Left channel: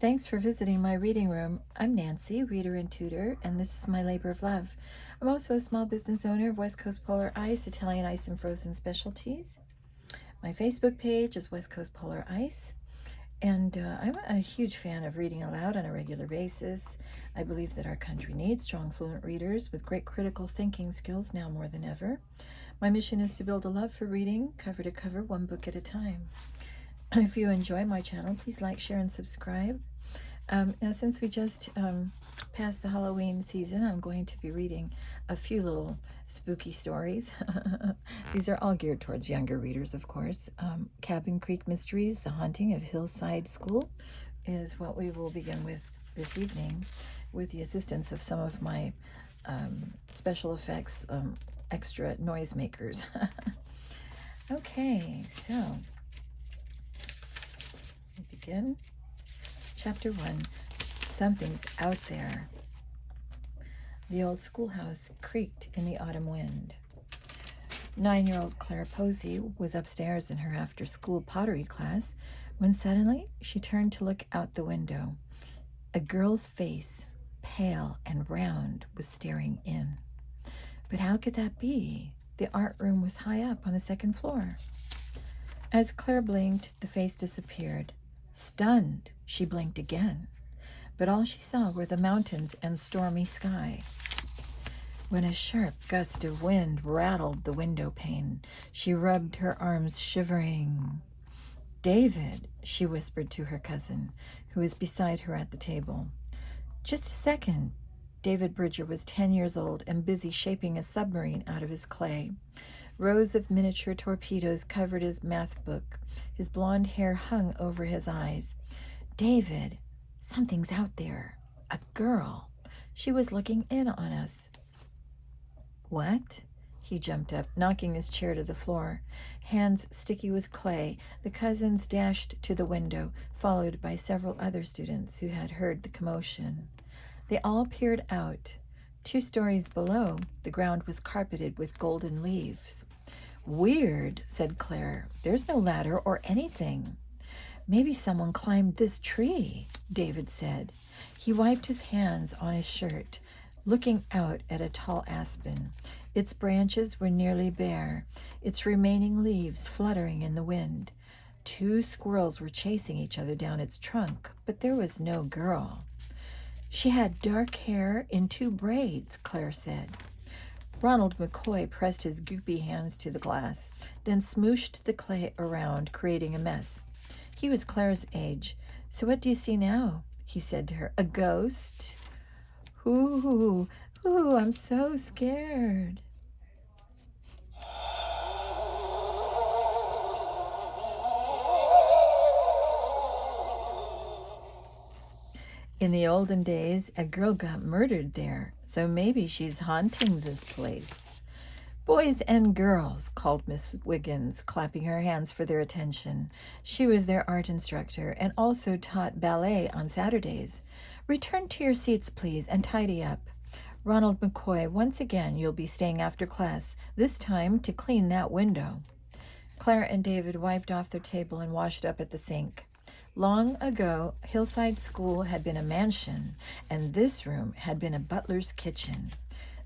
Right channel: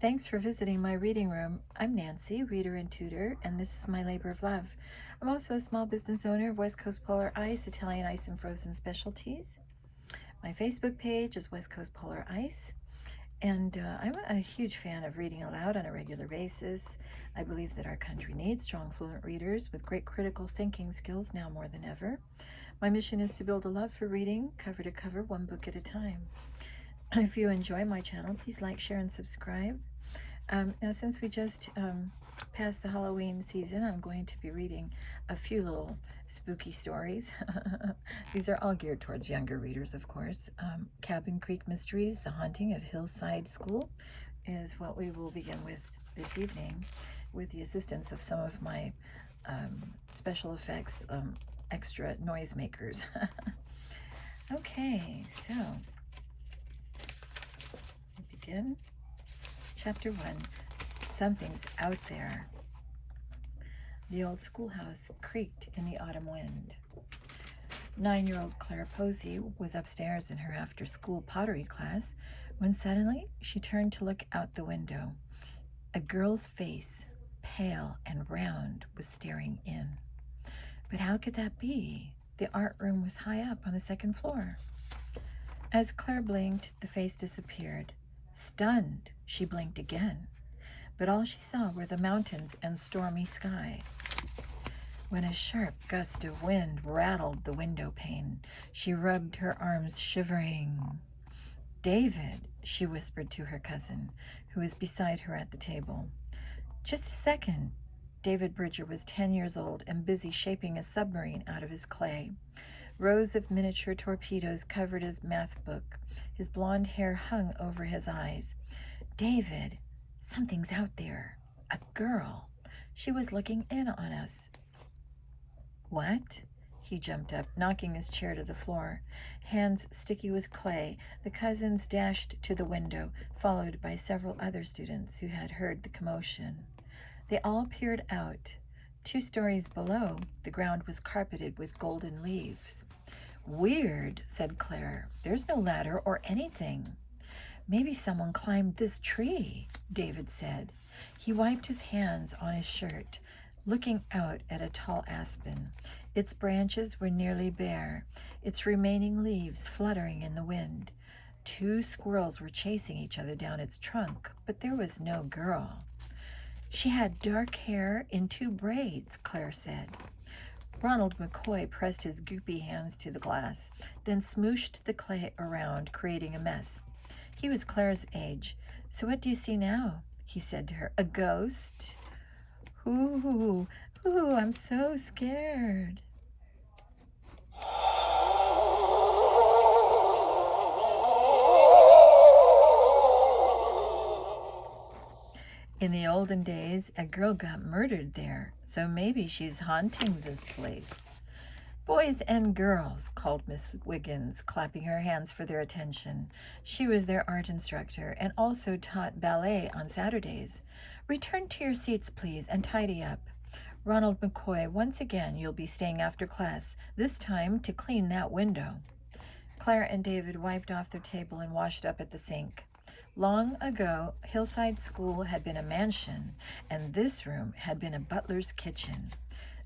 Thanks for visiting my reading room. I'm Nancy, reader and tutor, and this is my labor of love. I'm also a small business owner of West Coast Polar Ice, Italian ice and frozen specialties. My Facebook page is West Coast Polar Ice, and I'm a huge fan of reading aloud on a regular basis. I believe that our country needs strong, fluent readers with great critical thinking skills now more than ever. My mission is to build a love for reading, cover to cover, one book at a time. If you enjoy my channel, please like, share, and subscribe. Now, since we just passed the Halloween season, I'm going to be reading a few little spooky stories. These are all geared towards younger readers, of course. Cabin Creek Mysteries, The Haunting of Hillside School is what we will begin with this evening, with the assistance of some of my special effects extra noisemakers. Okay, so we begin. Chapter 1, Something's Out There. The old schoolhouse creaked in the autumn wind. 9-year-old Clara Posey was upstairs in her after-school pottery class when suddenly she turned to look out the window. A girl's face, pale and round, was staring in. But how could that be? The art room was high up on the second floor. As Claire blinked, the face disappeared. Stunned, she blinked again, but all she saw were the mountains and stormy sky. When a sharp gust of wind rattled the window pane, she rubbed her arms, shivering. "David," she whispered to her cousin, who was beside her at the table. "Just a second." David Bridger was 10 years old and busy shaping a submarine out of his clay. Rows of miniature torpedoes covered his math book. His blonde hair hung over his eyes. "David, something's out there. A girl. She was looking in on us." "What?" He jumped up, knocking his chair to the floor. Hands sticky with clay, the cousins dashed to the window, followed by several other students who had heard the commotion. They all peered out. 2 stories below, the ground was carpeted with golden leaves. "Weird," said Claire. "There's no ladder or anything." "Maybe someone climbed this tree," David said. He wiped his hands on his shirt, looking out at a tall aspen. Its branches were nearly bare, its remaining leaves fluttering in the wind. 2 squirrels were chasing each other down its trunk, but there was no girl. "She had dark hair in 2 braids," Claire said. Ronald McCoy pressed his goopy hands to the glass, then smooshed the clay around, creating a mess. He was Claire's age. "So what do you see now?" he said to her. "A ghost?" Ooh, I'm so scared." In the olden days, a girl got murdered there, so maybe she's haunting this place. "Boys and girls," called Miss Wiggins, clapping her hands for their attention. She was their art instructor and also taught ballet on Saturdays. "Return to your seats, please, and tidy up. Ronald McCoy, once again you'll be staying after class, this time to clean that window." Claire and David wiped off their table and washed up at the sink. Long ago, Hillside School had been a mansion, and this room had been a butler's kitchen.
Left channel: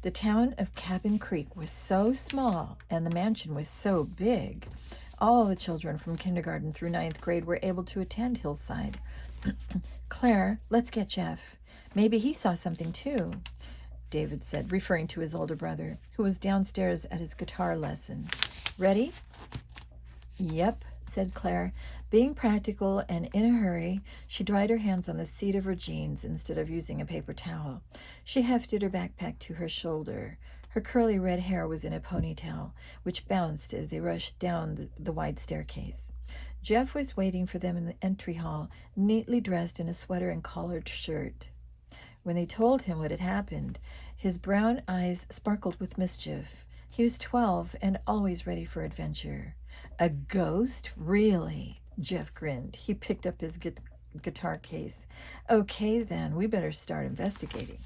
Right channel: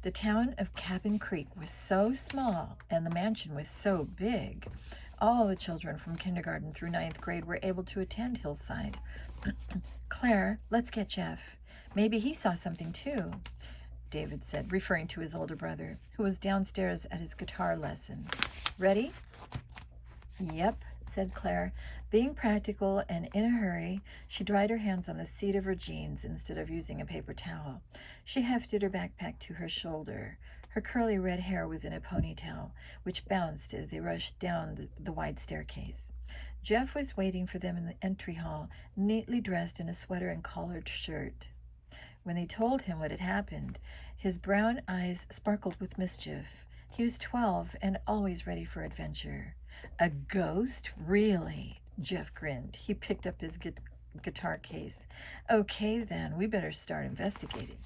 The town of Cabin Creek was so small, and the mansion was so big. All the children from kindergarten through 9th grade were able to attend Hillside. "Claire, let's get Jeff. Maybe he saw something too," David said, referring to his older brother, who was downstairs at his guitar lesson. "Ready?" "Yep," said Claire. Being practical and in a hurry, she dried her hands on the seat of her jeans instead of using a paper towel. She hefted her backpack to her shoulder. Her curly red hair was in a ponytail, which bounced as they rushed down the wide staircase. Jeff was waiting for them in the entry hall, neatly dressed in a sweater and collared shirt. When they told him what had happened, his brown eyes sparkled with mischief. He was 12 and always ready for adventure. "A ghost? Really?" Jeff grinned. He picked up his guitar case. "Okay, then, we better start investigating."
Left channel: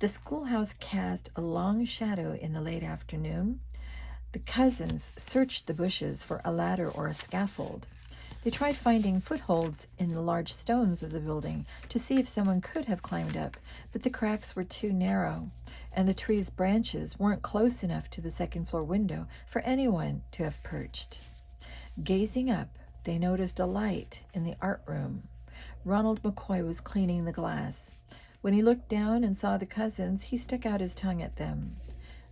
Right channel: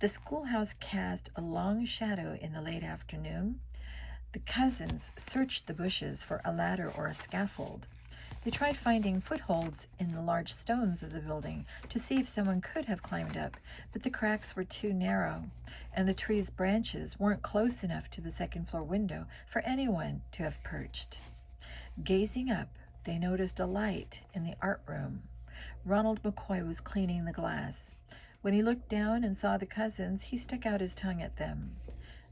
The schoolhouse cast a long shadow in the late afternoon. The cousins searched the bushes for a ladder or a scaffold. They tried finding footholds in the large stones of the building to see if someone could have climbed up, but the cracks were too narrow, and the tree's branches weren't close enough to the second-floor window for anyone to have perched. Gazing up, they noticed a light in the art room. Ronald McCoy was cleaning the glass. When he looked down and saw the cousins, he stuck out his tongue at them.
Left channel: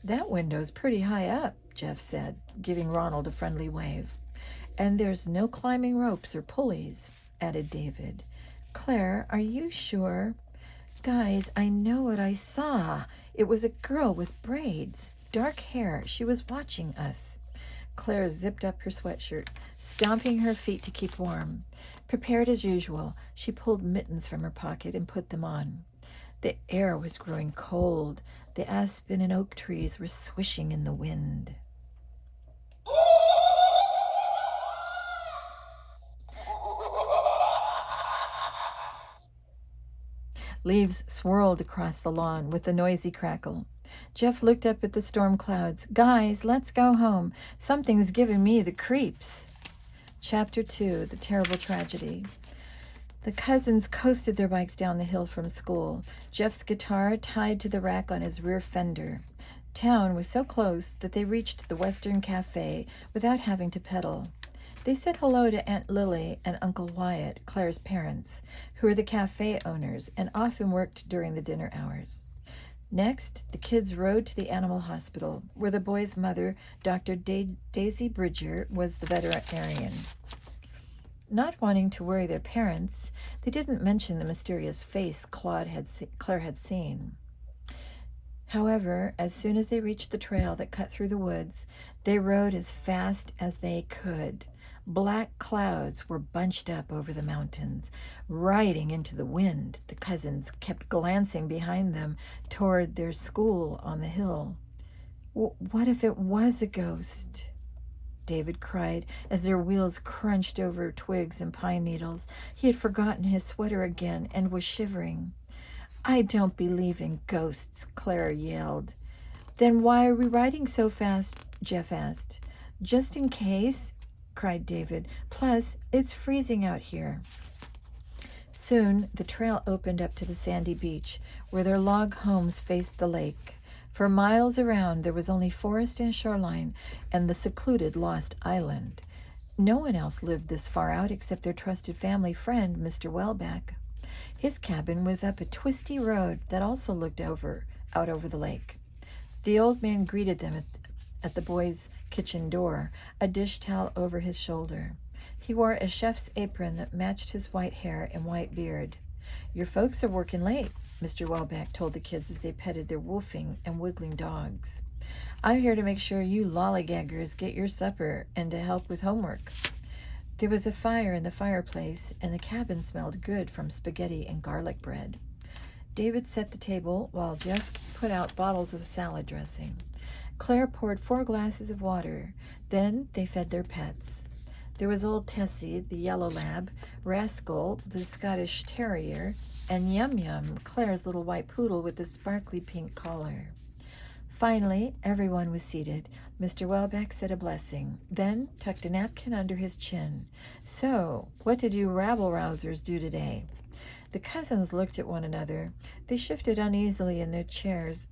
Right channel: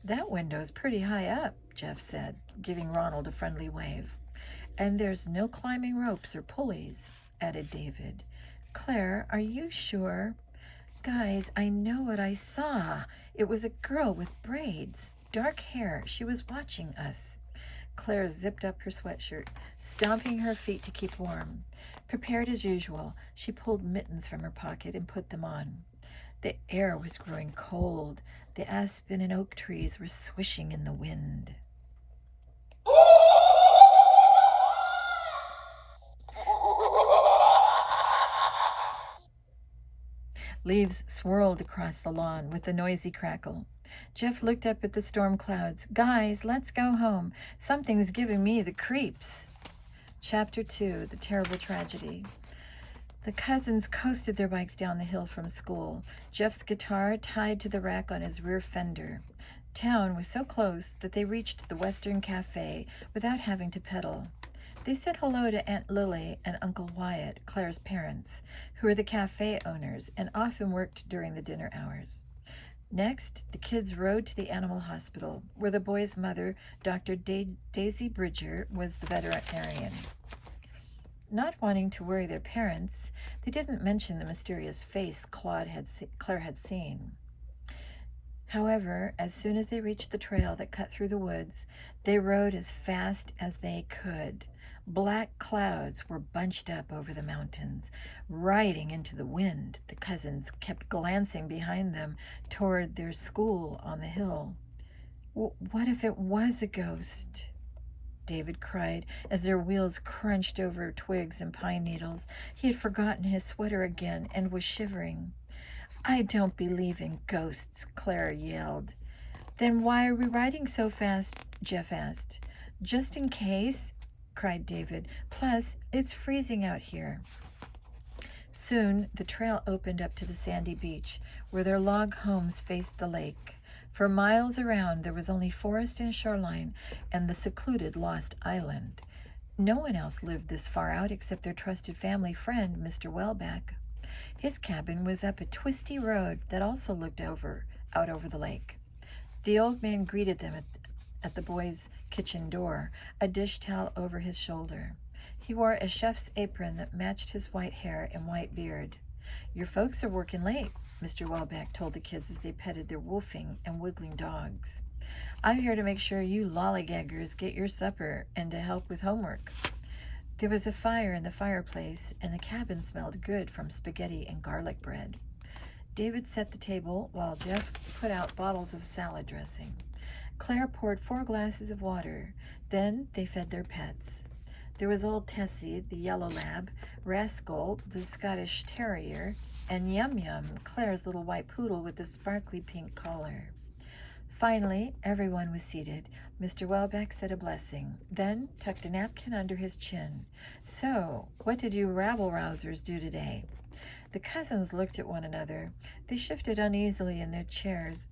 "That window's pretty high up," Jeff said, giving Ronald a friendly wave. "And there's no climbing ropes or pulleys," added David. "Claire, are you sure?" "Guys, I know what I saw. It was a girl with braids, dark hair. She was watching us." Claire zipped up her sweatshirt, stomping her feet to keep warm. Prepared as usual, she pulled mittens from her pocket and put them on. The air was growing cold. The aspen and oak trees were swishing in the wind. Leaves swirled across the lawn with a noisy crackle. Jeff looked up at the storm clouds. "Guys, let's go home. Something's giving me the creeps." Chapter 2, The Terrible Tragedy. The cousins coasted their bikes down the hill from school, Jeff's guitar tied to the rack on his rear fender. Town was so close that they reached the Western Cafe without having to pedal. They said hello to Aunt Lily and Uncle Wyatt, Claire's parents, who were the cafe owners and often worked during the dinner hours. Next, the kids rode to the animal hospital, where the boy's mother, Dr. Daisy Bridger, was the veterinarian. Not wanting to worry their parents, they didn't mention the mysterious face Claire had seen. However, as soon as they reached the trail that cut through the woods, they rode as fast as they could. Black clouds were bunched up over the mountains, riding into the wind. The cousins kept glancing behind them toward their school on the hill. "What if it was a ghost?" David cried as their wheels crunched over twigs and pine needles. He had forgotten his sweater again and was shivering. "I don't believe in ghosts," Claire yelled. "Then why are we riding so fast?" Jeff asked. "Just in case," cried David. "Plus, it's freezing out here." Soon, the trail opened up to the sandy beach, where their log homes faced the lake. For miles around, there was only forest and shoreline and the secluded Lost Island. No one else lived this far out except their trusted family friend, Mr. Welbeck. His cabin was up a twisty road that also looked out over the lake. The old man greeted them at the boys' kitchen door, a dish towel over his shoulder. He wore a chef's apron that matched his white hair and white beard. "Your folks are working late," Mr. Welbeck told the kids as they petted their woofing and wiggling dogs. "I'm here to make sure you lollygaggers get your supper and to help with homework." There was a fire in the fireplace, and the cabin smelled good from spaghetti and garlic bread. David set the table while Jeff put out bottles of salad dressing. Claire poured 4 glasses of water. Then they fed their pets. There was old Tessie, the yellow lab, Rascal, the Scottish terrier, and Yum Yum, Claire's little white poodle with the sparkly pink collar. Finally, everyone was seated. Mr. Welbeck said a blessing, then tucked a napkin under his chin. "So, what did you rabble-rousers do today?" The cousins looked at one another. They shifted uneasily in their chairs.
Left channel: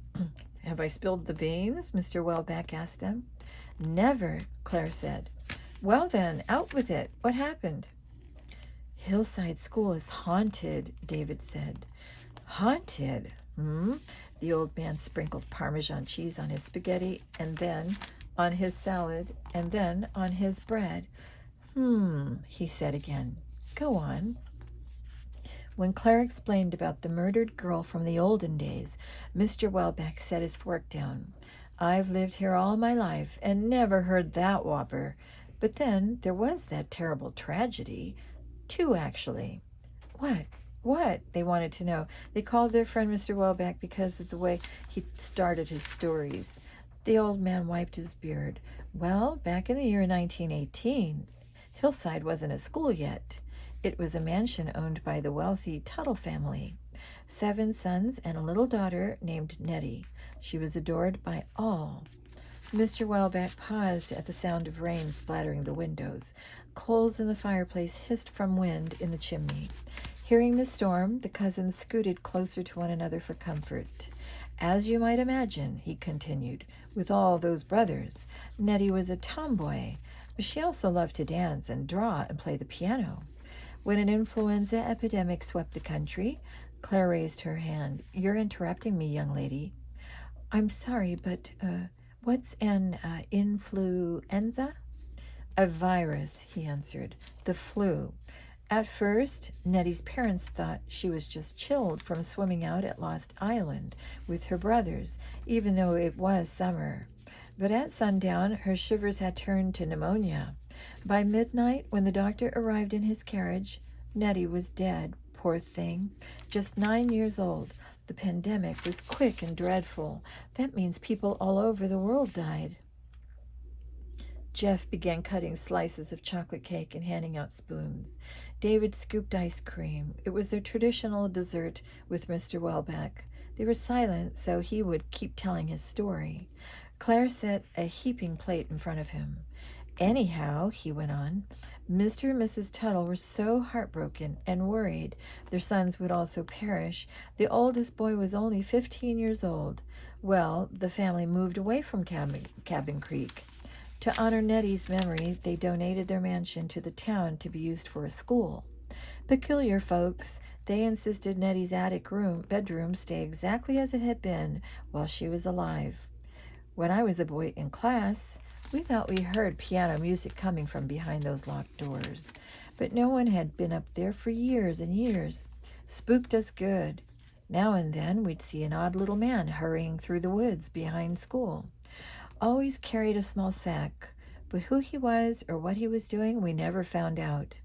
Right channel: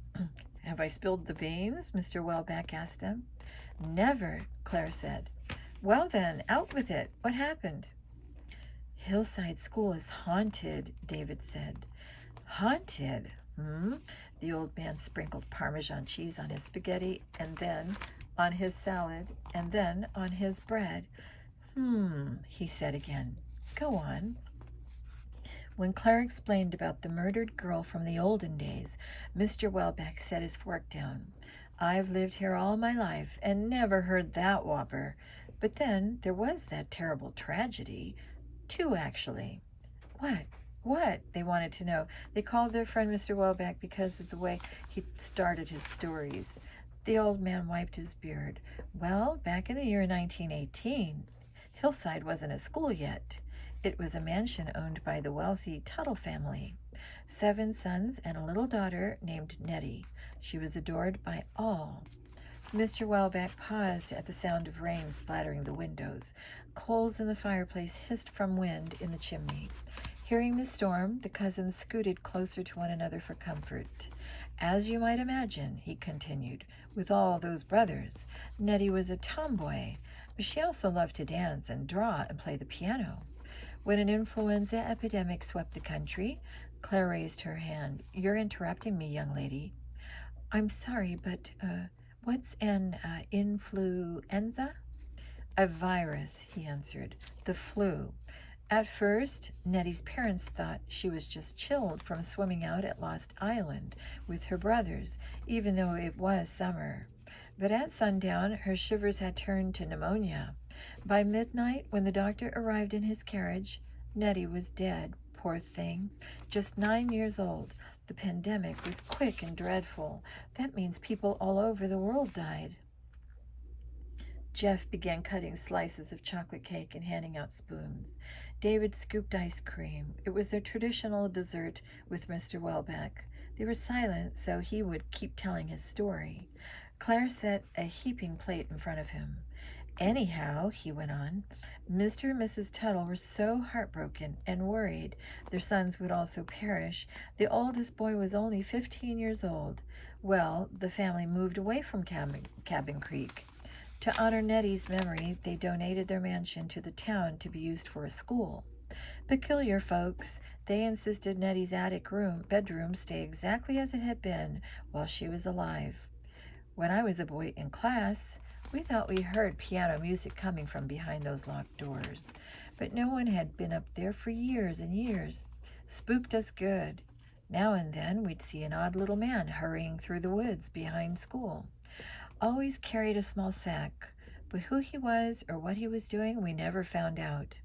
"Have I spilled the beans?" Mr. Welbeck asked them. "Never," Claire said. "Well then, out with it. What happened?" "Hillside School is haunted," David said. "Haunted? The old man sprinkled Parmesan cheese on his spaghetti, and then on his salad, and then on his bread. He said again. "Go on." When Claire explained about the murdered girl from the olden days, Mr. Welbeck set his fork down. "I've lived here all my life and never heard that whopper. But then there was that terrible tragedy. 2, actually." What? They wanted to know. They called their friend Mr. Welbeck because of the way he started his stories. The old man wiped his beard. "Well, back in the year 1918, Hillside wasn't a school yet. It was a mansion owned by the wealthy Tuttle family. 7 sons and a little daughter named Nettie. She was adored by all." Mr. Welbeck paused at the sound of rain splattering the windows. Coals in the fireplace hissed from wind in the chimney. Hearing the storm, the cousins scooted closer to one another for comfort. As you might imagine, he continued, with all those brothers, Nettie was a tomboy, but she also loved to dance and draw and play the piano. When an influenza epidemic swept the country, Claire raised her hand. You're interrupting me, young lady. I'm sorry, but what's an influenza? A virus, he answered. The flu. At first, Nettie's parents thought she was just chilled from swimming out at Lost Island with her brothers, even though it was summer. But at sundown, her shivers had turned to pneumonia. By midnight, when the doctor arrived in his carriage, Nettie was dead, poor thing, just 9 years old. The pandemic was quick and dreadful. That means people all over the world died. Jeff began cutting slices of chocolate cake and handing out spoons. David scooped ice cream. It was their traditional dessert with Mr. Welbeck. They were silent, so he would keep telling his story. Claire set a heaping plate in front of him. Anyhow, he went on, Mr. and Mrs. Tuttle were so heartbroken and worried their sons would also perish. The oldest boy was only 15 years old. Well, the family moved away from Cabin Creek. To honor Nettie's memory, they donated their mansion to the town to be used for a school. Peculiar folks, they insisted Nettie's attic bedroom stay exactly as it had been while she was alive. When I was a boy in class, we thought we heard piano music coming from behind those locked doors, but no one had been up there for years and years. Spooked us good. Now and then we'd see an odd little man hurrying through the woods behind school. Always carried a small sack, but who he was or what he was doing we never found out.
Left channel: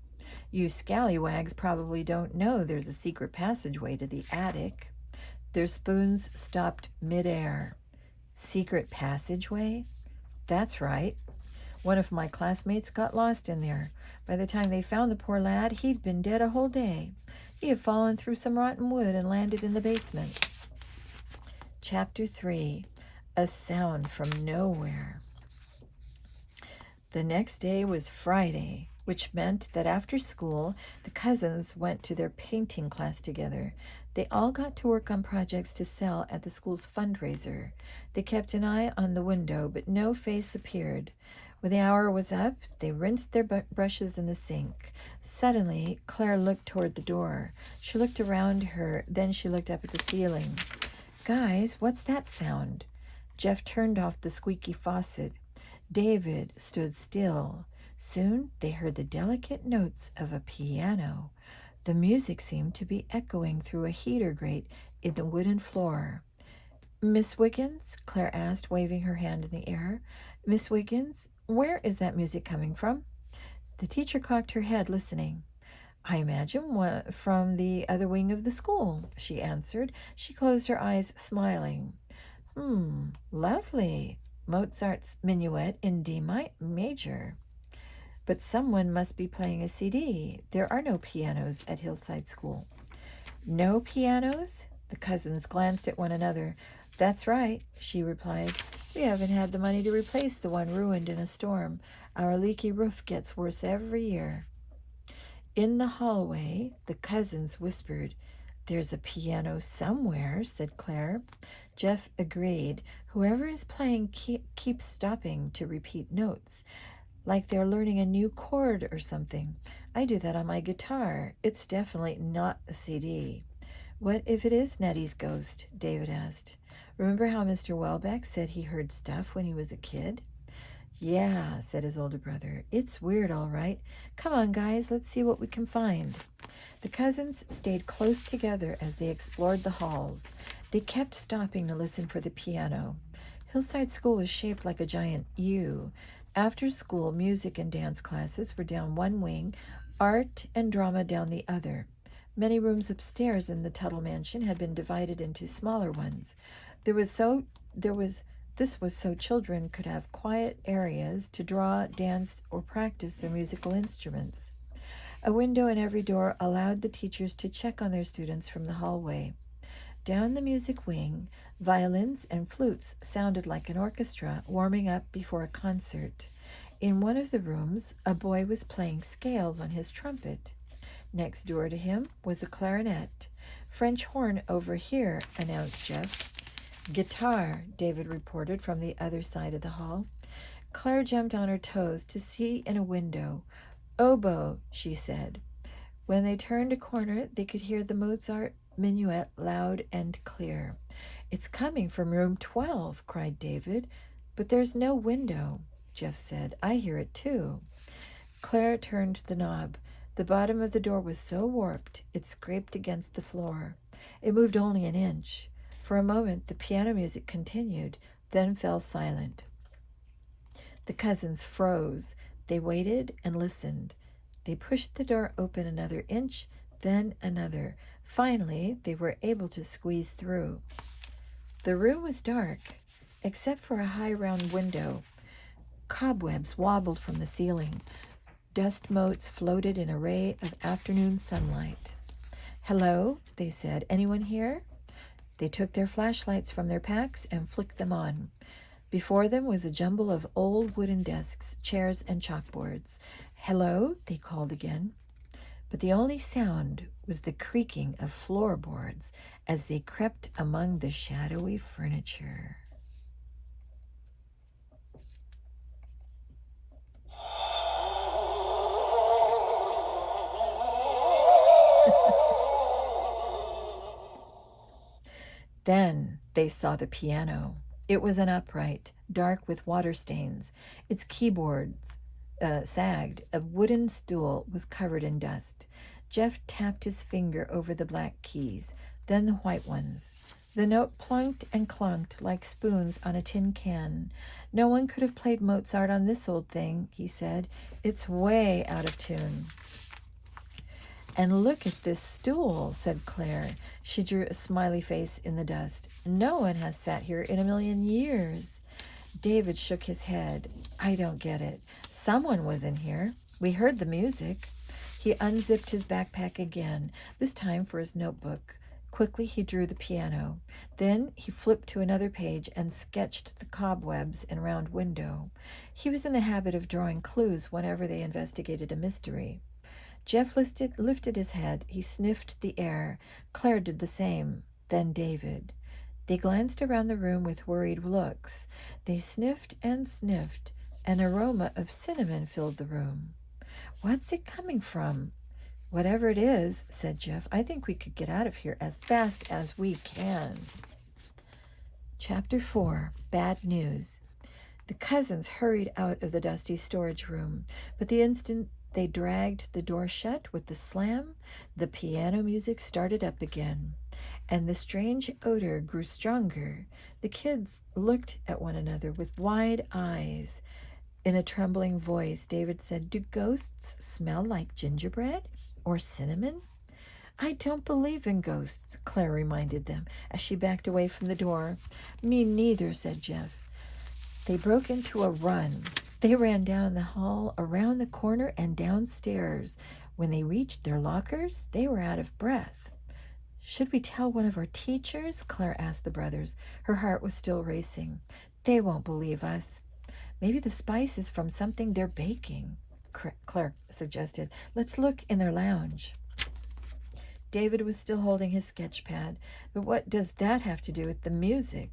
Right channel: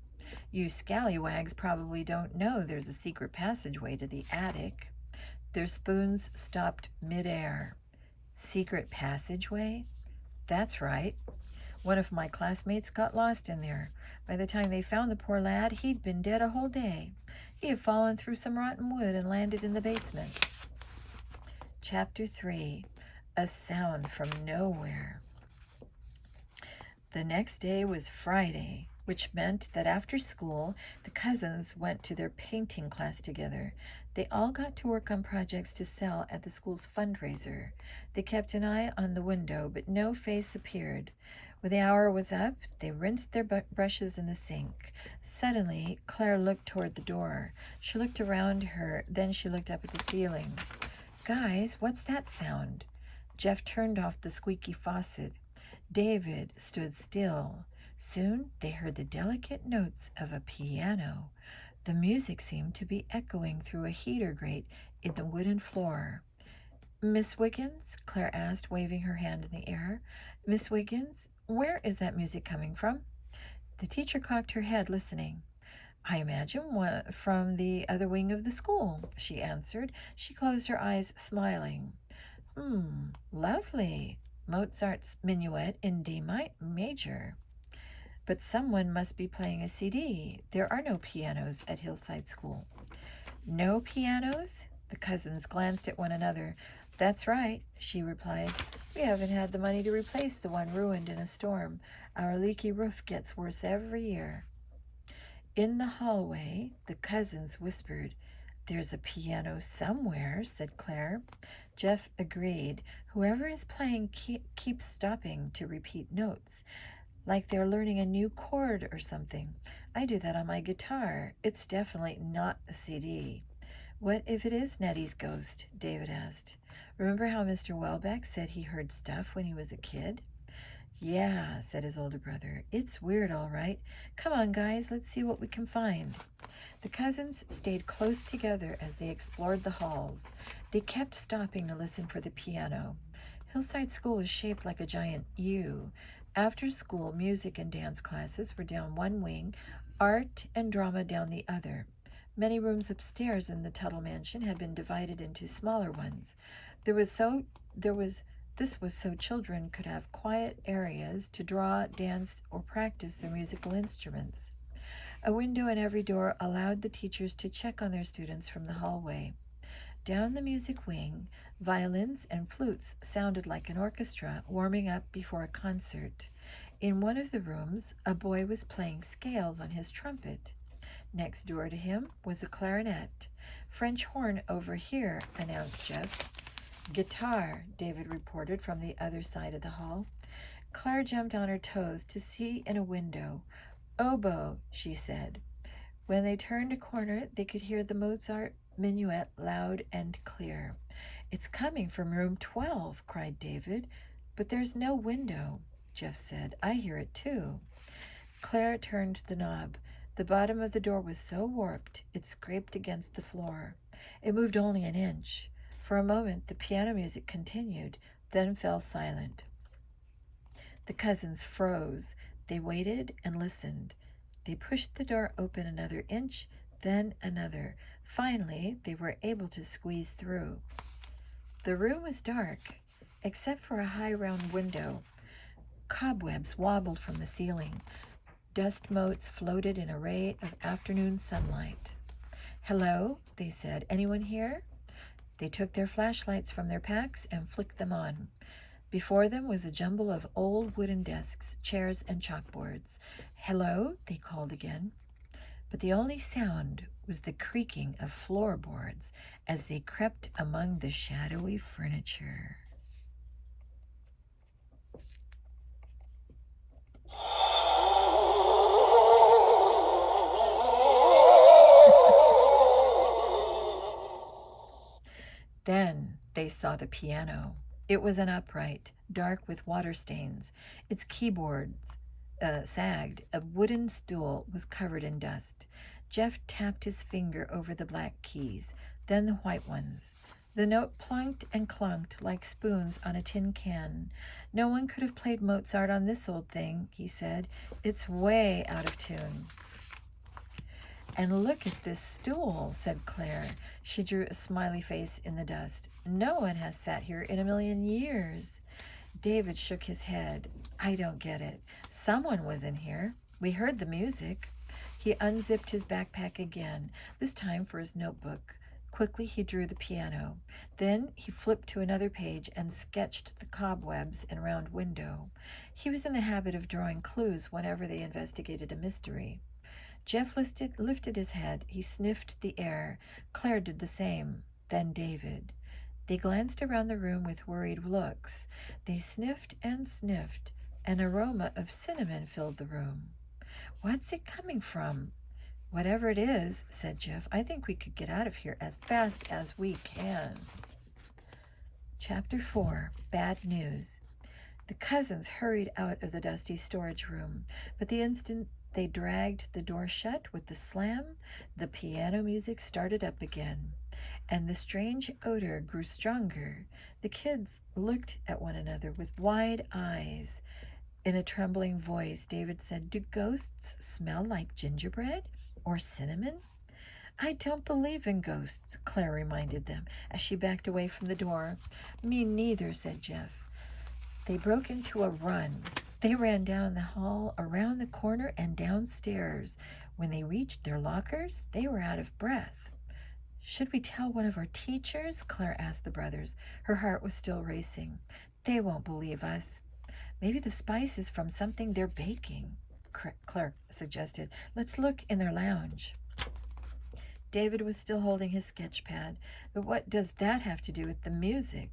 You scallywags probably don't know there's a secret passageway to the attic. Their spoons stopped midair. Secret passageway? That's right. One of my classmates got lost in there. By the time they found the poor lad, he'd been dead a whole day. He had fallen through some rotten wood and landed in the basement. Chapter 3. A sound from nowhere. The next day was Friday, which meant that after school, the cousins went to their painting class together. They all got to work on projects to sell at the school's fundraiser. They kept an eye on the window, but no face appeared. When the hour was up, they rinsed their brushes in the sink. Suddenly, Claire looked toward the door. She looked around her, then she looked up at the ceiling. Guys, what's that sound? Jeff turned off the squeaky faucet. David stood still. Soon they heard the delicate notes of a piano. The music seemed to be echoing through a heater grate in the wooden floor. Miss Wiggins? Claire asked, waving her hand in the air. Miss Wiggins, where is that music coming from? The teacher cocked her head, listening. I imagine from the other wing of the school, she answered. She closed her eyes, smiling. Lovely. Mozart's Minuet in D major. But someone must be playing a CD. There are no pianos at Hillside School. No pianos? The cousins glanced at one another. That's right, she replied. We haven't had the money to replace the one ruined in a storm. Our leaky roof gets worse every year. In the hallway, the cousins whispered. There's a piano somewhere, said Claire. Jeff agreed. Whoever is playing keeps stopping to repeat notes, like they're learning a new chord or something. I do that on my guitar. It's definitely not a CD. What if it is Nettie's ghost? David asked. Remember how Mr. Welbeck said he heard stuff when he was a kid? Yeah, said his older brother. It's weird, all right. Come on, guys, let's see what we can find. The cousins stayed close together as they explored the halls. They kept stopping to listen for the piano. Hillside School was shaped like a giant U. After school, music and dance classes were down one wing, art and drama down the other. Many rooms upstairs in the Tuttle mansion had been divided into smaller ones. This was so children could have quiet areas to draw, dance, or practice their musical instruments. A window in every door allowed the teachers to check on their students from the hallway. Down the music wing, violins and flutes sounded like an orchestra warming up before a concert. In one of the rooms, a boy was playing scales on his trumpet. Next door to him was a clarinet. French horn over here, announced Jeff. Guitar, David reported from the other side of the hall. Claire jumped on her toes to see in a window. Oboe, she said. When they turned a corner, they could hear the Mozart minuet loud and clear. It's coming from room 12, cried David. But there's no window, Jeff said. I hear it too. Claire turned the knob. The bottom of the door was so warped it scraped against the floor. It moved only an inch. For a moment the piano music continued, then fell silent. The cousins froze. They waited and listened. They pushed the door open another inch, then another. Finally, they were able to squeeze through. The room was dark, except for a high round window. Cobwebs wobbled from the ceiling. Dust motes floated in a ray of afternoon sunlight. Hello, they said. Anyone here? They took their flashlights from their packs and flicked them on. Before them was a jumble of old wooden desks, chairs, and chalkboards. Hello, they called again. But the only sound was the creaking of floorboards as they crept among the shadowy furniture. Then they saw the piano. It was an upright, dark with water stains. Its keyboards sagged. A wooden stool was covered in dust. Jeff tapped his finger over the black keys, then the white ones. The note plunked and clunked like spoons on a tin can. No one could have played Mozart on this old thing, he said. It's way out of tune. And look at this stool, said Claire. She drew a smiley face in the dust. No one has sat here in a million years. David shook his head. I don't get it. Someone was in here. We heard the music. He unzipped his backpack again, this time for his notebook. Quickly he drew the piano. Then he flipped to another page and sketched the cobwebs and round window. He was in the habit of drawing clues whenever they investigated a mystery. Jeff lifted his head. He sniffed the air. Claire did the same. Then David. They glanced around the room with worried looks. They sniffed and sniffed. An aroma of cinnamon filled the room. What's it coming from? Whatever it is, said Jeff, I think we could get out of here as fast as we can. Chapter 4, Bad News. The cousins hurried out of the dusty storage room, but the instant they dragged the door shut with the slam, the piano music started up again, and the strange odor grew stronger. The kids looked at one another with wide eyes. In a trembling voice, David said, Do ghosts smell like gingerbread or cinnamon? I don't believe in ghosts, Claire reminded them as she backed away from the door. Me neither, said Jeff. They broke into a run. They ran down the hall, around the corner, and downstairs. When they reached their lockers, they were out of breath. Should we tell one of our teachers? Claire asked the brothers. Her heart was still racing. They won't believe us. Maybe the spice is from something they're baking, Claire suggested. Let's look in their lounge. David was still holding his sketch pad. But what does that have to do with the music?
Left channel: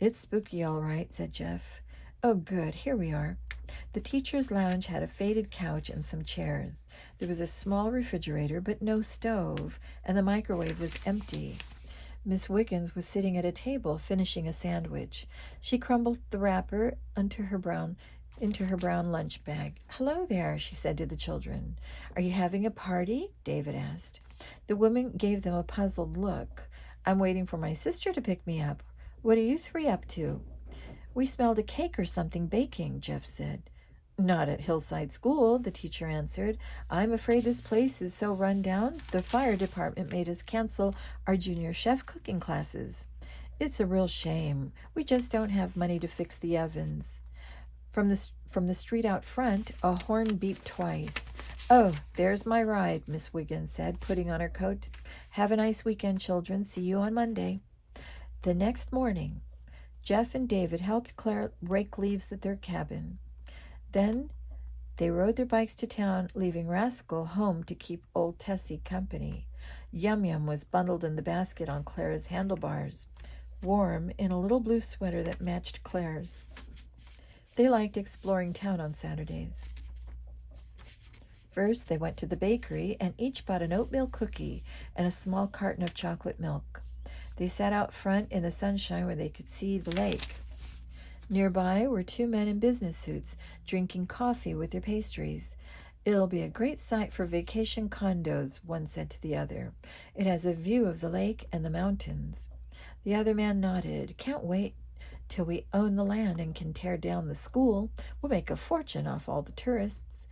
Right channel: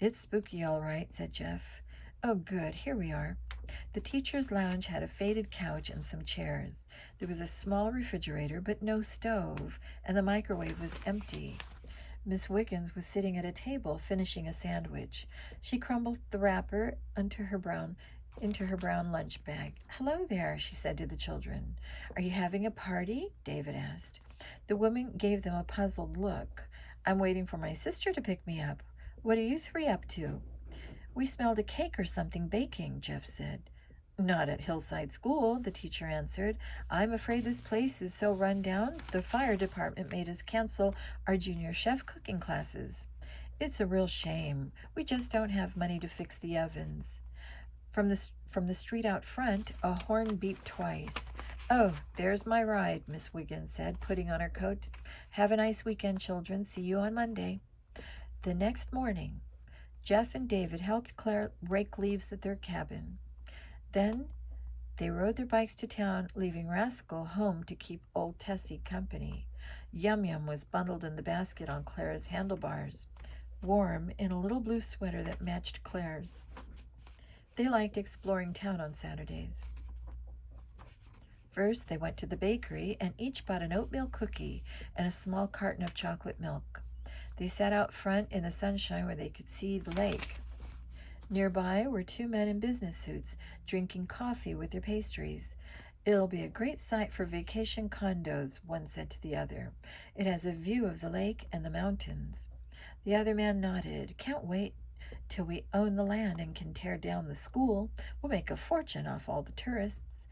It's spooky, all right, said Jeff. Oh, good. Here we are. The teacher's lounge had a faded couch and some chairs. There was a small refrigerator, but no stove, and the microwave was empty. Miss Wiggins was sitting at a table finishing a sandwich. She crumbled the wrapper into her brown lunch bag. Hello there, she said to the children. Are you having a party? David asked. The woman gave them a puzzled look. I'm waiting for my sister to pick me up. What are you three up to? We smelled a cake or something baking, Jeff said. Not at Hillside School, the teacher answered. I'm afraid this place is so run down, the fire department made us cancel our junior chef cooking classes. It's a real shame. We just don't have money to fix the ovens. From the street out front, a horn beeped twice. Oh, there's my ride, Miss Wiggins said, putting on her coat. Have a nice weekend, children. See you on Monday. The next morning, Jeff and David helped Claire rake leaves at their cabin. Then They rode their bikes to town, leaving Rascal home to keep old Tessie company. Yum Yum was bundled in the basket on Clara's handlebars, warm in a little blue sweater that matched Clara's. They liked exploring town on Saturdays. First, they went to the bakery and each bought an oatmeal cookie and a small carton of chocolate milk. They sat out front in the sunshine where they could see the lake. Nearby were two men in business suits drinking coffee with their pastries. "It'll be a great site for vacation condos," one said to the other. "It has a view of the lake and the mountains." The other man nodded. "Can't wait till we own the land and can tear down the school. We'll make a fortune off all the tourists."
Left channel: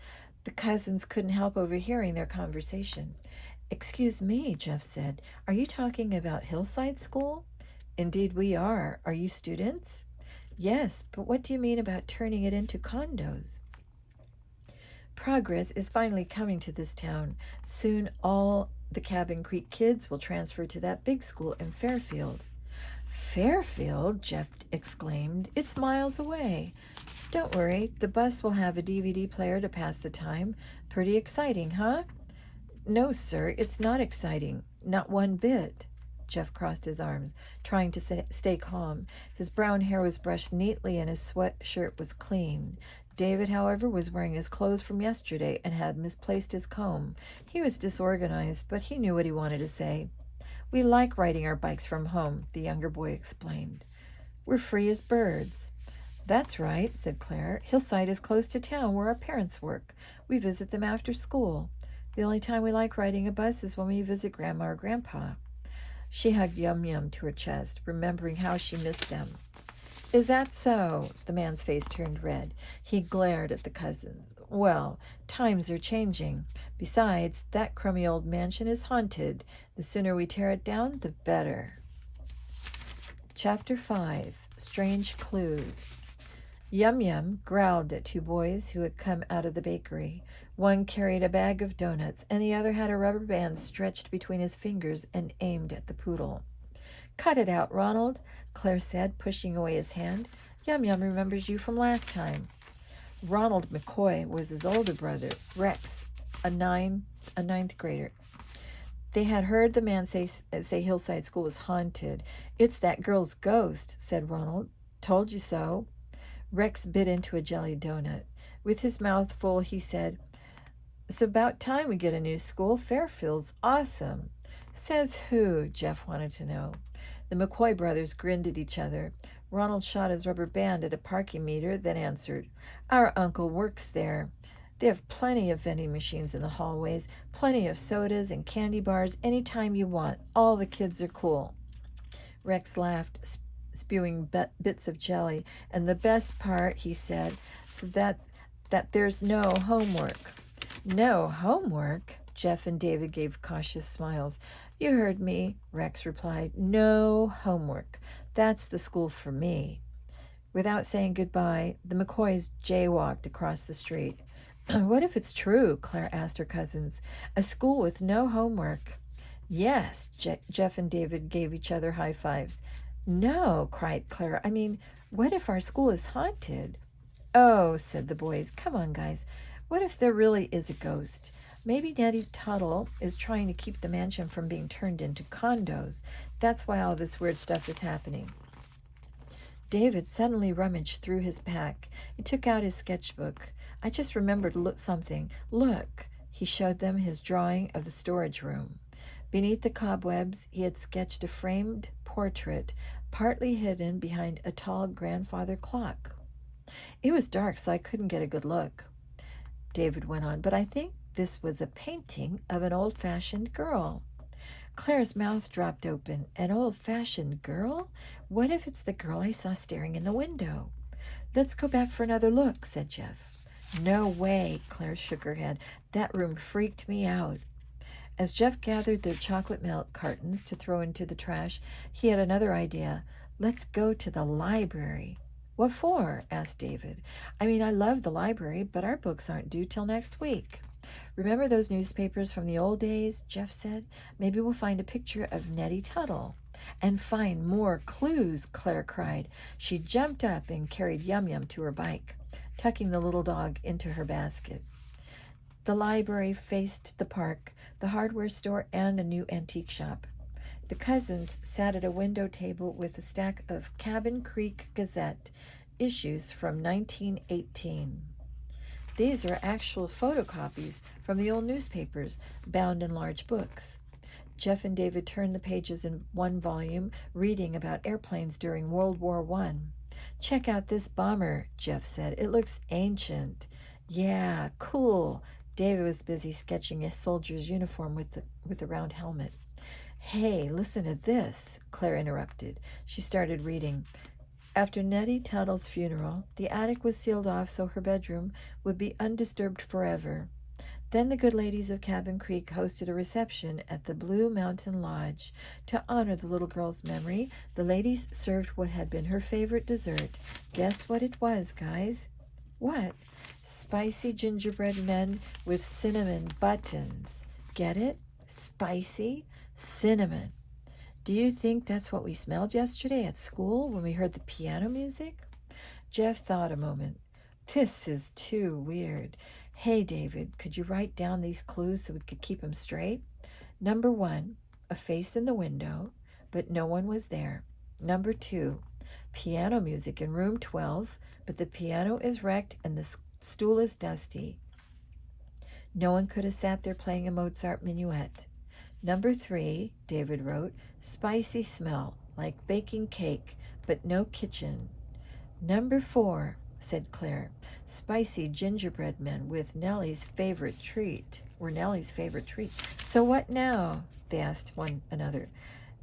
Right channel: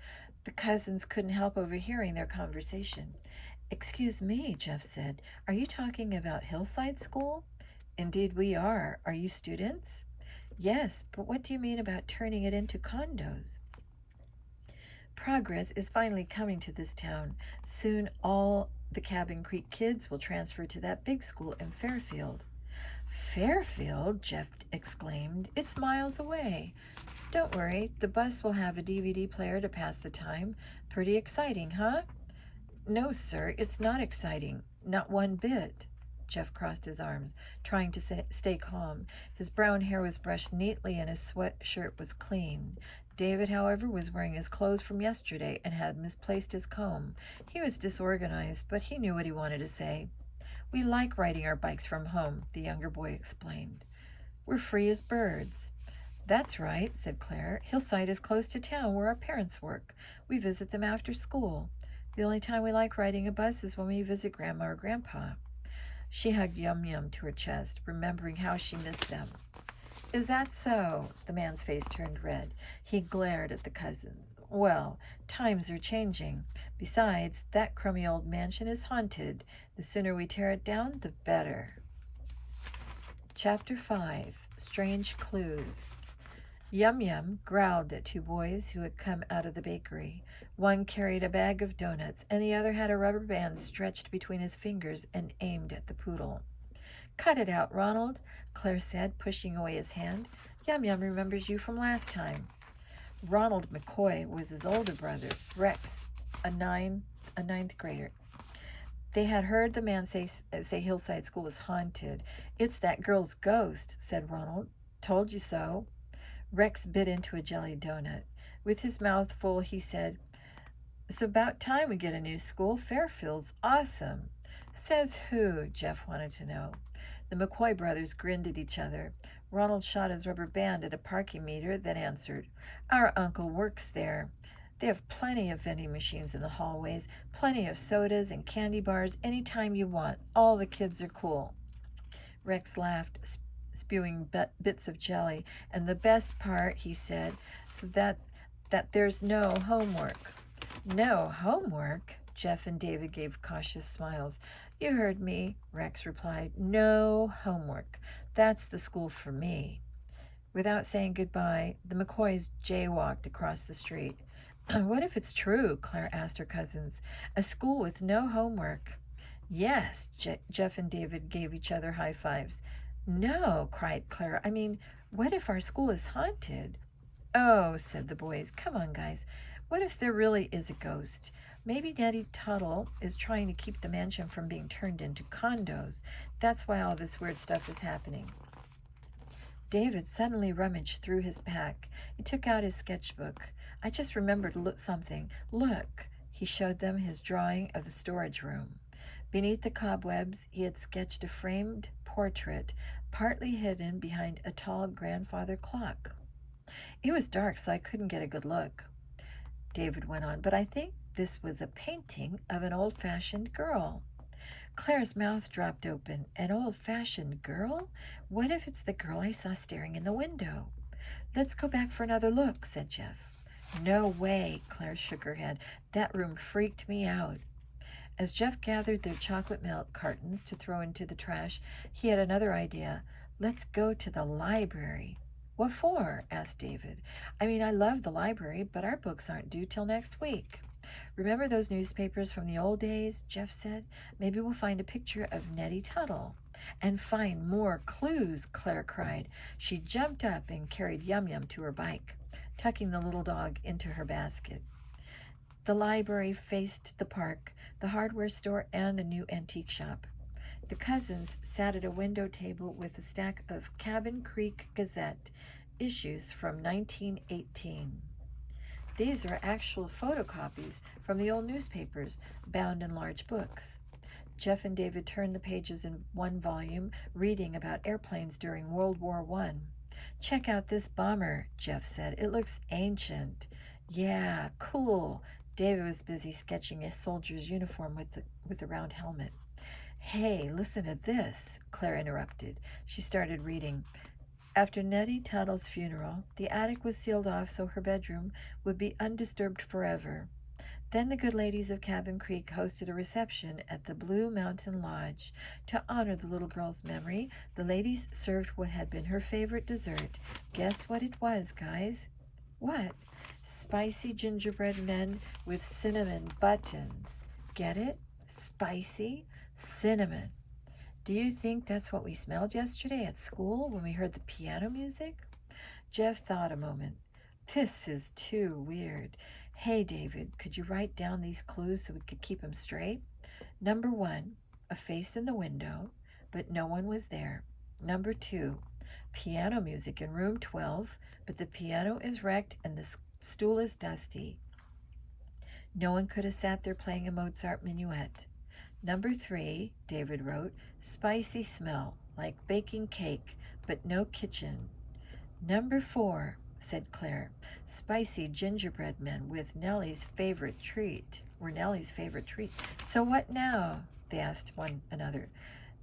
The cousins couldn't help overhearing their conversation. "Excuse me," Jeff said. "Are you talking about Hillside School?" "Indeed we are. Are you students?" "Yes, but what do you mean about turning it into condos?" "Progress is finally coming to this town. Soon all the Cabin Creek kids will transfer to that big school in Fairfield." "Fairfield?" Jeff exclaimed. "It's miles away." "Don't worry, the bus will have a DVD player to pass the time. Pretty exciting, huh?" "No, sir, it's not exciting. Not one bit." Jeff crossed his arms, trying to stay calm. His brown hair was brushed neatly and his sweatshirt was clean. David, however, was wearing his clothes from yesterday and had misplaced his comb. He was disorganized, but he knew what he wanted to say. "We like riding our bikes from home," the younger boy explained. "We're free as birds." "That's right," said Claire. "Hillside is close to town where our parents work. We visit them after school. The only time we like riding a bus is when we visit Grandma or Grandpa." She hugged Yum Yum to her chest, remembering how she missed them. "Is that so?" The man's face turned red. He glared at the cousins. "Well, times are changing. Besides, that crummy old mansion is haunted. The sooner we tear it down, the better." Chapter 5. Strange Clues. Yum Yum growled at two boys who had come out of the bakery. One carried a bag of donuts, and the other had a rubber band stretched between his fingers and aimed at the poodle. "Cut it out, Ronald," Claire said, pushing away his hand. "Yum Yum remembers you from last time." Ronald McCoy was his older brother, Rex, a ninth grader. They had heard the man say Hillside School was haunted. "It's that girl's ghost," said Ronald. "Told you so." Rex bit into a jelly donut. With his mouth full, he said, "It's about time we get a new school. Fairfield's awesome." "Says who?" Jeff wanted to know. The McCoy brothers grinned at each other. Ronald shot his rubber band at a parking meter, then answered, "Our uncle works there. They have plenty of vending machines in the hallways, plenty of sodas and candy bars anytime you want. All the kids are cool." Rex laughed, spewing bits of jelly. "And the best part," he said, "so that there's no homework." "No homework?" Jeff and David gave cautious smiles. "You heard me," Rex replied. "No homework. That's the school for me." Without saying goodbye, the McCoys jaywalked across the street. "What if it's true?" Claire asked her cousins. "A school with no homework." "Yes," Jeff and David gave each other high fives. "No," cried Claire. "I mean, what if our school is haunted?" "Oh," said the boys. "Come on, guys. What if there really is a ghost? Maybe Nettie Tuttle is trying to keep the mansion from being turned into condos. That's why all this weird stuff is happening." David suddenly rummaged through his pack. He took out his sketchbook. "I just remembered something. Look." He showed them his drawing of the storage room. Beneath the cobwebs, he had sketched a framed portrait, partly hidden behind a tall grandfather clock. "It was dark, so I couldn't get a good look," David went on, "but I think this was a painting of an old-fashioned girl." Claire's mouth dropped open. "An old-fashioned girl? What if it's the girl I saw staring in the window?" "Let's go back for another look," said Jeff. "No way," Claire shook her head. "That room freaked me out." As Jeff gathered the chocolate milk cartons to throw into the trash, he had another idea. "Let's go to the library." "What for?" asked David. "I mean, I love the library, but our books aren't due till next week." "Remember those newspapers from the old days?" Jeff said. "Maybe we'll find a picture of Nettie Tuttle." "And find more clues," Claire cried. She jumped up and carried Yum Yum to her bike. tucking the little dog into her basket. The library faced the park, the hardware store, and a new antique shop. The cousins sat at a window table with a stack of Cabin Creek Gazette issues from 1918. These are actual photocopies from the old newspapers, bound in large books. Jeff and David turned the pages in one volume, reading about airplanes during World War I. "Check out this bomber," Jeff said. "It looks ancient." "Yeah, cool." David was busy sketching a soldier's uniform with a round helmet. "Hey, listen to this," Claire interrupted. She started reading. After Nettie Tuttle's funeral, the attic was sealed off so her bedroom would be undisturbed forever. Then the good ladies of Cabin Creek hosted a reception at the Blue Mountain Lodge. To honor the little girl's memory, the ladies served what had been her favorite dessert. Guess what it was, guys? What? Spicy gingerbread men with cinnamon buttons. Get it? Spicy cinnamon. Do you think that's what we smelled yesterday at school when we heard the piano music? Jeff thought a moment. This is too weird. Hey, David, could you write down these clues so we could keep them straight? Number 1, a face in the window, but no one was there. Number 2, piano music in room 12, but the piano is wrecked and the stool is dusty. No one could have sat there playing a Mozart minuet. Number 3, David wrote, spicy smell, like baking cake, but no kitchen. Number 4, said Claire, spicy gingerbread men with Nellie's favorite treat. So what now? They asked one another.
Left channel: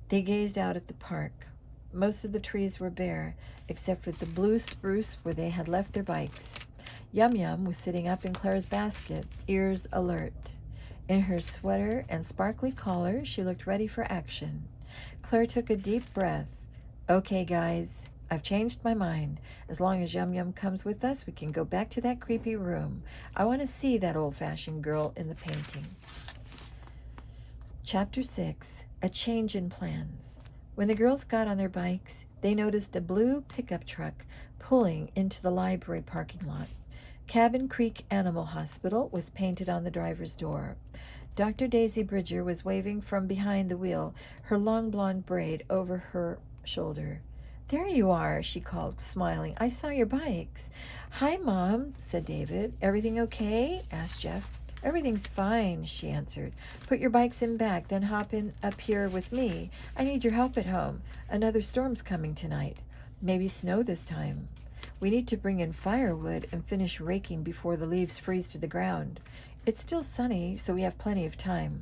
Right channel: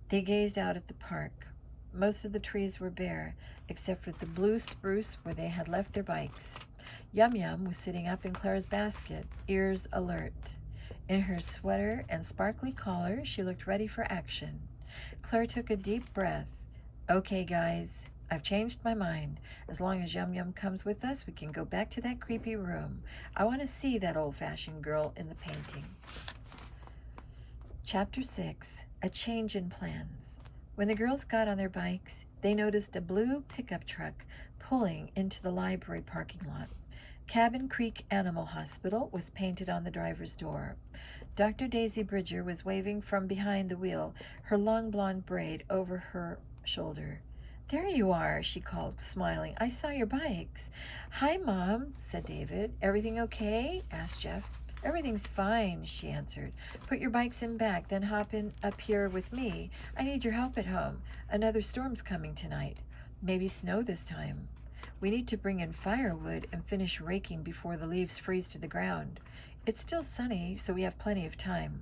They gazed out at the park. Most of the trees were bare, except for the blue spruce where they had left their bikes. Yum Yum was sitting up in Claire's basket, ears alert. In her sweater and sparkly collar, she looked ready for action. Claire took a deep breath. Okay, guys, I've changed my mind. As long as Yum Yum comes with us, we can go back to that creepy room. I want to see that old-fashioned girl in the painting. Chapter 6, A Change in Plans. When the girls got on their bikes, they noticed a blue pickup truck pulling into the library parking lot. Cabin Creek Animal Hospital was painted on the driver's door. Dr. Daisy Bridger was waving from behind the wheel, her long blonde braid over her shoulder. There you are, she called, smiling. I saw your bikes. Hi, Mom, said David. Everything okay? Asked Jeff. Everything's fine, she answered. Put your bikes in back, then hop in up here with me. I need your help at home. Another storm's coming tonight. Maybe snow this time. We need to bring in firewood and finish raking before the leaves freeze to the ground. It's still sunny, so we have plenty of time.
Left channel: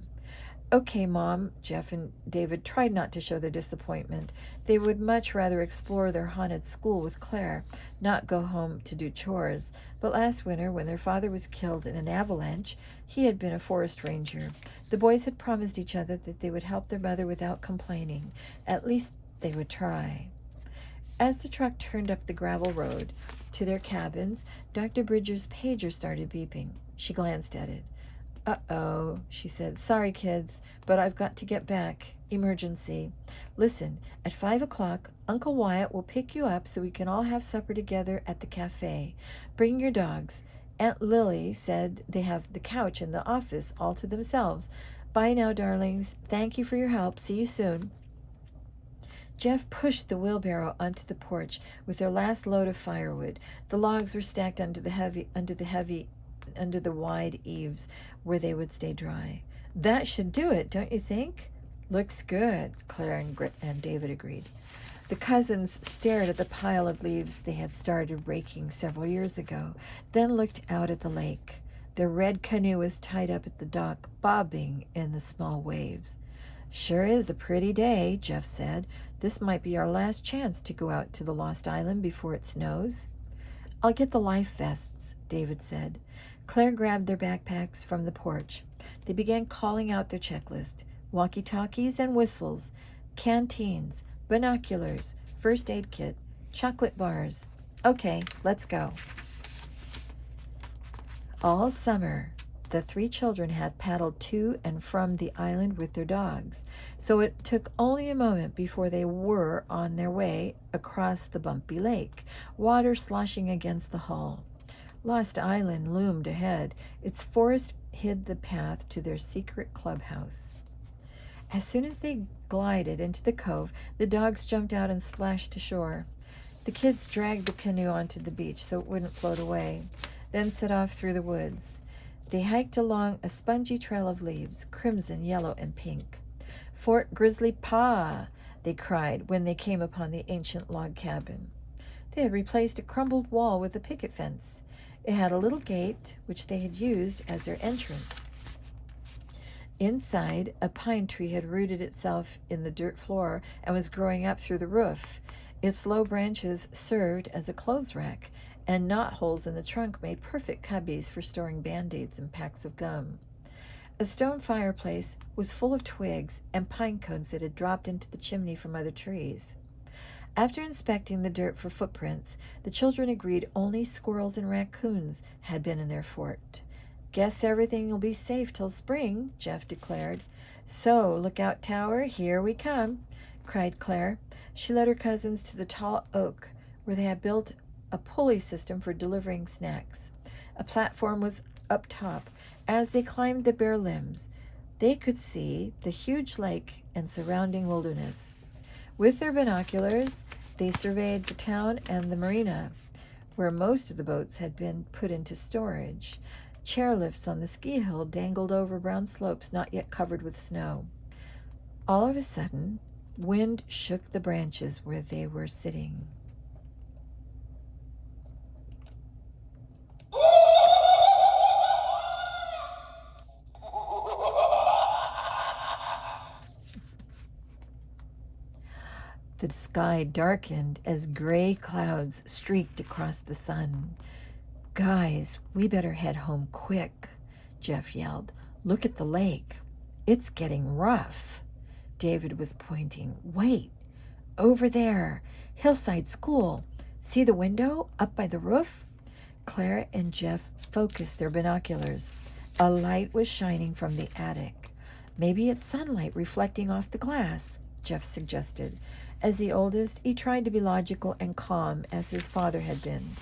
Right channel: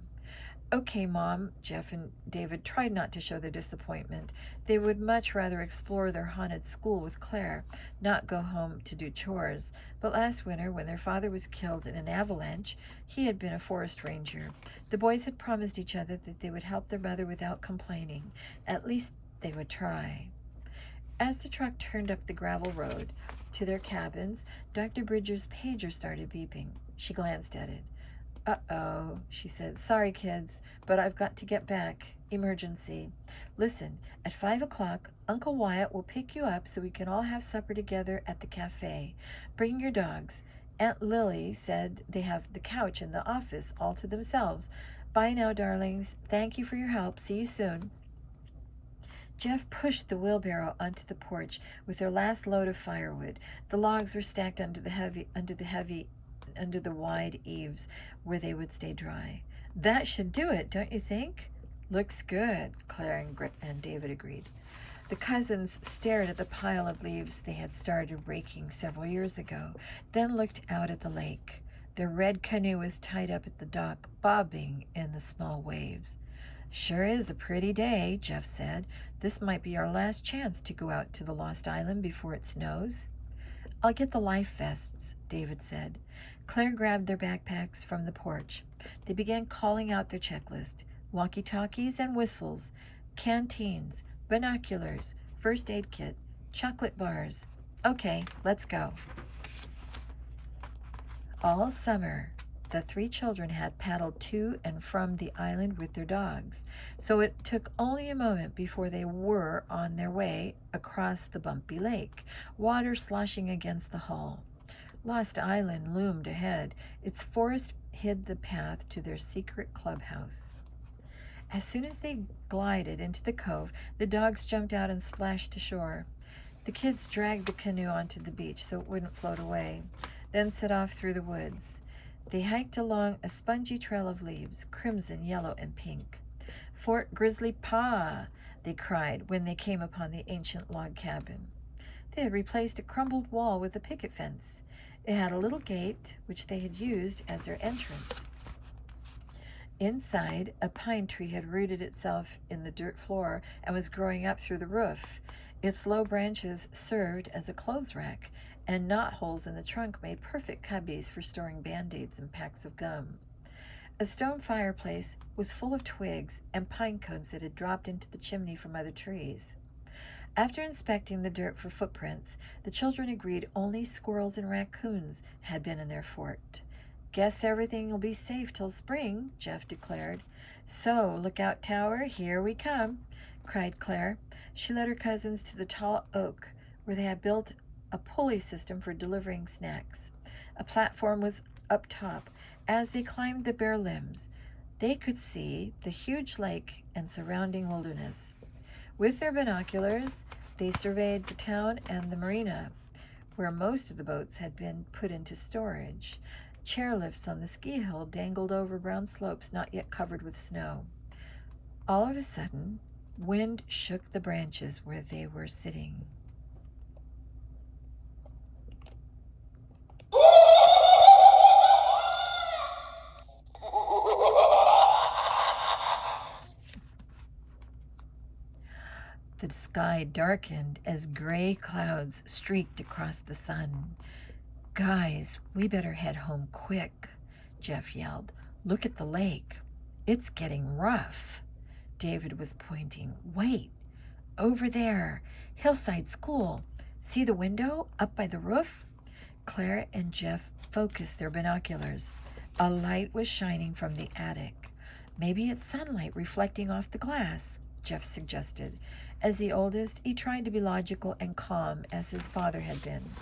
Okay, Mom. Jeff and David tried not to show their disappointment. They would much rather explore their haunted school with Claire, not go home to do chores. But last winter, when their father was killed in an avalanche, he had been a forest ranger. The boys had promised each other that they would help their mother without complaining. At least they would try. As the truck turned up the gravel road to their cabins, Dr. Bridger's pager started beeping. She glanced at it. Uh-oh, she said. Sorry, kids, but I've got to get back. Emergency. Listen, at 5 o'clock, Uncle Wyatt will pick you up so we can all have supper together at the cafe. Bring your dogs. Aunt Lily said they have the couch in the office all to themselves. Bye now, darlings. Thank you for your help. See you soon. Jeff pushed the wheelbarrow onto the porch with their last load of firewood. The logs were stacked under the wide eaves where they would stay dry. That should do it, don't you think? Looks good, Claire and David agreed. The cousins stared at the pile of leaves they had started raking several years ago, then looked out at the lake. Their red canoe was tied up at the dock, bobbing in the small waves. Sure is a pretty day, Jeff said. This might be our last chance to go out to the Lost Island before it snows. I'll get the life vests, David said. Claire grabbed their backpacks from the porch. They began calling out their checklist. Walkie-talkies and whistles, canteens, binoculars, first aid kit, chocolate bars. Okay, let's go. All summer, the 3 children had paddled to and from the island with their dogs, so it took only a moment before they were on their way across the bumpy lake, water sloshing against the hull. Lost Island loomed ahead. Its forest hid the path to their secret clubhouse. As soon as they glided into the cove, the dogs jumped out and splashed ashore. The kids dragged the canoe onto the beach so it wouldn't float away, then set off through the woods. They hiked along a spongy trail of leaves, crimson, yellow, and pink. "Fort Grizzly Pa!" they cried when they came upon the ancient log cabin. They had replaced a crumbled wall with a picket fence. It had a little gate, which they had used as their entrance. Inside, a pine tree had rooted itself in the dirt floor and was growing up through the roof. Its low branches served as a clothes rack, and knotholes in the trunk made perfect cubbies for storing Band-Aids and packs of gum. A stone fireplace was full of twigs and pine cones that had dropped into the chimney from other trees. After inspecting the dirt for footprints, the children agreed only squirrels and raccoons had been in their fort. "Guess everything will be safe till spring," Jeff declared. "So, Lookout Tower, here we come," cried Claire. She led her cousins to the tall oak, where they had built a pulley system for delivering snacks. A platform was up top. As they climbed the bare limbs, they could see the huge lake and surrounding wilderness. With their binoculars, they surveyed the town and the marina, where most of the boats had been put into storage. Chairlifts on the ski hill dangled over brown slopes not yet covered with snow. All of a sudden, wind shook the branches where they were sitting. The sky darkened as gray clouds streaked across the sun. "Guys, we better head home quick," Jeff yelled. "Look at the lake. It's getting rough." David was pointing. "Wait, over there, Hillside School. See the window up by the roof?" Claire and Jeff focused their binoculars. A light was shining from the attic. "Maybe it's sunlight reflecting off the glass," Jeff suggested. As the oldest, he tried to be logical and calm as his father had been.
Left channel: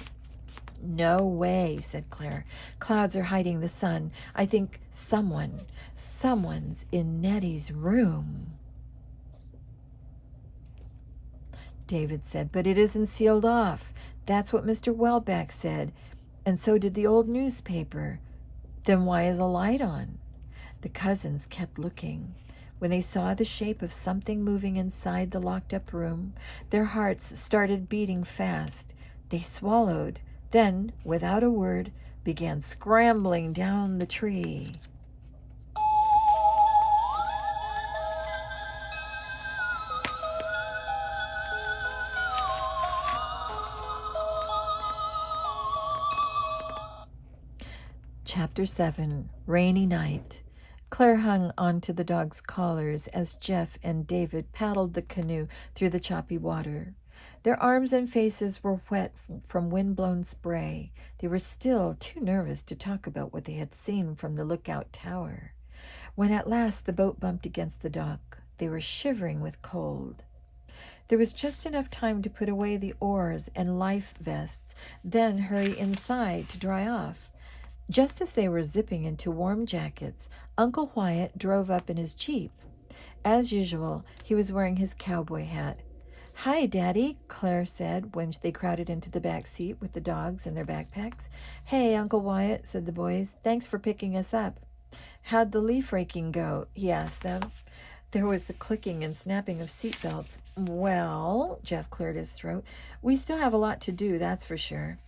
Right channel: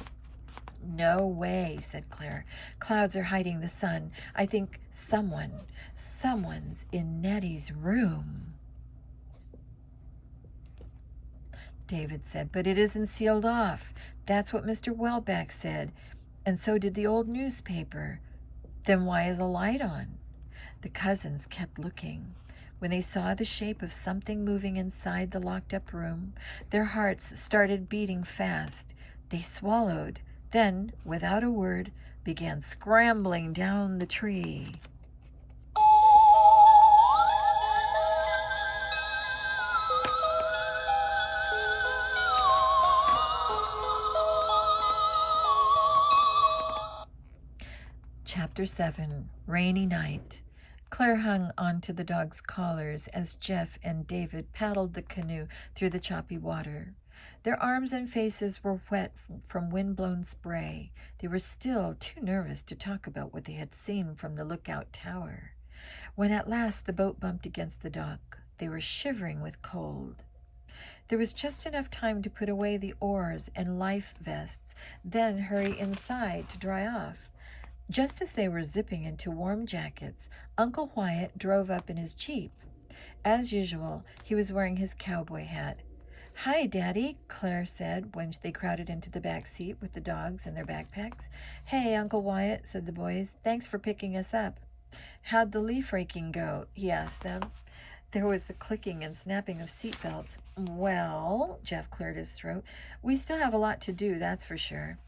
"No way," said Claire. "Clouds are hiding the sun. I think someone's in Nettie's room." David said, "But it isn't sealed off. That's what Mr. Welbeck said, and so did the old newspaper. Then why is a light on?" The cousins kept looking. When they saw the shape of something moving inside the locked-up room, their hearts started beating fast. They swallowed, then, without a word, began scrambling down the tree. Chapter 7, Rainy Night. Claire hung onto the dogs' collars as Jeff and David paddled the canoe through the choppy water. Their arms and faces were wet from wind-blown spray. They were still too nervous to talk about what they had seen from the lookout tower. When at last the boat bumped against the dock, they were shivering with cold. There was just enough time to put away the oars and life vests, then hurry inside to dry off. Just as they were zipping into warm jackets, Uncle Wyatt drove up in his Jeep. As usual, he was wearing his cowboy hat. "Hi, Daddy," Claire said when they crowded into the back seat with the dogs and their backpacks. "Hey, Uncle Wyatt," said the boys. "Thanks for picking us up." "How'd the leaf raking go?" he asked them. There was the clicking and snapping of seatbelts. "Well," Jeff cleared his throat, "we still have a lot to do, that's for sure."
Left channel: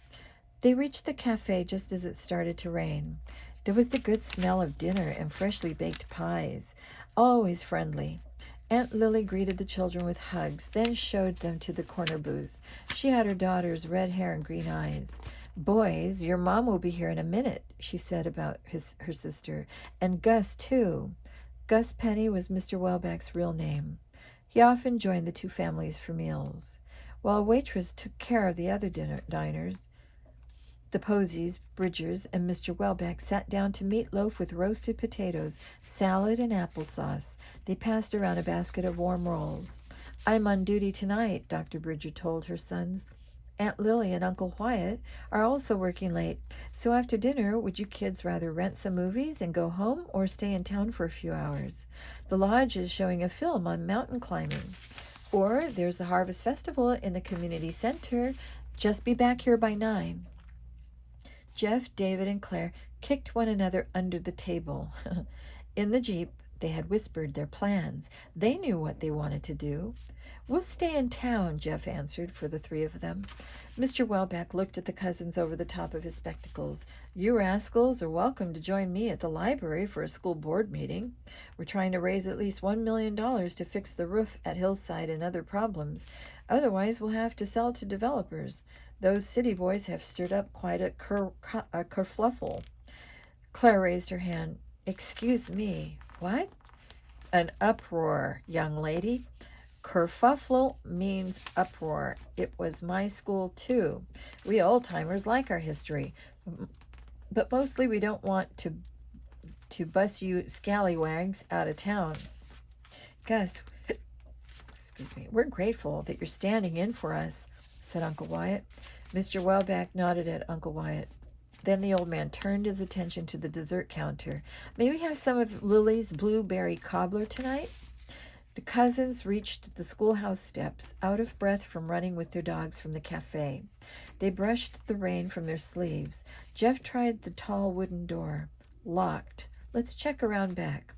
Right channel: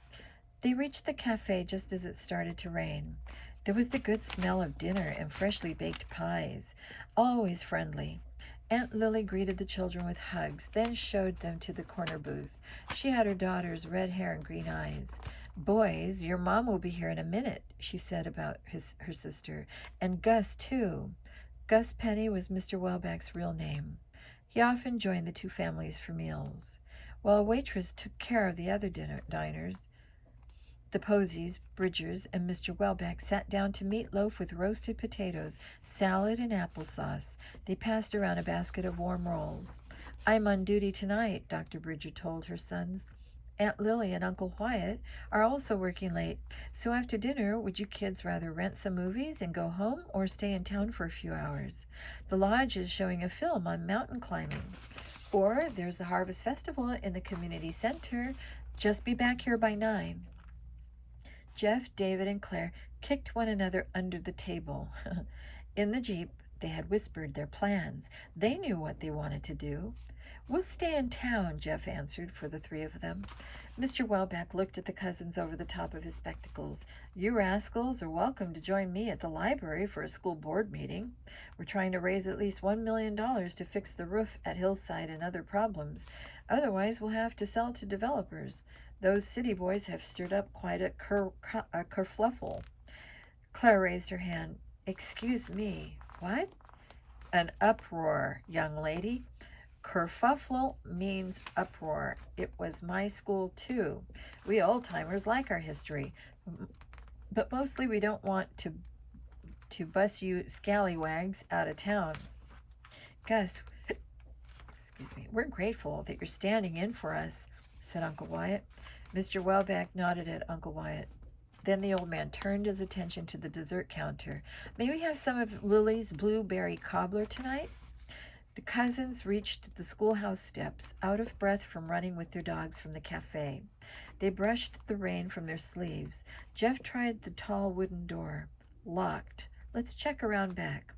They reached the cafe just as it started to rain. There was the good smell of dinner and freshly baked pies, always friendly. Aunt Lily greeted the children with hugs, then showed them to the corner booth. She had her daughter's red hair and green eyes. "Boys, your mom will be here in a minute," she said about her sister, "and Gus, too." Gus Penny was Mr. Welbeck's real name. He often joined the two families for meals, while a waitress took care of the other diners. The Posies, Bridgers, and Mr. Welbeck sat down to meatloaf with roasted potatoes, salad, and applesauce. They passed around a basket of warm rolls. "I'm on duty tonight," Dr. Bridger told her sons. Aunt Lily and Uncle Wyatt are also working late, so after dinner, would you kids rather rent some movies and go home or stay in town for a few hours? The lodge is showing a film on mountain climbing. Or there's the Harvest Festival in the community center. Just be back here by 9. Jeff, David, and Claire kicked one another under the table. In the Jeep, they had whispered their plans. They knew what they wanted to do. "We'll stay in town," Jeff answered for the 3 of them. Mr. Welbeck looked at the cousins over the top of his spectacles. "You rascals are welcome to join me at the library for a school board meeting. We're trying to raise at least $1 million to fix the roof at Hillside and other problems. Otherwise, we'll have to sell to developers. Those city boys have stirred up quite a kerfluffle." Claire raised her hand. "Excuse me, what?" "An uproar, young lady. Kerfuffle means uproar. It was my school, too. We old-timers like our history, but mostly we don't want to bus you scallywags out of town. Gus, excuse me, we're grateful that you're standing in for us," said Uncle Wyatt. Mr. Welbeck nodded at Uncle Wyatt. Then the old man turned his attention to the dessert counter. "May we have some of Lily's blueberry cobbler tonight?" The cousins reached the schoolhouse steps, out of breath from running with their dogs from the cafe. They brushed the rain from their sleeves. Jeff tried the tall wooden door. Locked. "Let's check around back."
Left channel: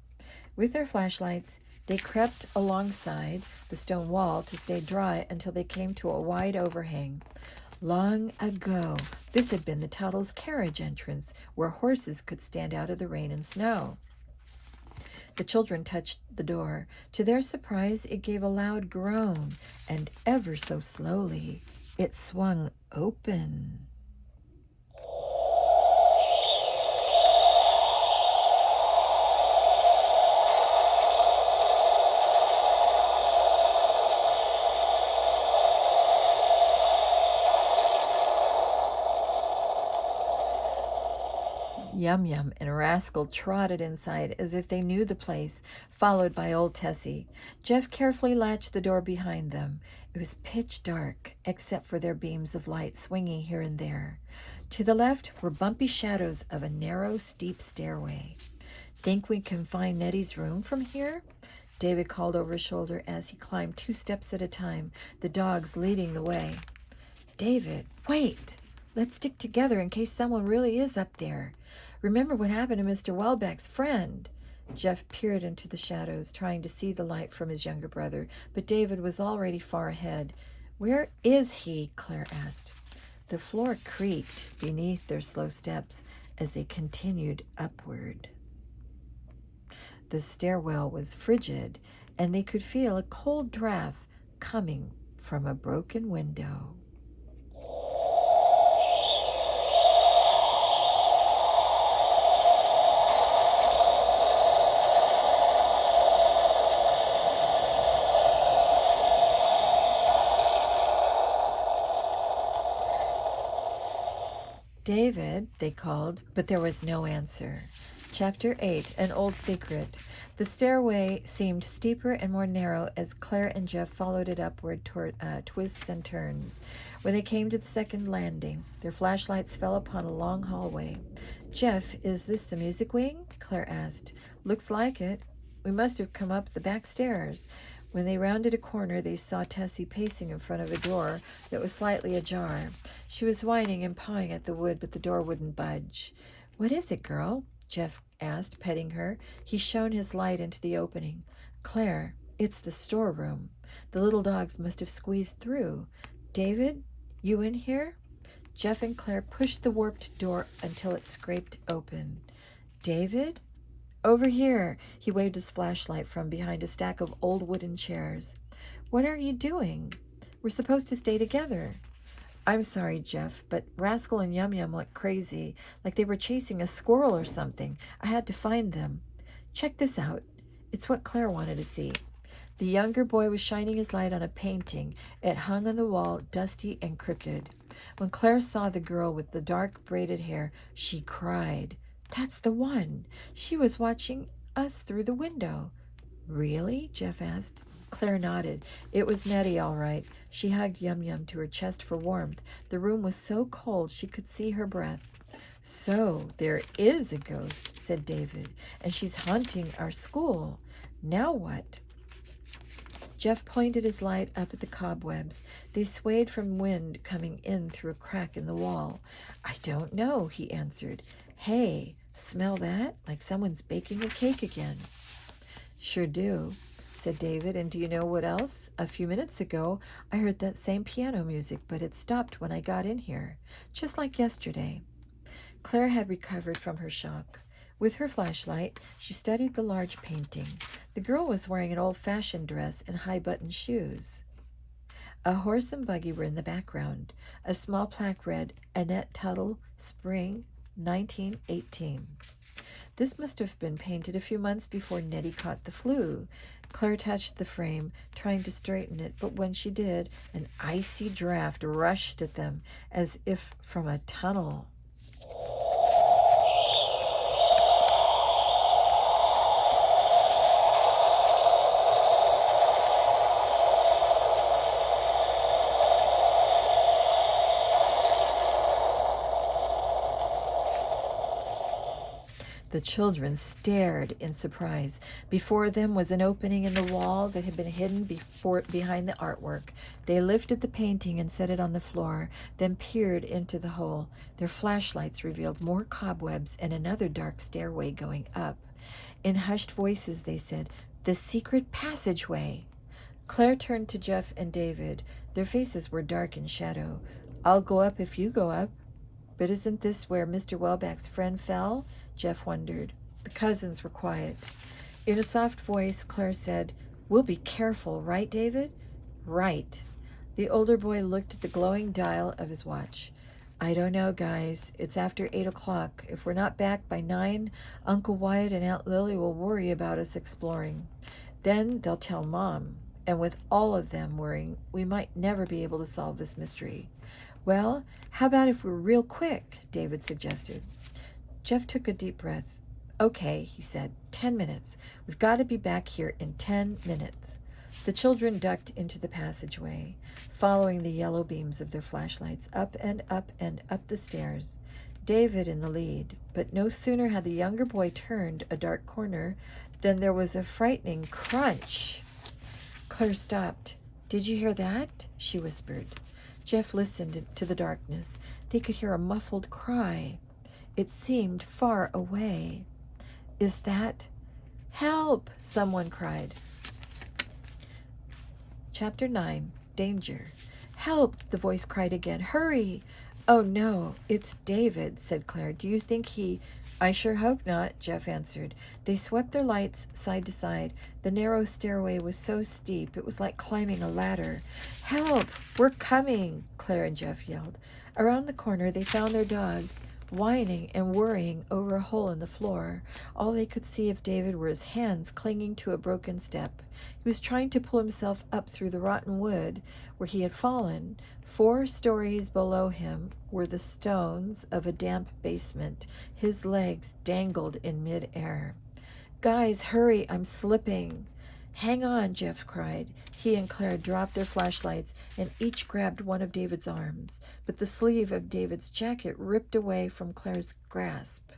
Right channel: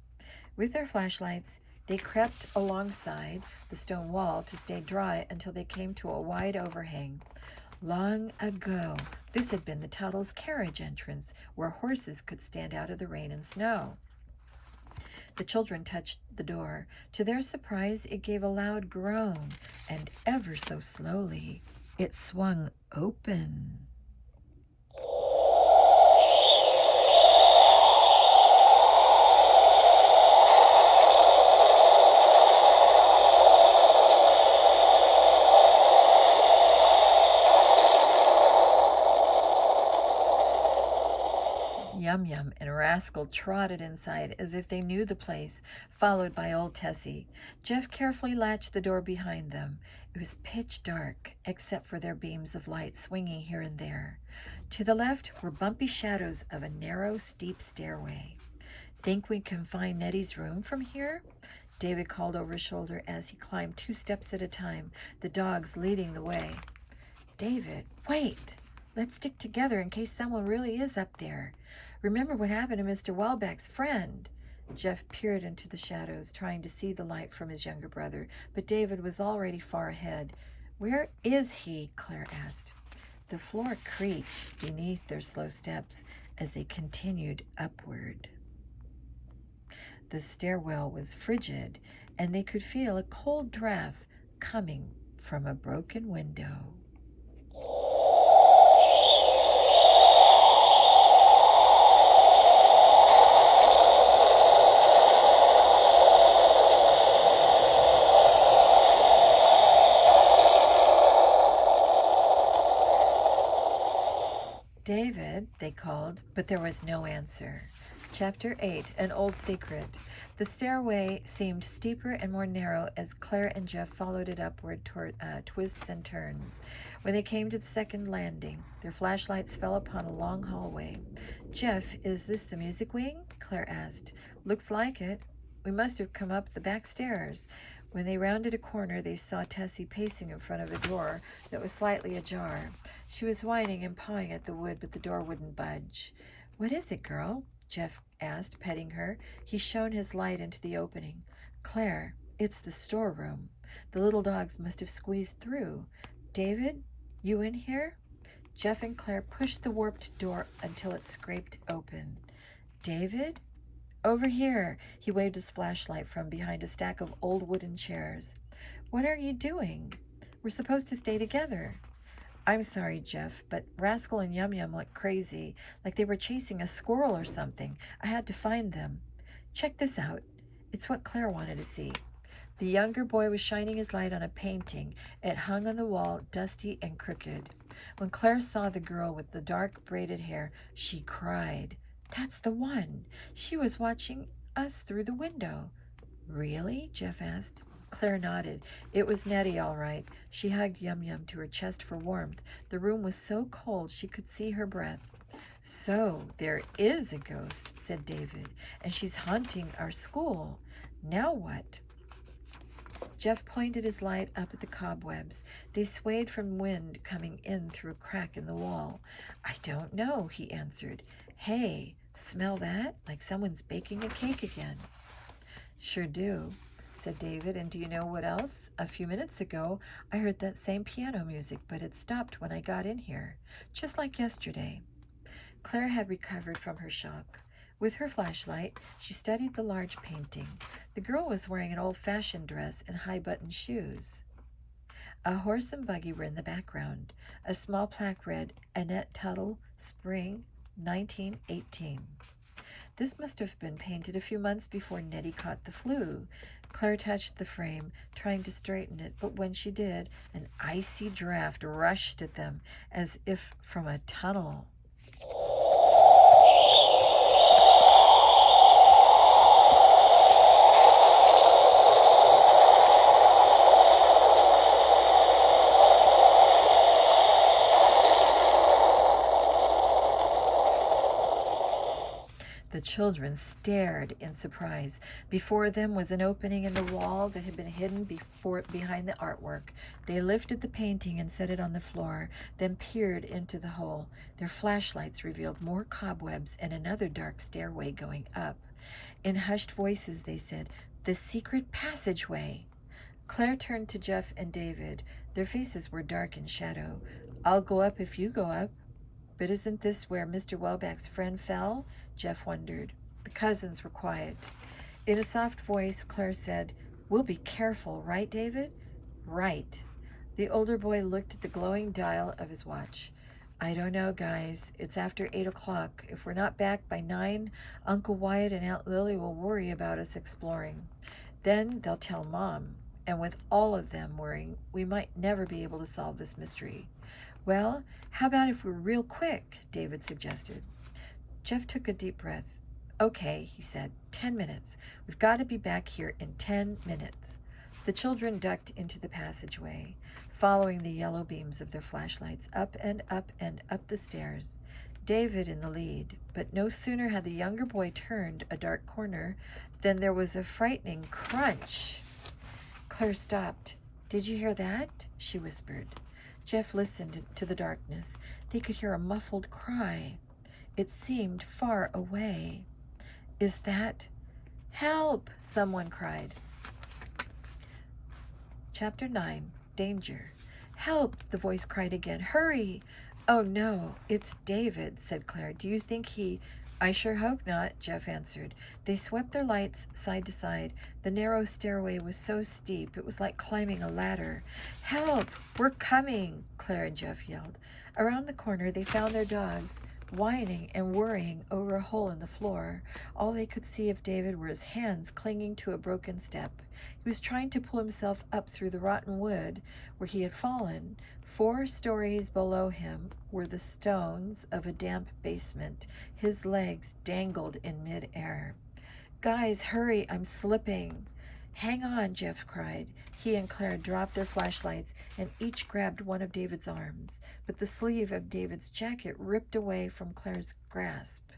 With their flashlights, they crept alongside the stone wall to stay dry until they came to a wide overhang. Long ago, this had been the Tuttle's carriage entrance, where horses could stand out of the rain and snow. The children touched the door. To their surprise, it gave a loud groan, and ever so slowly, it swung open. Yum Yum and Rascal trotted inside as if they knew the place, followed by old Tessie. Jeff carefully latched the door behind them. It was pitch dark, except for their beams of light swinging here and there. To the left were bumpy shadows of a narrow, steep stairway. "Think we can find Nettie's room from here?" David called over his shoulder as he climbed 2 steps at a time, the dogs leading the way. "David, wait! Let's stick together in case someone really is up there. Remember what happened to Mr. Welbeck's friend." Jeff peered into the shadows, trying to see the light from his younger brother, but David was already far ahead. "Where is he?" Claire asked. The floor creaked beneath their slow steps as they continued upward. The stairwell was frigid, and they could feel a cold draft coming from a broken window. "David," they called, but there was no answer. Chapter 8, An Old Secret. The stairway seemed steeper and more narrow as Claire and Jeff followed it upward toward twists and turns. When they came to the second landing, their flashlights fell upon a long hallway. "Jeff, is this the music wing?" Claire asked. "Looks like it. We must have come up the back stairs." When they rounded a corner, they saw Tessie pacing in front of a door that was slightly ajar. She was whining and pawing at the wood, but the door wouldn't budge. "What is it, girl?" Jeff asked, petting her. He shone his light into the opening. "Claire, it's the storeroom. The little dogs must have squeezed through. David, you in here?" Jeff and Claire pushed the warped door until it scraped open. "David?" "Over here." He waved his flashlight from behind a stack of old wooden chairs. "What are you doing? We're supposed to stay together." "I'm sorry, Jeff, but Rascal and Yum Yum went crazy, like they were chasing a squirrel or something. I had to find them. Check this out. It's what Claire wanted to see." The younger boy was shining his light on a painting. It hung on the wall, dusty and crooked. When Claire saw the girl with the dark braided hair, she cried. "That's the one. She was watching us through the window." "Really?" Jeff asked. Claire nodded. It was Nettie, all right. She hugged Yum Yum to her chest for warmth. The room was so cold she could see her breath. "So there is a ghost," said David, "and she's haunting our school. Now what?" Jeff pointed his light up at the cobwebs. They swayed from wind coming in through a crack in the wall. "I don't know," he answered. "Hey, smell that? Like someone's baking a cake again." "Sure do," said David. "And do you know what else? A few minutes ago, I heard that same piano music, but it stopped when I got in here, just like yesterday." Claire had recovered from her shock. With her flashlight, she studied the large painting. The girl was wearing an old-fashioned dress and high-buttoned shoes. A horse and buggy were in the background. A small plaque read, "Annette Tuttle, Spring, 1918. This must have been painted a few months before Nettie caught the flu. Claire touched the frame, trying to straighten it, but when she did, an icy draft rushed at them, as if from a tunnel. The children stared in surprise. Before them was an opening in the wall that had been hidden behind the artwork. They lifted the painting and set it on the floor, then peered into the hole. Their flashlights revealed more cobwebs and another dark stairway going up. In hushed voices, they said, "The secret passageway." Claire turned to Jeff and David. Their faces were dark in shadow. "I'll go up if you go up." "But isn't this where Mr. Welbeck's friend fell?" Jeff wondered. The cousins were quiet. In a soft voice, Claire said, "We'll be careful, right, David?" "Right." The older boy looked at the glowing dial of his watch. "I don't know, guys. It's after 8 o'clock. If we're not back by 9, Uncle Wyatt and Aunt Lily will worry about us exploring. Then they'll tell Mom. And with all of them worrying, we might never be able to solve this mystery." "Well, how about if we're real quick?" David suggested. Jeff took a deep breath. "Okay," he said, 10 minutes. We've got to be back here in 10 minutes. The children ducked into the passageway, following the yellow beams of their flashlights up and up and up the stairs, David in the lead. But no sooner had the younger boy turned a dark corner than there was a frightening crunch. Claire stopped. "Did you hear that?" she whispered. Jeff listened to the darkness. They could hear a muffled cry. It seemed far away. "Is that—" "Help!" someone cried. Chapter 9. Danger. "Help!" the voice cried again. "Hurry!" "Oh, no, it's David," said Claire. "Do you think he—" "I sure hope not," Jeff answered. They swept their lights side to side. The narrow stairway was so steep it was like climbing a ladder. "Help! We're coming!" Claire and Jeff yelled. Around the corner they found their dogs, whining and worrying over a hole in the floor. All they could see of David were his hands clinging to a broken step. He was trying to pull himself up through the rotten wood where he had fallen. 4 stories below him were the stones of a damp basement. His legs dangled in mid-air. "Guys, hurry, I'm slipping." "Hang on," Jeff cried. He and Claire dropped their flashlights and each grabbed one of David's arms, but the sleeve of David's jacket ripped away from Claire's grasp.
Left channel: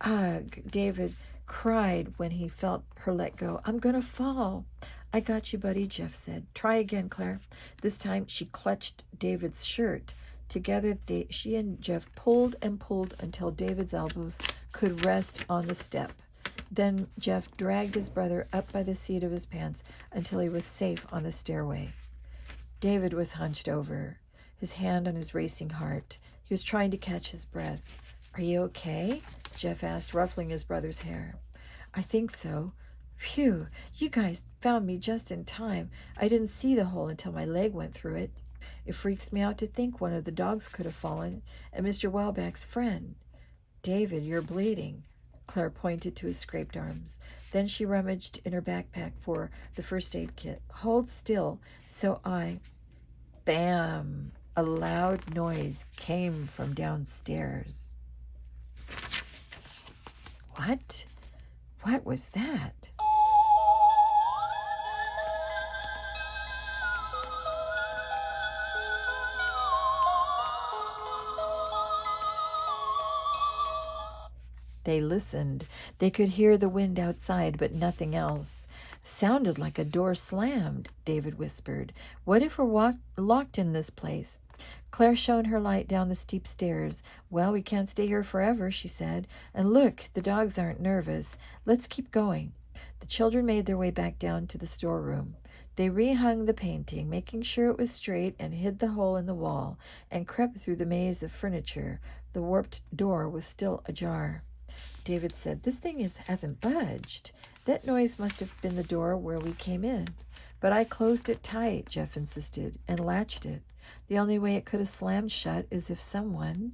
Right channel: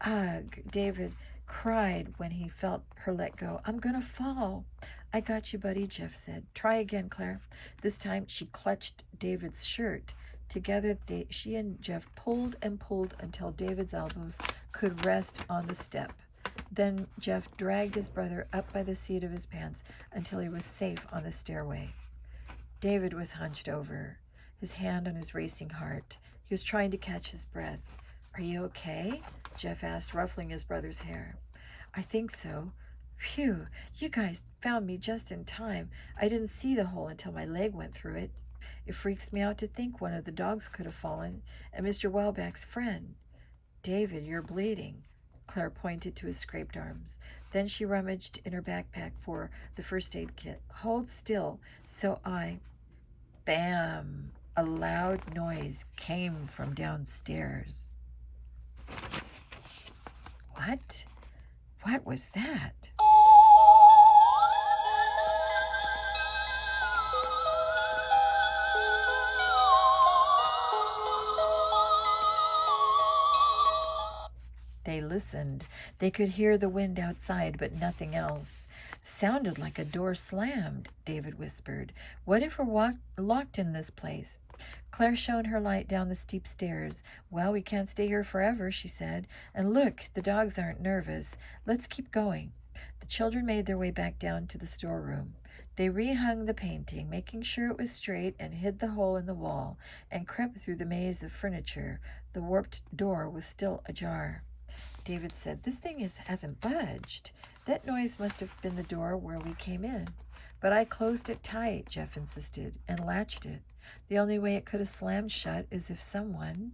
"Ugh," David cried when he felt her let go. "I'm gonna fall." "I got you, buddy," Jeff said. "Try again, Claire." This time she clutched David's shirt. Together she and Jeff pulled and pulled until David's elbows could rest on the step. Then Jeff dragged his brother up by the seat of his pants until he was safe on the stairway. David was hunched over, his hand on his racing heart. He was trying to catch his breath. "Are you okay?" Jeff asked, ruffling his brother's hair. "I think so." "Phew, you guys found me just in time. I didn't see the hole until my leg went through it. It freaks me out to think one of the dogs could have fallen, and Mr. Welbeck's friend." "David, you're bleeding." Claire pointed to his scraped arms. Then she rummaged in her backpack for the first aid kit. "Hold still, so I—" Bam! A loud noise came from downstairs. What? What was that? They listened. They could hear the wind outside, but nothing else. Sounded like a door slammed, David whispered. What if we're locked in this place? Claire shone her light down the steep stairs. Well, we can't stay here forever, she said. And look, the dogs aren't nervous. Let's keep going. The children made their way back down to the storeroom. They rehung the painting, making sure it was straight, and hid the hole in the wall, and crept through the maze of furniture. The warped door was still ajar. David said, This thing hasn't budged. That noise must have been the door where we came in. But I closed it tight, Jeff insisted, and latched it. The only way it could have slammed shut is if someone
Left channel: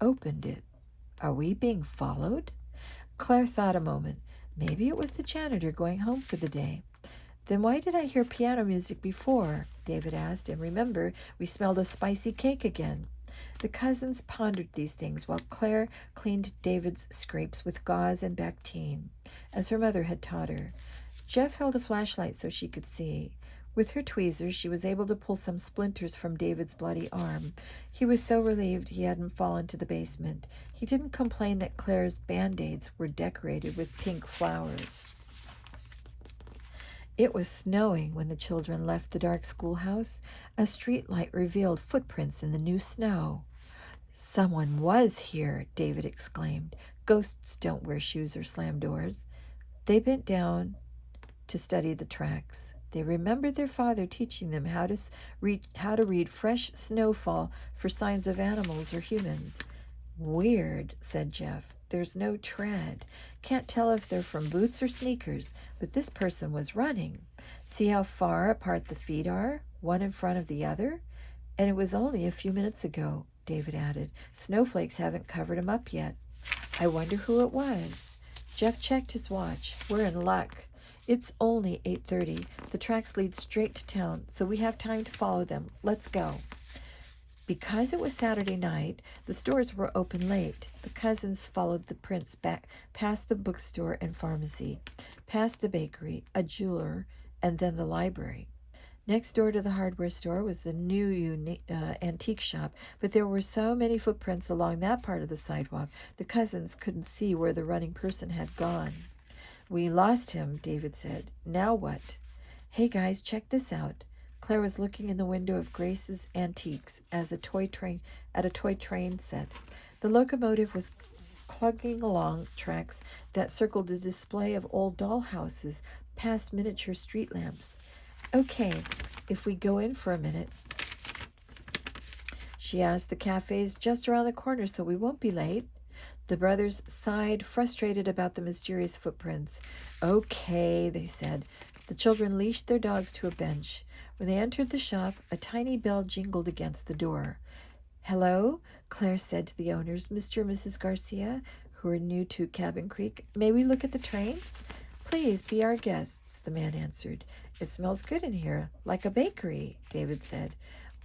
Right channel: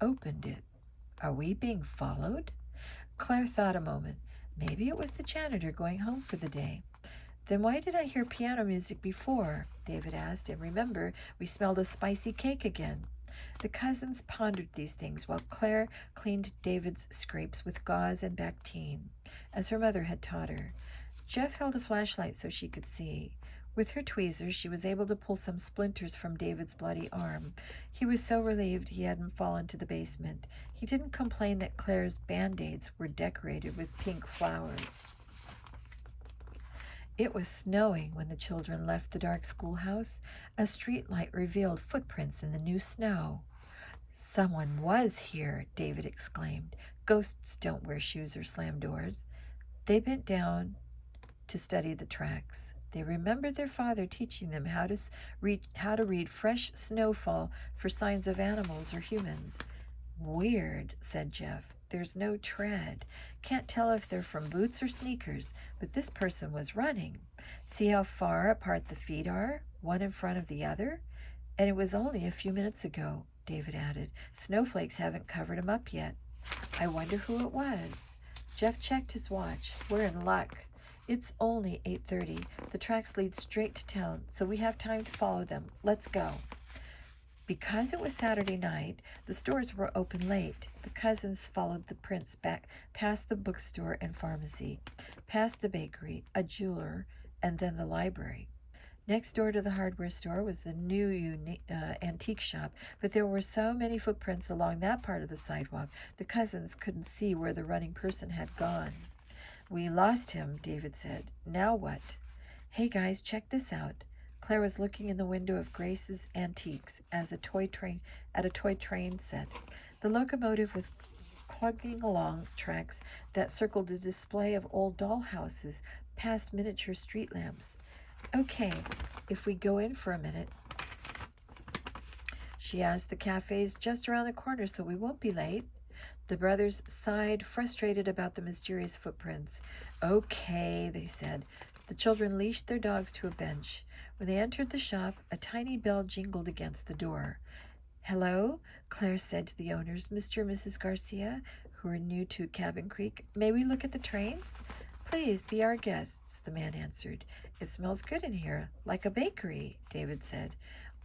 opened it. Are we being followed? Claire thought a moment. Maybe it was the janitor going home for the day. Then why did I hear piano music before? David asked, and remember, we smelled a spicy cake again. The cousins pondered these things while Claire cleaned David's scrapes with gauze and Bactine, as her mother had taught her. Jeff held a flashlight so she could see. With her tweezers, she was able to pull some splinters from David's bloody arm. He was so relieved he hadn't fallen to the basement. He didn't complain that Claire's Band-Aids were decorated with pink flowers. It was snowing when the children left the dark schoolhouse. A streetlight revealed footprints in the new snow. Someone was here, David exclaimed. Ghosts don't wear shoes or slam doors. They bent down to study the tracks. They remembered their father teaching them how to read fresh snowfall for signs of animals or humans. Weird, said Jeff. There's no tread. Can't tell if they're from boots or sneakers, but this person was running. See how far apart the feet are, one in front of the other? And it was only a few minutes ago, David added. Snowflakes haven't covered him up yet. I wonder who it was. Jeff checked his watch. We're in luck. It's only 8:30. The tracks lead straight to town, so we have time to follow them. Let's go. Because it was Saturday night, the stores were open late. The cousins followed the prints back past the bookstore and pharmacy, past the bakery, a jeweler, and then the library. Next door to the hardware store was the new antique shop, but there were so many footprints along that part of the sidewalk, the cousins couldn't see where the running person had gone. We lost him, David said. Now what? Hey guys, check this out. Claire was looking in the window of Grace's Antiques at a toy train set. The locomotive was clugging along tracks that circled a display of old dollhouses past miniature street lamps. Okay, if we go in for a minute, she asked. The cafe's just around the corner, so we won't be late. The brothers sighed, frustrated about the mysterious footprints. Okay, they said. The children leashed their dogs to a bench. When they entered the shop, a tiny bell jingled against the door. Hello, Claire said to the owners, Mr. and Mrs. Garcia, who were new to Cabin Creek. May we look at the trains? Please be our guests, the man answered. It smells good in here, like a bakery, David said.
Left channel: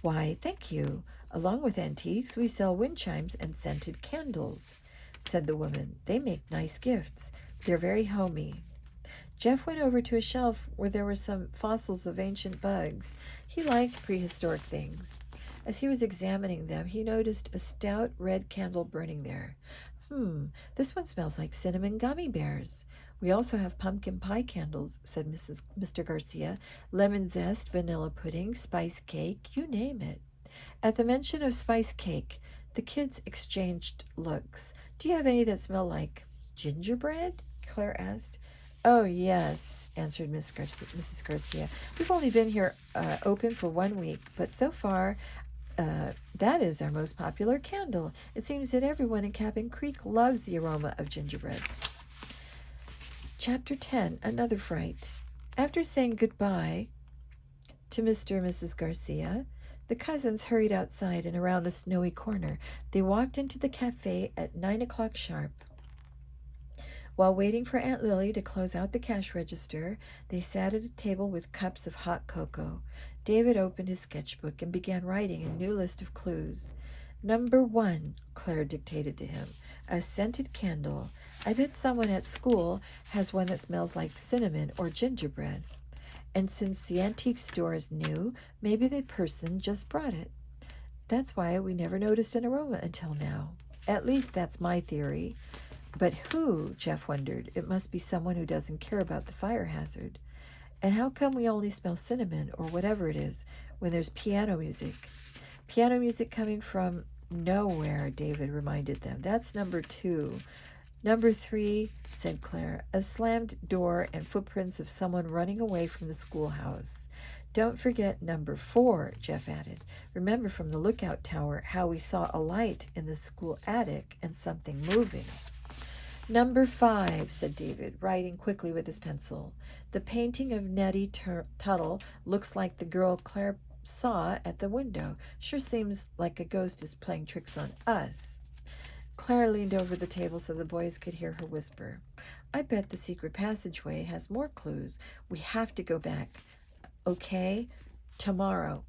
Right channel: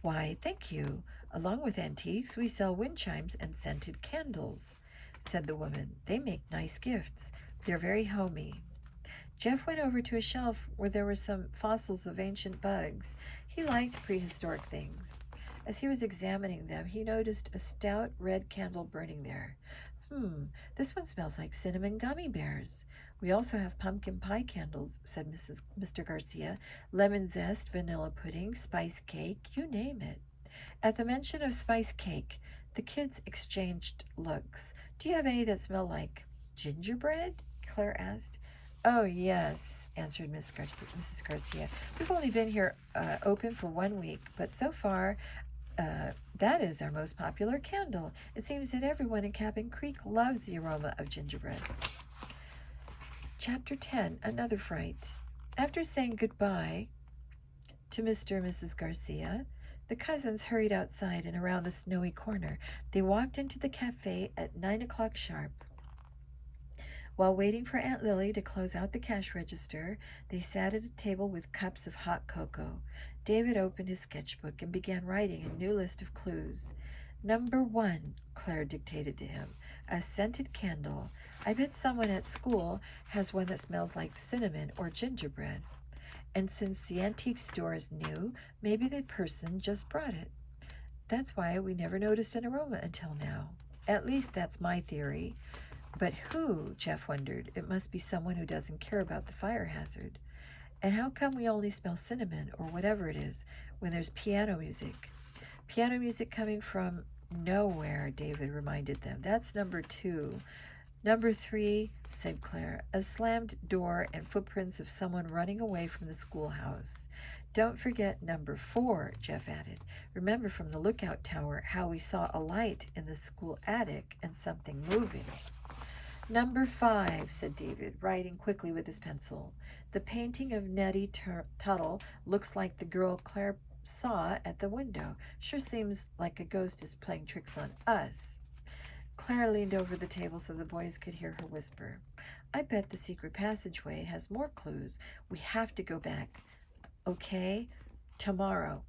Why, thank you. Along with antiques, we sell wind chimes and scented candles, said the woman. They make nice gifts. They're very homey. Jeff went over to a shelf where there were some fossils of ancient bugs. He liked prehistoric things. As he was examining them, he noticed a stout red candle burning there. This one smells like cinnamon gummy bears. We also have pumpkin pie candles, said Mr. Garcia. Lemon zest, vanilla pudding, spice cake, you name it. At the mention of spice cake, the kids exchanged looks. Do you have any that smell like gingerbread? Claire asked. Oh, yes, answered Mrs. Garcia. We've only been here open for 1 week, but so far, that is our most popular candle. It seems that everyone in Cabin Creek loves the aroma of gingerbread. Chapter 10, Another Fright. After saying goodbye to Mr. and Mrs. Garcia, the cousins hurried outside and around the snowy corner. They walked into the cafe at 9 o'clock sharp. While waiting for Aunt Lily to close out the cash register, they sat at a table with cups of hot cocoa. David opened his sketchbook and began writing a new list of clues. Number 1, Claire dictated to him, a scented candle. I bet someone at school has one that smells like cinnamon or gingerbread. And since the antique store is new, maybe the person just brought it. That's why we never noticed an aroma until now. At least that's my theory. But who? Jeff wondered. It must be someone who doesn't care about the fire hazard. And how come we only smell cinnamon or whatever it is when there's piano music? Piano music coming from nowhere, David reminded them. That's number 2. Number 3, said Claire, a slammed door and footprints of someone running away from the schoolhouse. Don't forget number 4, Jeff added. Remember from the lookout tower how we saw a light in the school attic and something moving. Number 5, said David, writing quickly with his pencil. The painting of Nettie Tuttle looks like the girl Claire saw at the window. Sure seems like a ghost is playing tricks on us. Claire leaned over the table so the boys could hear her whisper. I bet the secret passageway has more clues. We have to go back. Okay? Tomorrow.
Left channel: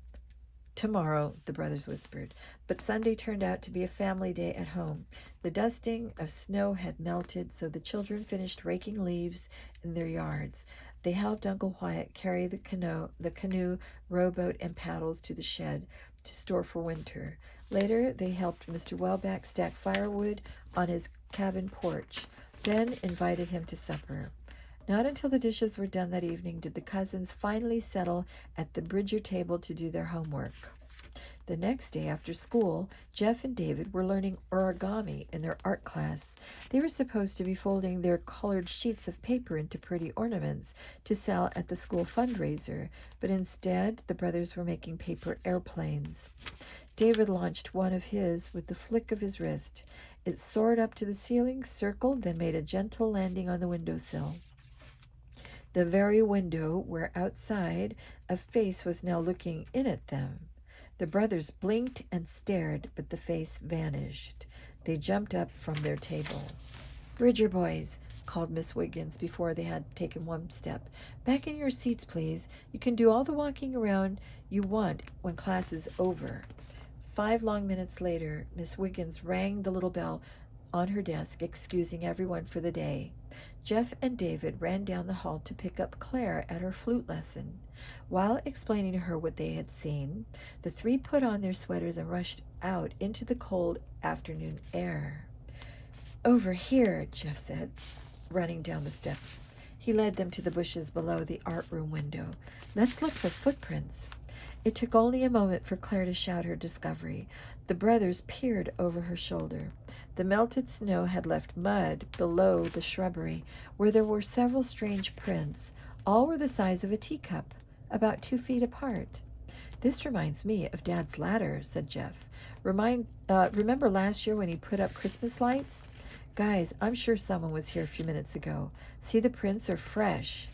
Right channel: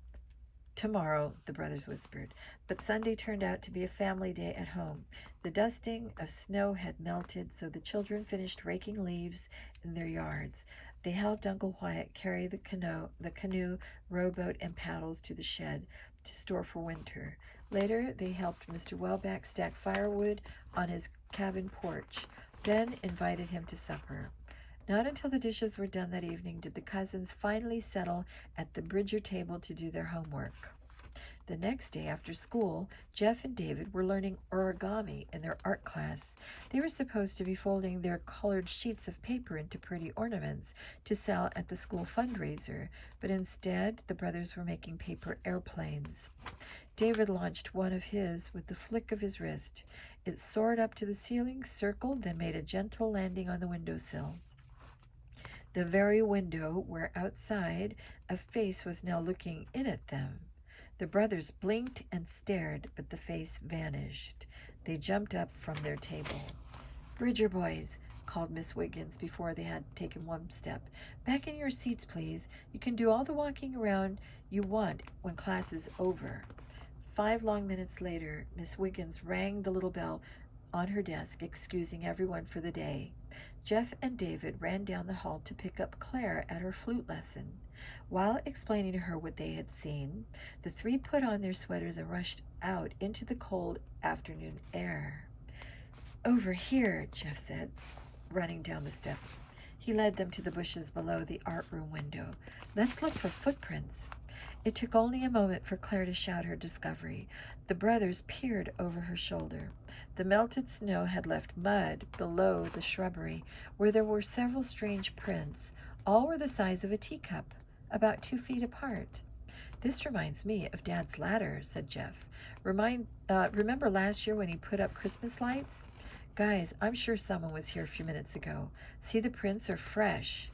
Tomorrow, the brothers whispered. But Sunday turned out to be a family day at home. The dusting of snow had melted, so the children finished raking leaves in their yards. They helped Uncle Wyatt carry the canoe, rowboat, and paddles to the shed to store for winter. Later, they helped Mr. Wellback stack firewood on his cabin porch, then invited him to supper. Not until the dishes were done that evening did the cousins finally settle at the Bridger table to do their homework. The next day after school, Jeff and David were learning origami in their art class. They were supposed to be folding their colored sheets of paper into pretty ornaments to sell at the school fundraiser, but instead the brothers were making paper airplanes. David launched one of his with the flick of his wrist. It soared up to the ceiling, circled, then made a gentle landing on the windowsill. The very window where outside a face was now looking in at them. The brothers blinked and stared, but the face vanished. They jumped up from their table. Bridger boys, called Miss Wiggins before they had taken one step. Back in your seats, please. You can do all the walking around you want when class is over. 5 long minutes later, Miss Wiggins rang the little bell on her desk, excusing everyone for the day. Jeff and David ran down the hall to pick up Claire at her flute lesson. While explaining to her what they had seen, the 3 put on their sweaters and rushed out into the cold afternoon air. Over here, Jeff said, running down the steps. He led them to the bushes below the art room window. Let's look for footprints. It took only a moment for Claire to shout her discovery. The brothers peered over her shoulder. The melted snow had left mud below the shrubbery, where there were several strange prints. All were the size of a teacup, about 2 feet apart. This reminds me of Dad's ladder, said Jeff. Remember last year when he put up Christmas lights? Guys, I'm sure someone was here a few minutes ago. See, the prints are fresh.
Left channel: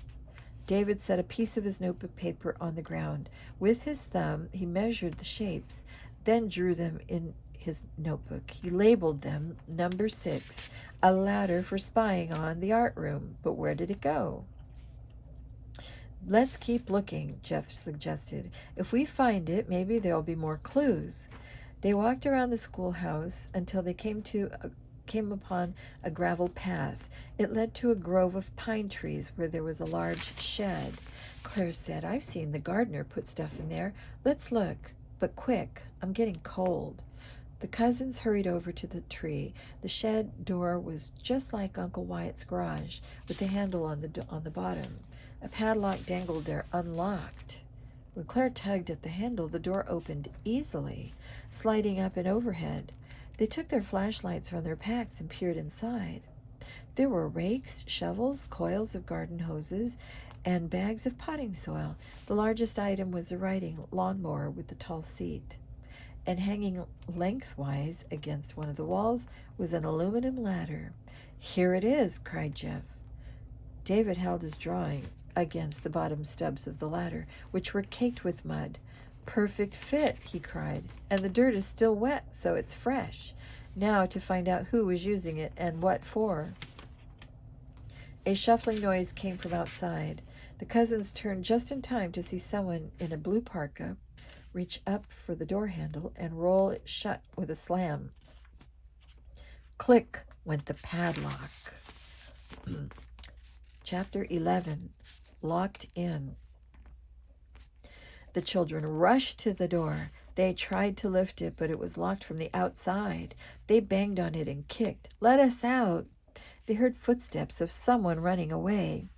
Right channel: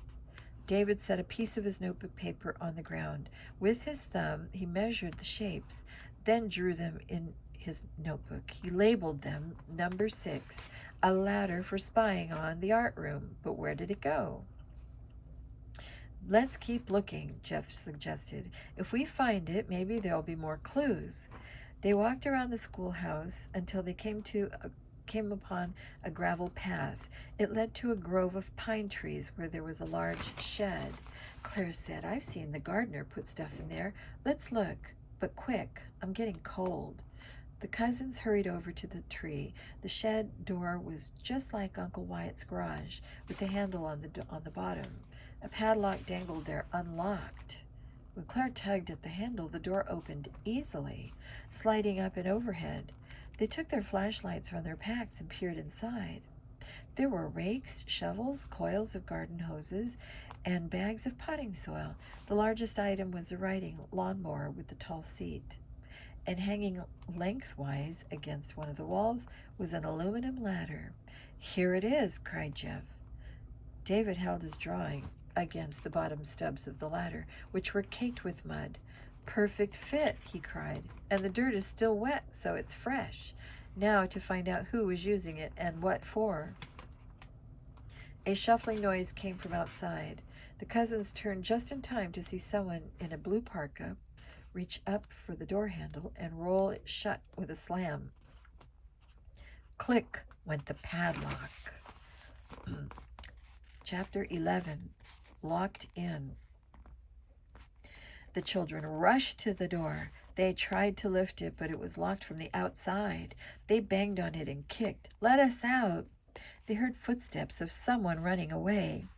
David set a piece of his notebook paper on the ground. With his thumb, he measured the shapes, then drew them in his notebook. He labeled them number 6, a ladder for spying on the art room. But where did it go? Let's keep looking, Jeff suggested. If we find it, maybe there'll be more clues. They walked around the schoolhouse until they came upon a gravel path. It led to a grove of pine trees where there was a large shed. Claire said, I've seen the gardener put stuff in there. Let's look, but quick. I'm getting cold. The cousins hurried over to the tree. The shed door was just like Uncle Wyatt's garage, with the handle on the bottom. A padlock dangled there, unlocked. When Claire tugged at the handle, the door opened easily, sliding up and overhead. They took their flashlights from their packs and peered inside. There were rakes, shovels, coils of garden hoses, and bags of potting soil. The largest item was a riding lawnmower with a tall seat. And hanging lengthwise against one of the walls was an aluminum ladder. Here it is, cried Jeff. David held his drawing against the bottom stubs of the ladder, which were caked with mud. Perfect fit, he cried, and the dirt is still wet, so it's fresh. Now to find out who was using it and what for. A shuffling noise came from outside. The cousins turned just in time to see someone in a blue parka reach up for the door handle and roll it shut with a slam. Click went the padlock. Chapter 11, Locked In. The children rushed to the door. They tried to lift it, but it was locked from the outside. They banged on it and kicked. "Let us out!" They heard footsteps of someone running away.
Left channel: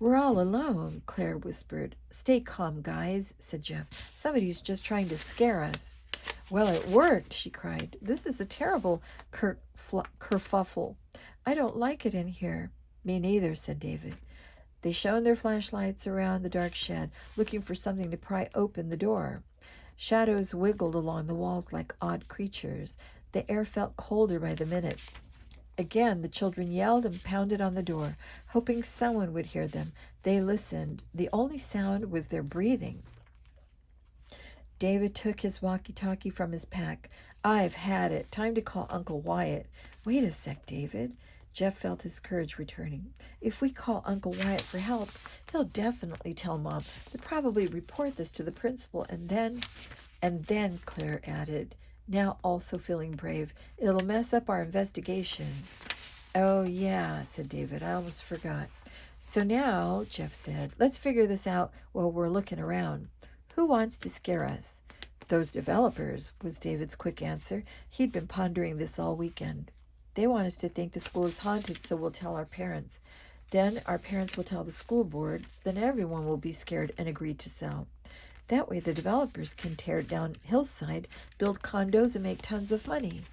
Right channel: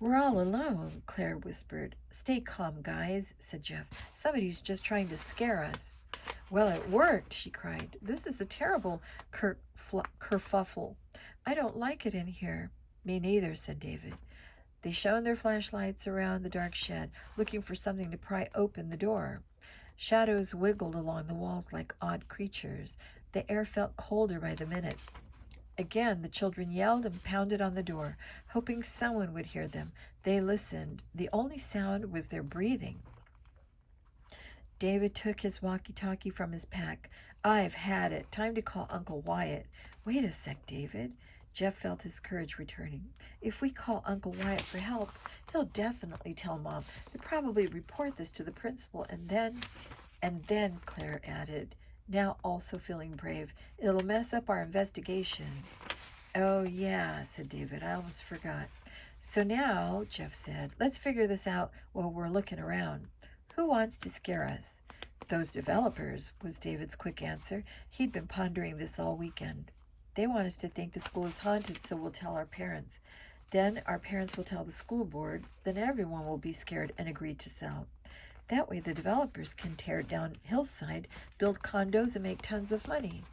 "We're all alone," Claire whispered. "Stay calm, guys," said Jeff. "Somebody's just trying to scare us." "Well, it worked," she cried. "This is a terrible kerfuffle. I don't like it in here." "Me neither," said David. They shone their flashlights around the dark shed, looking for something to pry open the door. Shadows wiggled along the walls like odd creatures. The air felt colder by the minute. Again, the children yelled and pounded on the door, hoping someone would hear them. They listened. The only sound was their breathing. David took his walkie-talkie from his pack. "I've had it. Time to call Uncle Wyatt." "Wait a sec, David." Jeff felt his courage returning. "If we call Uncle Wyatt for help, he'll definitely tell Mom. He'll probably report this to the principal, and then, Claire added, now also feeling brave, "it'll mess up our investigation." "Oh, yeah," said David. "I almost forgot." "So now," Jeff said, "let's figure this out while we're looking around. Who wants to scare us?" "Those developers," was David's quick answer. He'd been pondering this all weekend. "They want us to think the school is haunted, so we'll tell our parents. Then our parents will tell the school board. Then everyone will be scared and agree to sell. That way the developers can tear down Hillside, build condos, and make tons of money."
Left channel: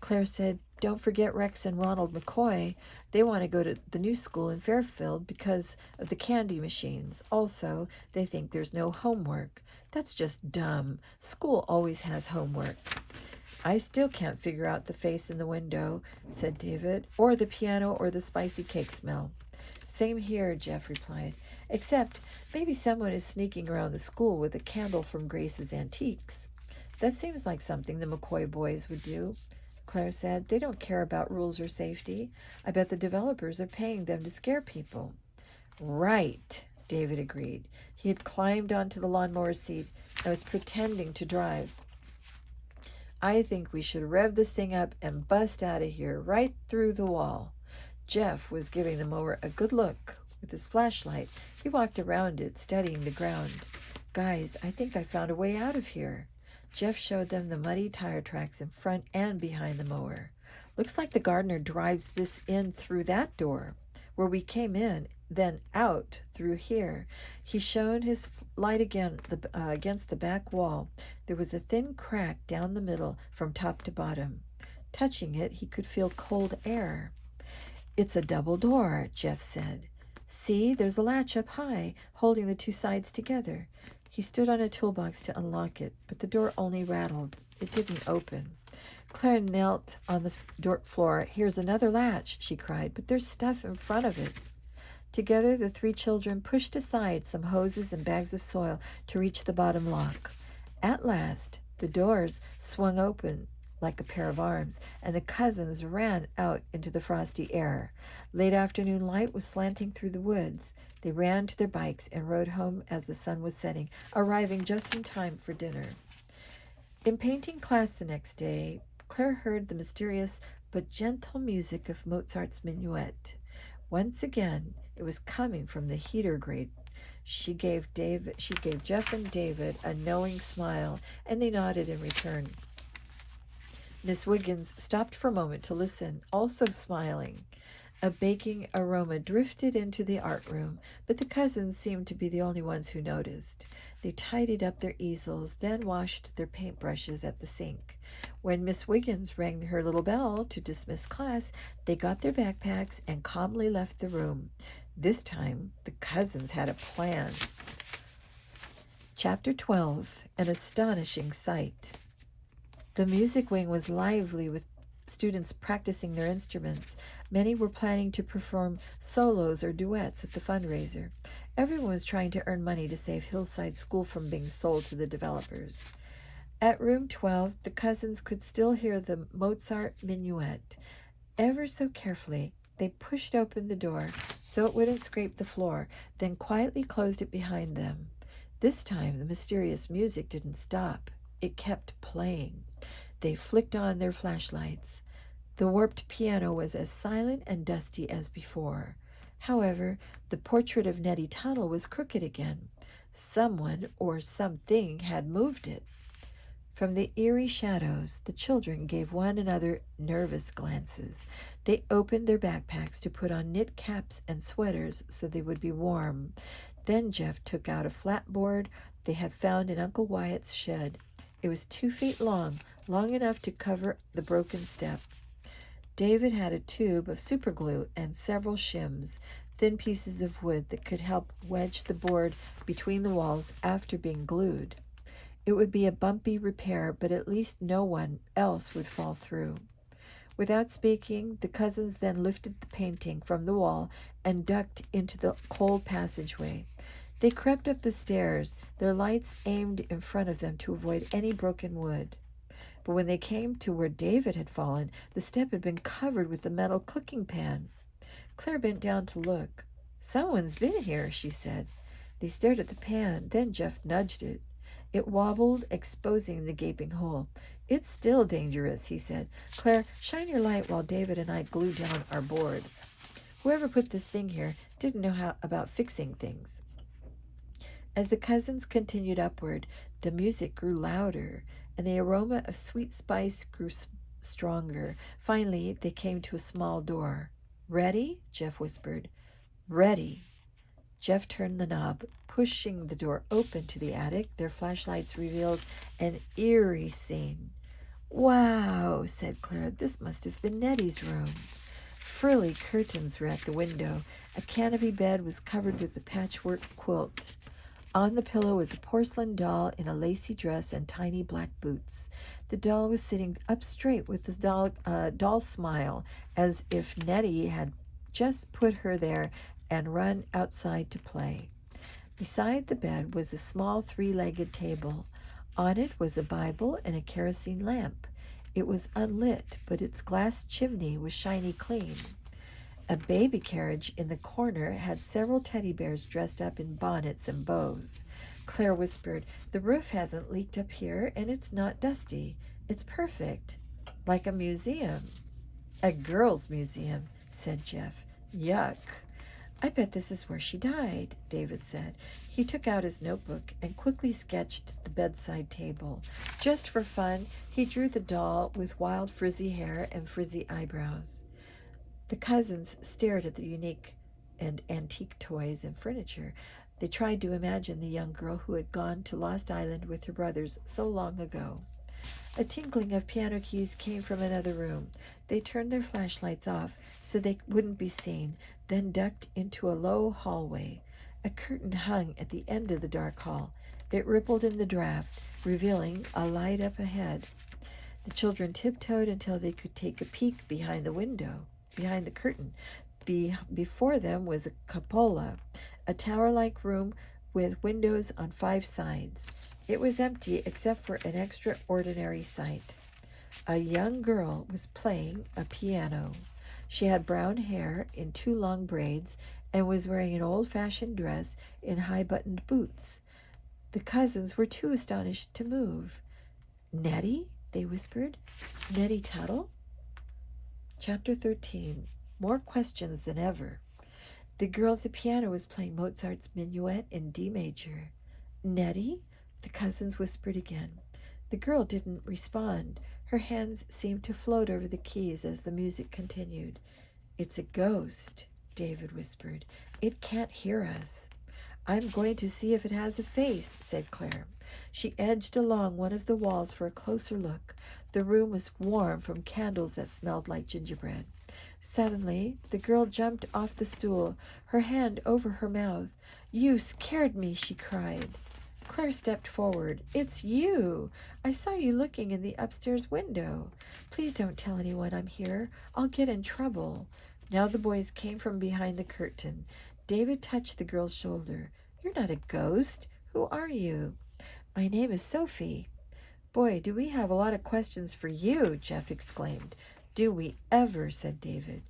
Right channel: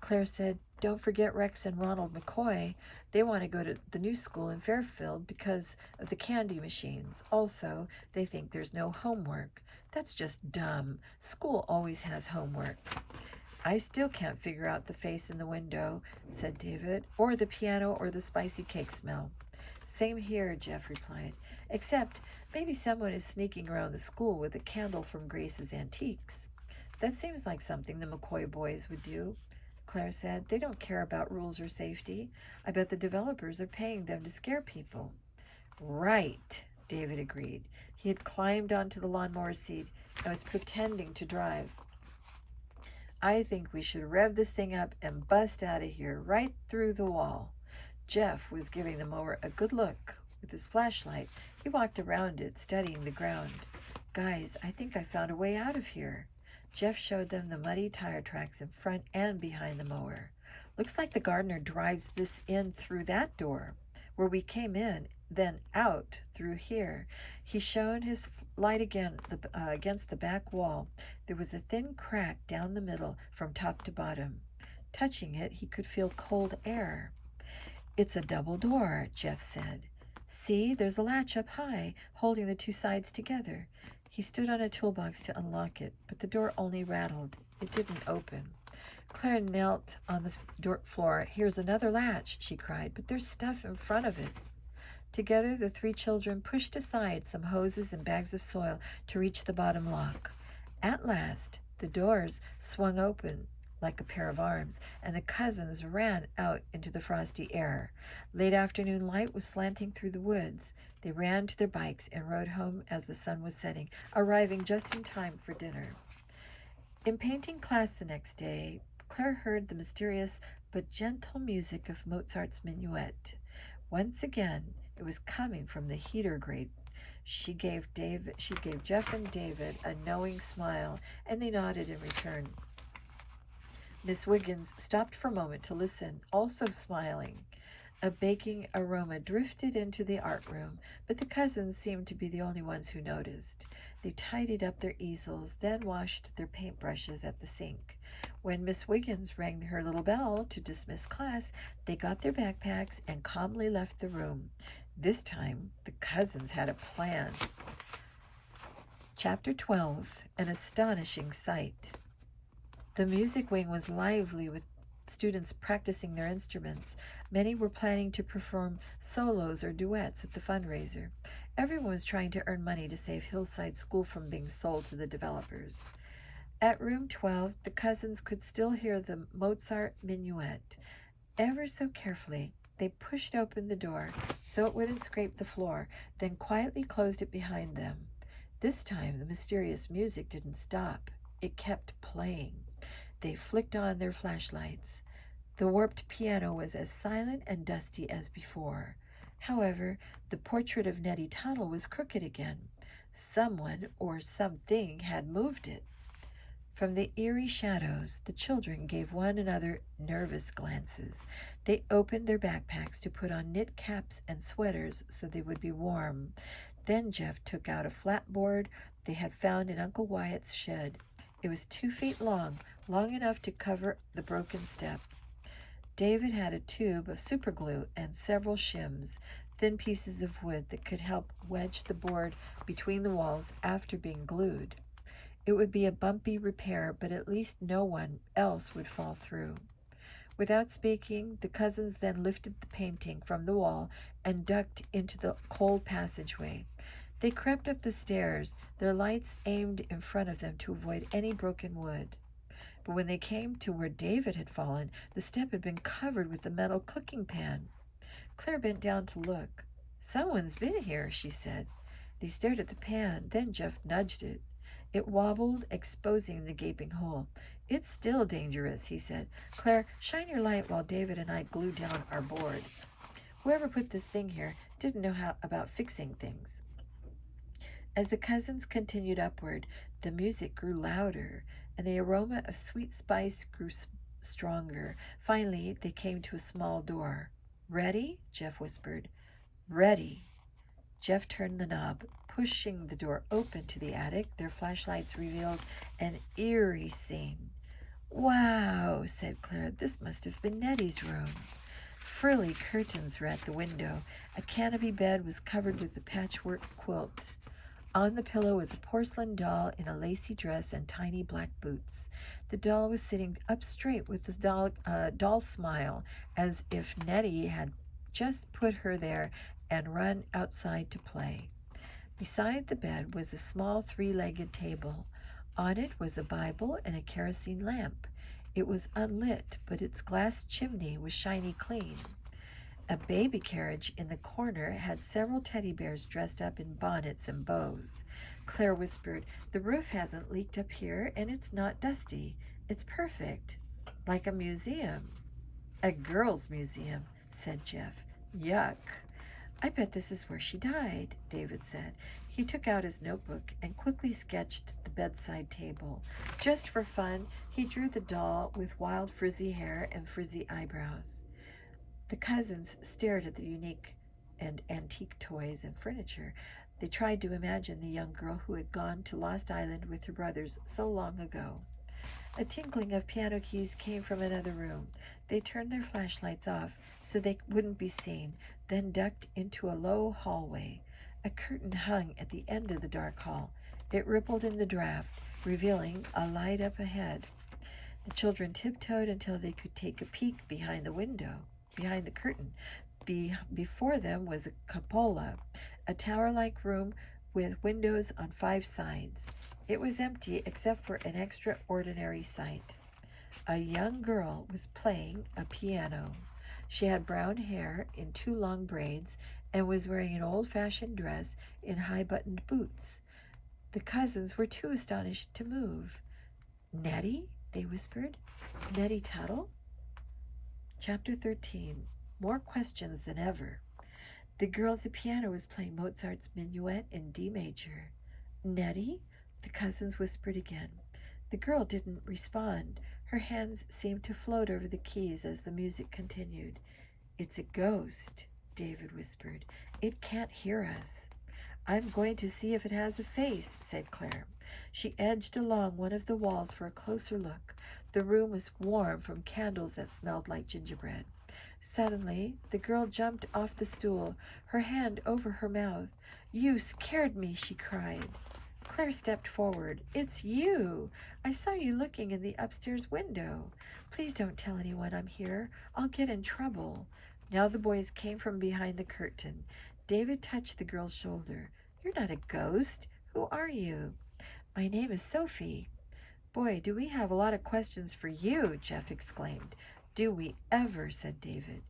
Claire said, "Don't forget Rex and Ronald McCoy. They want to go to the new school in Fairfield because of the candy machines. Also, they think there's no homework. That's just dumb. School always has homework." "I still can't figure out the face in the window," said David, "or the piano or the spicy cake smell." "Same here," Jeff replied, "except maybe someone is sneaking around the school with a candle from Grace's Antiques." "That seems like something the McCoy boys would do," Claire said. "They don't care about rules or safety. I bet the developers are paying them to scare people." "Right," David agreed. He had climbed onto the lawnmower seat and was pretending to drive. "I think we should rev this thing up and bust out of here, right through the wall." Jeff was giving the mower a good look with his flashlight. He walked around it, studying the ground. "Guys, I think I found a way out of here." Jeff showed them the muddy tire tracks in front and behind the mower. "Looks like the gardener drives this in through that door where we came in, then out through here." He shone his light again against the back wall. There was a thin crack down the middle from top to bottom. Touching it, he could feel cold air. "It's a double door," Jeff said. "See, there's a latch up high, holding the two sides together." He stood on a toolbox to unlock it, but the door only rattled. It didn't open. Claire knelt on the floor. "Here's another latch," she cried, "but there's stuff in front of it." Together, the three children pushed aside some hoses and bags of soil to reach the bottom lock. At last, the doors swung open like a pair of arms, and the cousins ran out into the frosty air. Late afternoon light was slanting through the woods. They ran to their bikes and rode home as the sun was setting, arriving just in time for dinner. In painting class the next day, Claire heard the mysterious but gentle music of Mozart's Minuet. Once again, it was coming from the heater grate. She gave Jeff and David a knowing smile, and they nodded in return. Miss Wiggins stopped for a moment to listen, also smiling. A baking aroma drifted into the art room, but the cousins seemed to be the only ones who noticed. They tidied up their easels, then washed their paintbrushes at the sink. When Miss Wiggins rang her little bell to dismiss class, they got their backpacks and calmly left the room. This time, the cousins had a plan. Chapter 12, An Astonishing Sight. The music wing was lively with students practicing their instruments. Many were planning to perform solos or duets at the fundraiser. Everyone was trying to earn money to save Hillside School from being sold to the developers. At room 12, the cousins could still hear the Mozart Minuet. Ever so carefully, they pushed open the door so it wouldn't scrape the floor, then quietly closed it behind them. This time, the mysterious music didn't stop. It kept playing. They flicked on their flashlights. The warped piano was as silent and dusty as before. However, the portrait of Nettie Tuttle was crooked again. Someone or something had moved it. From the eerie shadows, the children gave one another nervous glances. They opened their backpacks to put on knit caps and sweaters so they would be warm. Then Jeff took out a flat board they had found in Uncle Wyatt's shed. It was 2 feet long, long enough to cover the broken step. David had a tube of superglue and several shims, thin pieces of wood that could help wedge the board between the walls after being glued. It would be a bumpy repair, but at least no one else would fall through. Without speaking, the cousins then lifted the painting from the wall and ducked into the cold passageway. They crept up the stairs, their lights aimed in front of them to avoid any broken wood. But when they came to where David had fallen, the step had been covered with a metal cooking pan. Claire bent down to look. "Someone's been here," she said. They stared at the pan. Then Jeff nudged it. It wobbled, exposing the gaping hole. "It's still dangerous," he said. "Claire, shine your light while David and I glue down our board." Whoever put this thing here didn't know about fixing things. As the cousins continued upward, the music grew louder, and the aroma of sweet spice grew stronger. Finally, they came to a small door. "Ready?" Jeff whispered. "Ready." Jeff turned the knob, pushing the door open to the attic. Their flashlights revealed an eerie scene. "Wow," said Claire. "This must have been Nettie's room." Frilly curtains were at the window. A canopy bed was covered with a patchwork quilt. On the pillow was a porcelain doll in a lacy dress and tiny black boots. The doll was sitting up straight with a doll smile, as if Nettie had just put her there and run outside to play. Beside the bed was a small 3-legged table. On it was a Bible and a kerosene lamp. It was unlit, but its glass chimney was shiny clean. A baby carriage in the corner had several teddy bears dressed up in bonnets and bows. Claire whispered, "The roof hasn't leaked up here, and it's not dusty. It's perfect. Like a museum." "A girl's museum," said Jeff. "Yuck." "I bet this is where she died," David said. He took out his notebook and quickly sketched the bedside table. Just for fun, he drew the doll with wild frizzy hair and frizzy eyebrows. The cousins stared at the unique and antique toys and furniture. They tried to imagine the young girl who had gone to Lost Island with her brothers so long ago. A tinkling of piano keys came from another room. They turned their flashlights off so they wouldn't be seen, then ducked into a low hallway. A curtain hung at the end of the dark hall. It rippled in the draft, revealing a light up ahead. The children tiptoed until they could take a peek behind the curtain. Before them was a cupola, a tower-like room with windows on 5 sides. It was empty except for an extraordinary sight. A young girl was playing a piano. She had brown hair in 2 long braids and was wearing an old-fashioned dress in high-buttoned boots. The cousins were too astonished to move. "Nettie?" they whispered. "Nettie Tuttle?" Chapter 13. More questions than ever. The girl at the piano was playing Mozart's Minuet in D major. "Nettie?" the cousins whispered again. The girl didn't respond. Her hands seemed to float over the keys as the music continued. "It's a ghost," David whispered. "It can't hear us." "I'm going to see if it has a face," said Claire. She edged along one of the walls for a closer look. The room was warm from candles that smelled like gingerbread. Suddenly, the girl jumped off the stool, her hand over her mouth. "You scared me," she cried. Claire stepped forward. "It's you! I saw you looking in the upstairs window. Please don't tell anyone I'm here. I'll get in trouble." Now the boys came from behind the curtain. David touched the girl's shoulder. "You're not a ghost. Who are you?" "My name is Sophie." "Boy, do we have a lot of questions for you," Jeff exclaimed. "Do we ever," said David.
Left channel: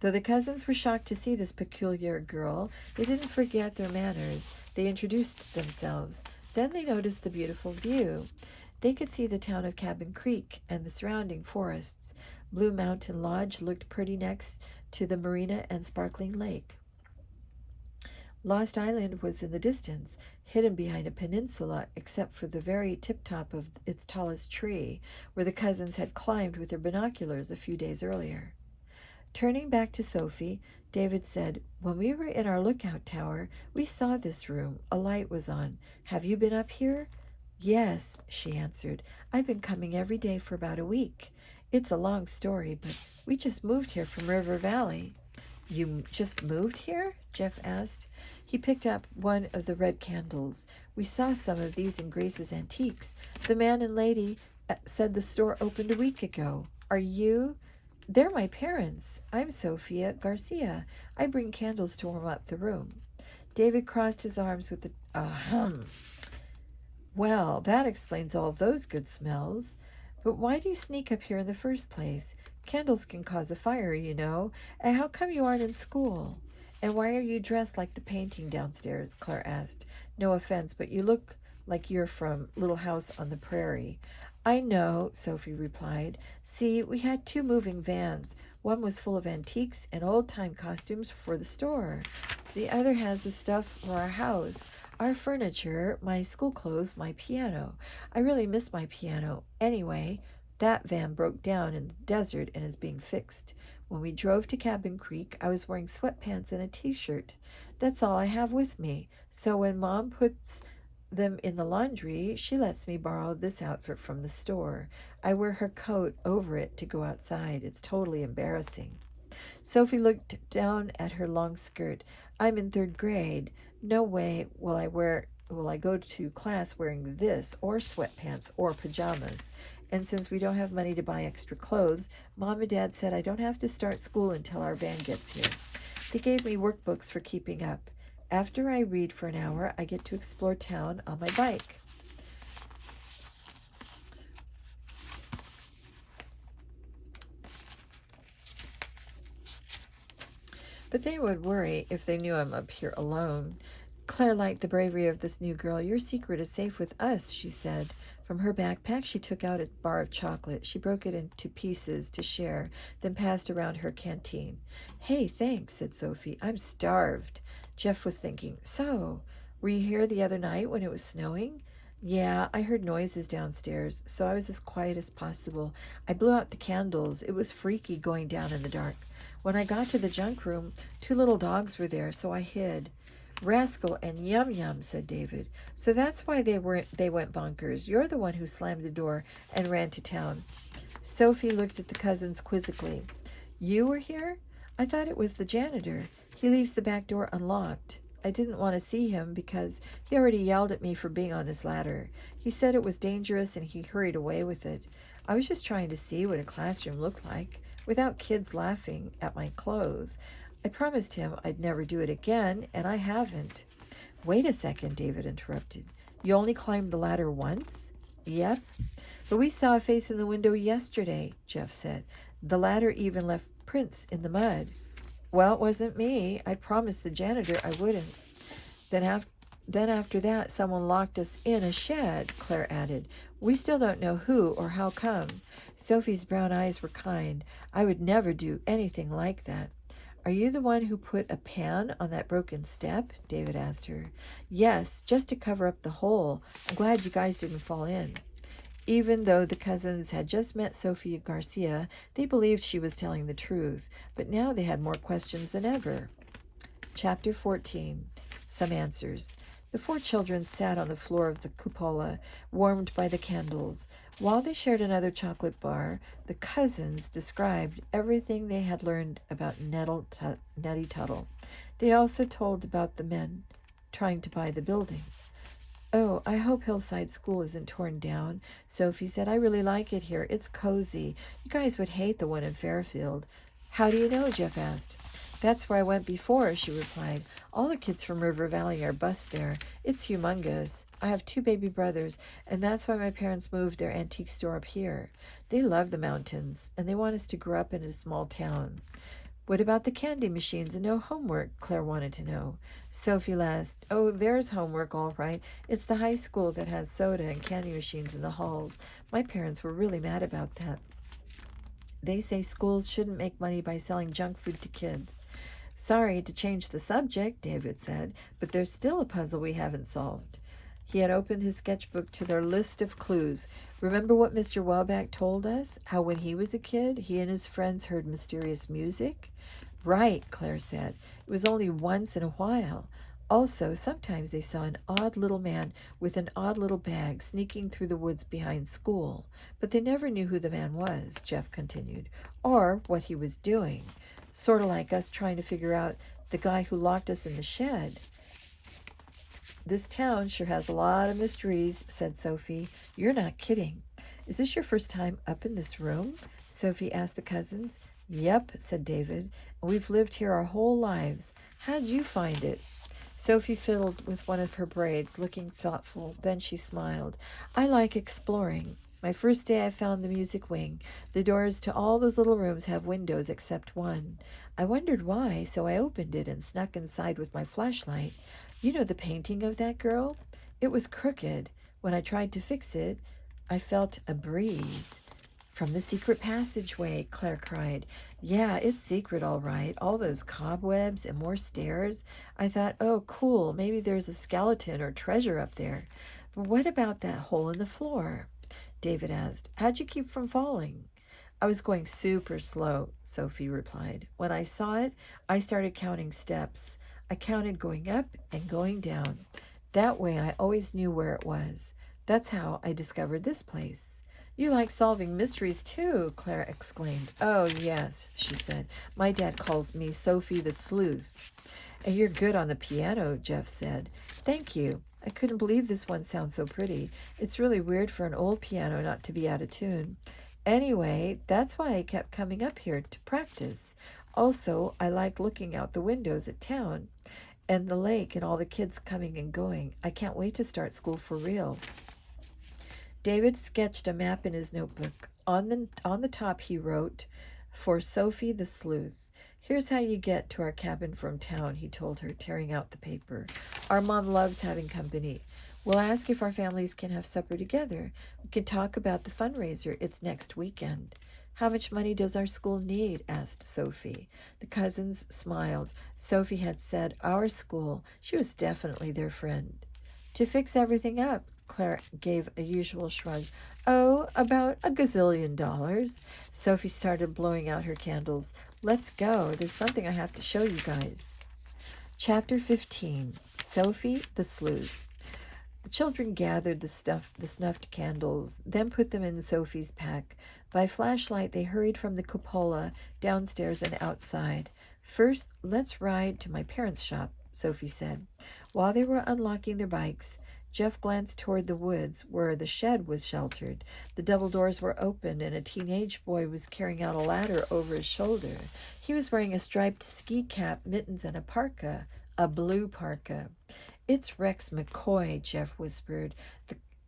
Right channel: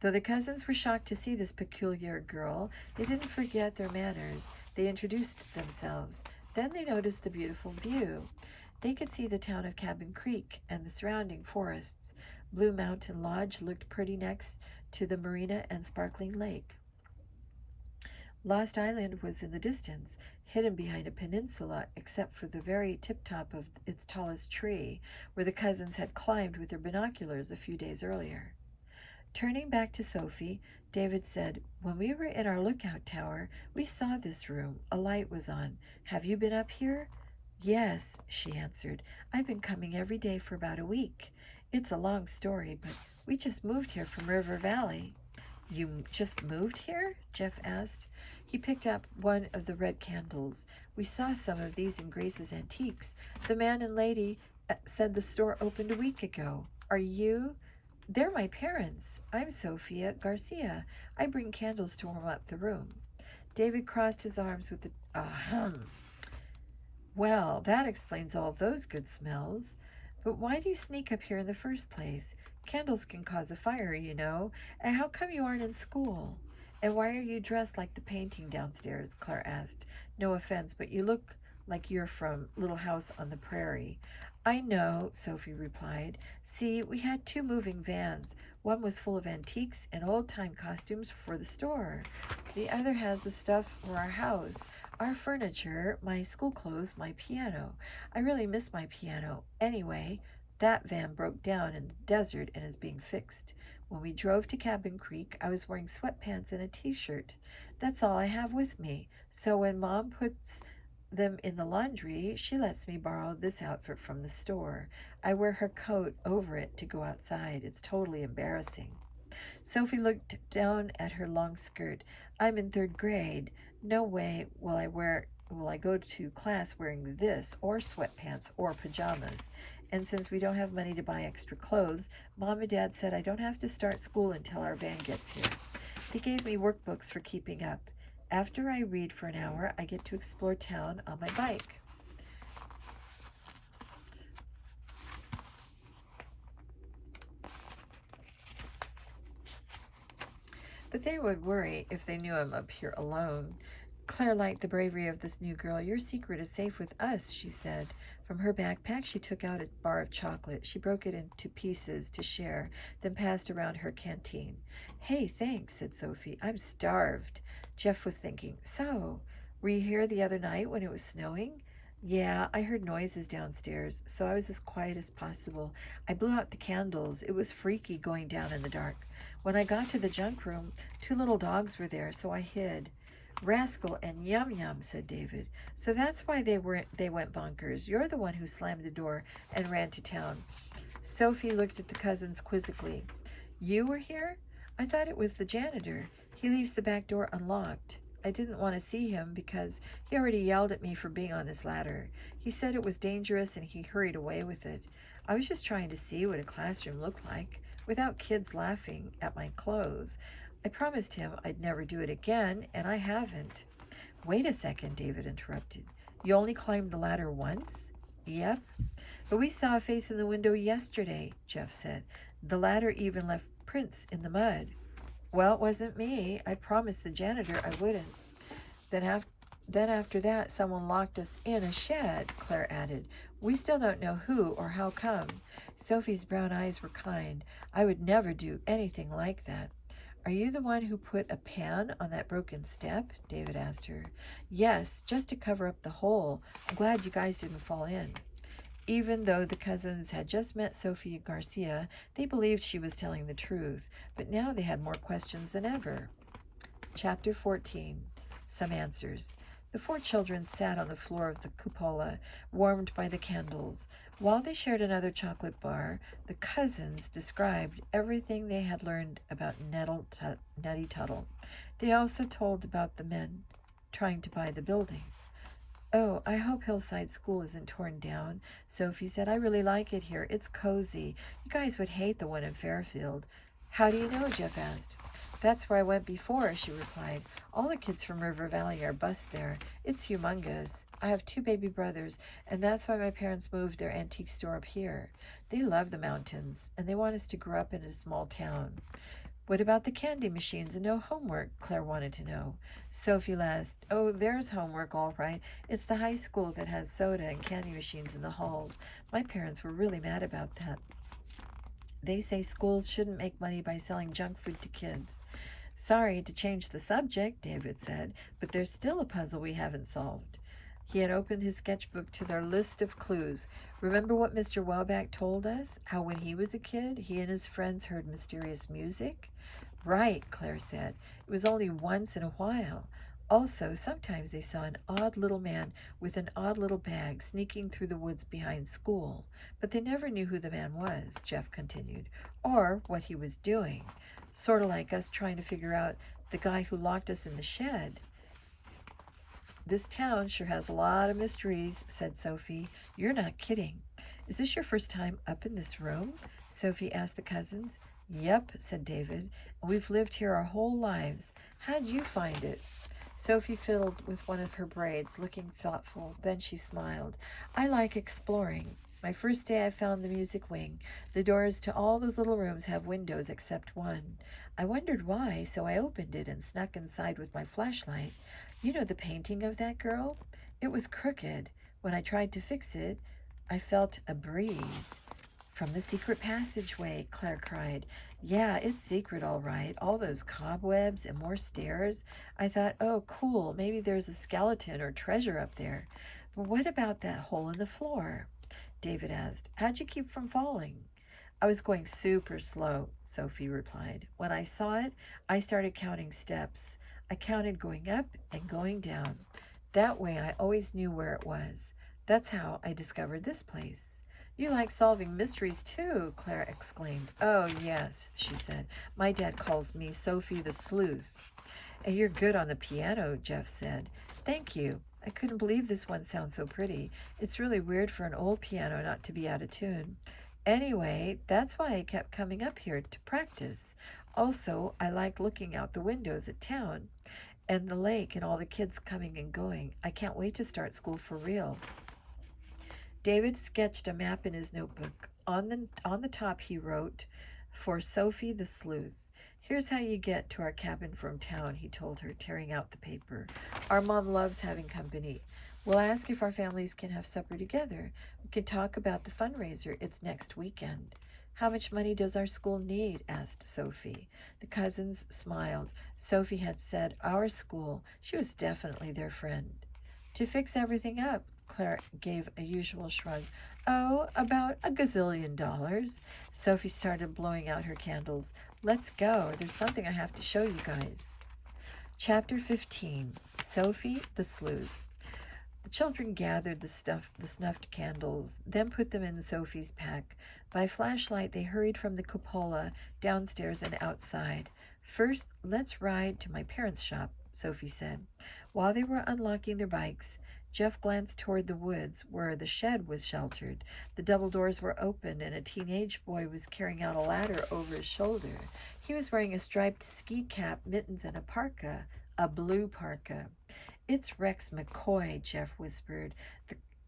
Though the cousins were shocked to see this peculiar girl, they didn't forget their manners. They introduced themselves. Then they noticed the beautiful view. They could see the town of Cabin Creek and the surrounding forests. Blue Mountain Lodge looked pretty next to the marina and sparkling lake. Lost Island was in the distance, hidden behind a peninsula except for the very tip-top of its tallest tree, where the cousins had climbed with their binoculars a few days earlier. Turning back to Sophie, David said, "When we were in our lookout tower, we saw this room. A light was on. Have you been up here?" "Yes," she answered. "I've been coming every day for about a week. It's a long story, but we just moved here from River Valley." "You just moved here?" Jeff asked. He picked up one of the red candles. "We saw some of these in Grace's Antiques. The man and lady said the store opened a week ago. Are you?" "They're my parents. I'm Sophia Garcia. I bring candles to warm up the room." David crossed his arms with a hum. "Well, that explains all those good smells. But why do you sneak up here in the first place? Candles can cause a fire, you know. And how come you aren't in school?" "And why are you dressed like the painting downstairs?" Claire asked. "No offense, but you look like you're from Little House on the Prairie." "I know," Sophie replied. "See, we had 2 moving vans. One was full of antiques and old-time costumes for the store. The other has the stuff for our house, our furniture, my school clothes, my piano. I really miss my piano. Anyway, that van broke down in the desert and is being fixed. When we drove to Cabin Creek, I was wearing sweatpants and a t-shirt. That's all I have with me. So when Mom puts them in the laundry, she lets me borrow this outfit from the store. I wear her coat over it to go outside. It's totally embarrassing." Sophie looked down at her long skirt. "I'm in 3rd grade. No way will I go to class wearing this, or sweatpants, or pajamas. And since we don't have money to buy extra clothes, Mom and Dad said I don't have to start school until our van gets here. They gave me workbooks for keeping up. After I read for an hour, I get to explore town on my bike." "But they would worry if they knew I'm up here alone." Claire liked the bravery of this new girl. "Your secret is safe with us," she said. From her backpack, she took out a bar of chocolate. She broke it into pieces to share, then passed around her canteen. "Hey, thanks," said Sophie. "I'm starved." Jeff was thinking, "So, were you here the other night when it was snowing?" "Yeah, I heard noises downstairs, so I was as quiet as possible. I blew out the candles. It was freaky going down in the dark. When I got to the junk room, 2 little dogs were there, so I hid." "Rascal and Yum Yum," said David. "So that's why they went bonkers. You're the one who slammed the door and ran to town." Sophie looked at the cousins quizzically. "You were here? I thought it was the janitor. He leaves the back door unlocked. I didn't want to see him because he already yelled at me for being on his ladder. He said it was dangerous and he hurried away with it. I was just trying to see what a classroom looked like without kids laughing at my clothes. I promised him I'd never do it again, and I haven't." "Wait a second," David interrupted. "You only climbed the ladder once?" "Yep. But we saw a face in the window yesterday," Jeff said. "The ladder even left prints in the mud." "Well, it wasn't me. I promised the janitor I wouldn't. Then after that, someone locked us in a shed," Claire added. "We still don't know who or how come." Sophie's brown eyes were kind. "I would never do anything like that." "Are you the one who put a pan on that broken step?" David asked her. "Yes, just to cover up the hole. I'm glad you guys didn't fall in." Even though the cousins had just met Sophia Garcia, they believed she was telling the truth, but now they had more questions than ever. Chapter 14. Some Answers. The 4 children sat on the floor of the cupola, warmed by the candles. While they shared another chocolate bar, the cousins described everything they had learned about Nettie Tuttle. They also told about the men trying to buy the building. "Oh, I hope Hillside School isn't torn down," Sophie said. "I really like it here. It's cozy. You guys would hate the one in Fairfield." "How do you know?" Jeff asked. "That's where I went before," she replied. "All the kids from River Valley are bused there. It's humongous. I have 2 baby brothers, and that's why my parents moved their antique store up here. They love the mountains, and they want us to grow up in a small town." "What about the candy machines and no homework?" Claire wanted to know. Sophie laughed. "Oh, there's homework, all right. It's the high school that has soda and candy machines in the halls. My parents were really mad about that. They say schools shouldn't make money by selling junk food to kids." Sorry to change the subject, David said, but there's still a puzzle we haven't solved. He had opened his sketchbook to their list of clues. Remember what Mr. Welbeck told us? How when he was a kid, he and his friends heard mysterious music? Right, Claire said. It was only once in a while. Also, sometimes they saw an odd little man with an odd little bag sneaking through the woods behind school. But they never knew who the man was, Jeff continued, or what he was doing. Sort of like us trying to figure out the guy who locked us in the shed. This town sure has a lot of mysteries, said Sophie. You're not kidding. Is this your first time up in this room? Sophie asked the cousins. Yep, said David. We've lived here our whole lives. How'd you find it? Sophie fiddled with one of her braids, looking thoughtful. Then she smiled. I like exploring. My first day I found the music wing. The doors to all those little rooms have windows except one. I wondered why, so I opened it and snuck inside with my flashlight. You know the painting of that girl? It was crooked. When I tried to fix it, I felt a breeze. From the secret passageway, Claire cried. Yeah, it's secret all right. All those cobwebs and more stairs. I thought, oh, cool, maybe there's a skeleton or treasure up there. But what about that hole in the floor? David asked. How'd you keep from falling? I was going super slow, Sophie replied. When I saw it, I started counting steps. I counted going up and going down. That way I always knew where it was. That's how I discovered this place. You like solving mysteries too, Claire exclaimed. Oh, yes, she said. My dad calls me Sophie the Sleuth. And you're good on the piano, Jeff said. Thank you. I couldn't believe this one sounds so pretty. It's really weird for an old piano not to be out of tune. Anyway, that's why I kept coming up here to practice. Also, I like looking out the windows at town and the lake and all the kids coming and going. I can't wait to start school for real. David sketched a map in his notebook. On the top he wrote, for Sophie the Sleuth. Here's how you get to our cabin from town, he told her, tearing out the paper. Our mom loves having company. We'll ask if our families can have supper together. We can talk about the fundraiser. It's next weekend. How much money does our school need? Asked Sophie. The cousins smiled. Sophie had said our school. She was definitely their friend. To fix everything up, Claire gave a usual shrug. Oh, about $1 gazillion. Sophie started blowing out her candles. Let's go. There's something I have to show you guys. Chapter 15. Sophie the Sleuth. The children gathered the snuffed candles, then put them in Sophie's pack. By flashlight, they hurried from the cupola, downstairs and outside. First, let's ride to my parents' shop, Sophie said. While they were unlocking their bikes, Jeff glanced toward the woods where the shed was sheltered. The double doors were open, and a teenage boy was carrying out a ladder over his shoulder. He was wearing a striped ski cap, mittens, and a parka, a blue parka. It's Rex McCoy, Jeff whispered.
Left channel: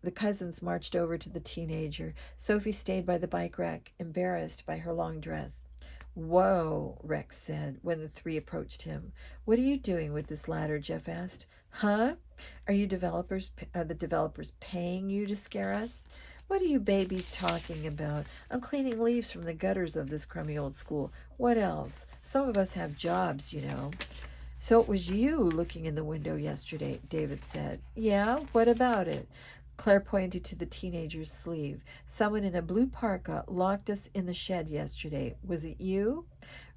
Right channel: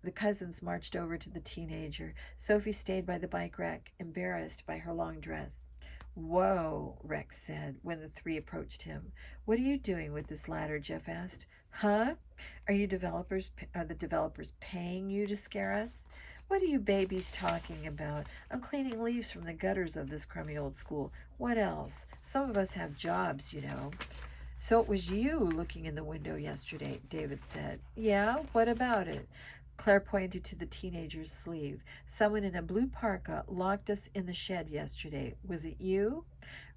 The cousins marched over to the teenager. Sophie stayed by the bike rack, embarrassed by her long dress. Whoa, Rex said when the three approached him. What are you doing with this ladder? Jeff asked. Huh? Are the developers paying you to scare us? What are you babies talking about? I'm cleaning leaves from the gutters of this crummy old school. What else? Some of us have jobs, you know. So it was you looking in the window yesterday, David said. Yeah, what about it? Claire pointed to the teenager's sleeve. Someone in a blue parka locked us in the shed yesterday. Was it you?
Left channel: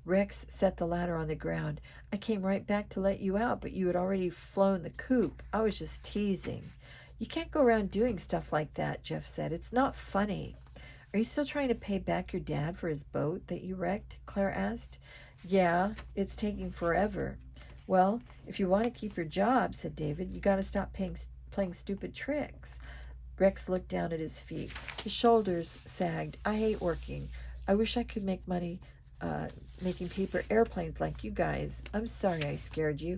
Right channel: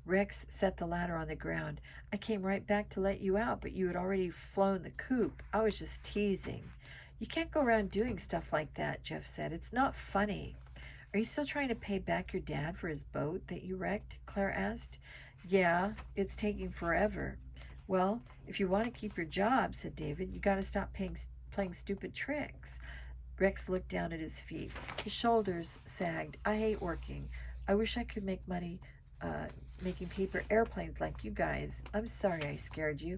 Rex set the ladder on the ground. I came right back to let you out, but you had already flown the coop. I was just teasing. You can't go around doing stuff like that, Jeff said. It's not funny. Are you still trying to pay back your dad for his boat that you wrecked? Claire asked. Yeah, it's taking forever. Well, if you want to keep your job, said David, you got to stop playing stupid tricks. Rex looked down at his feet. His shoulders sagged. I hate working. I wish I could make money making paper airplanes like you guys. I'm sorry I scared you.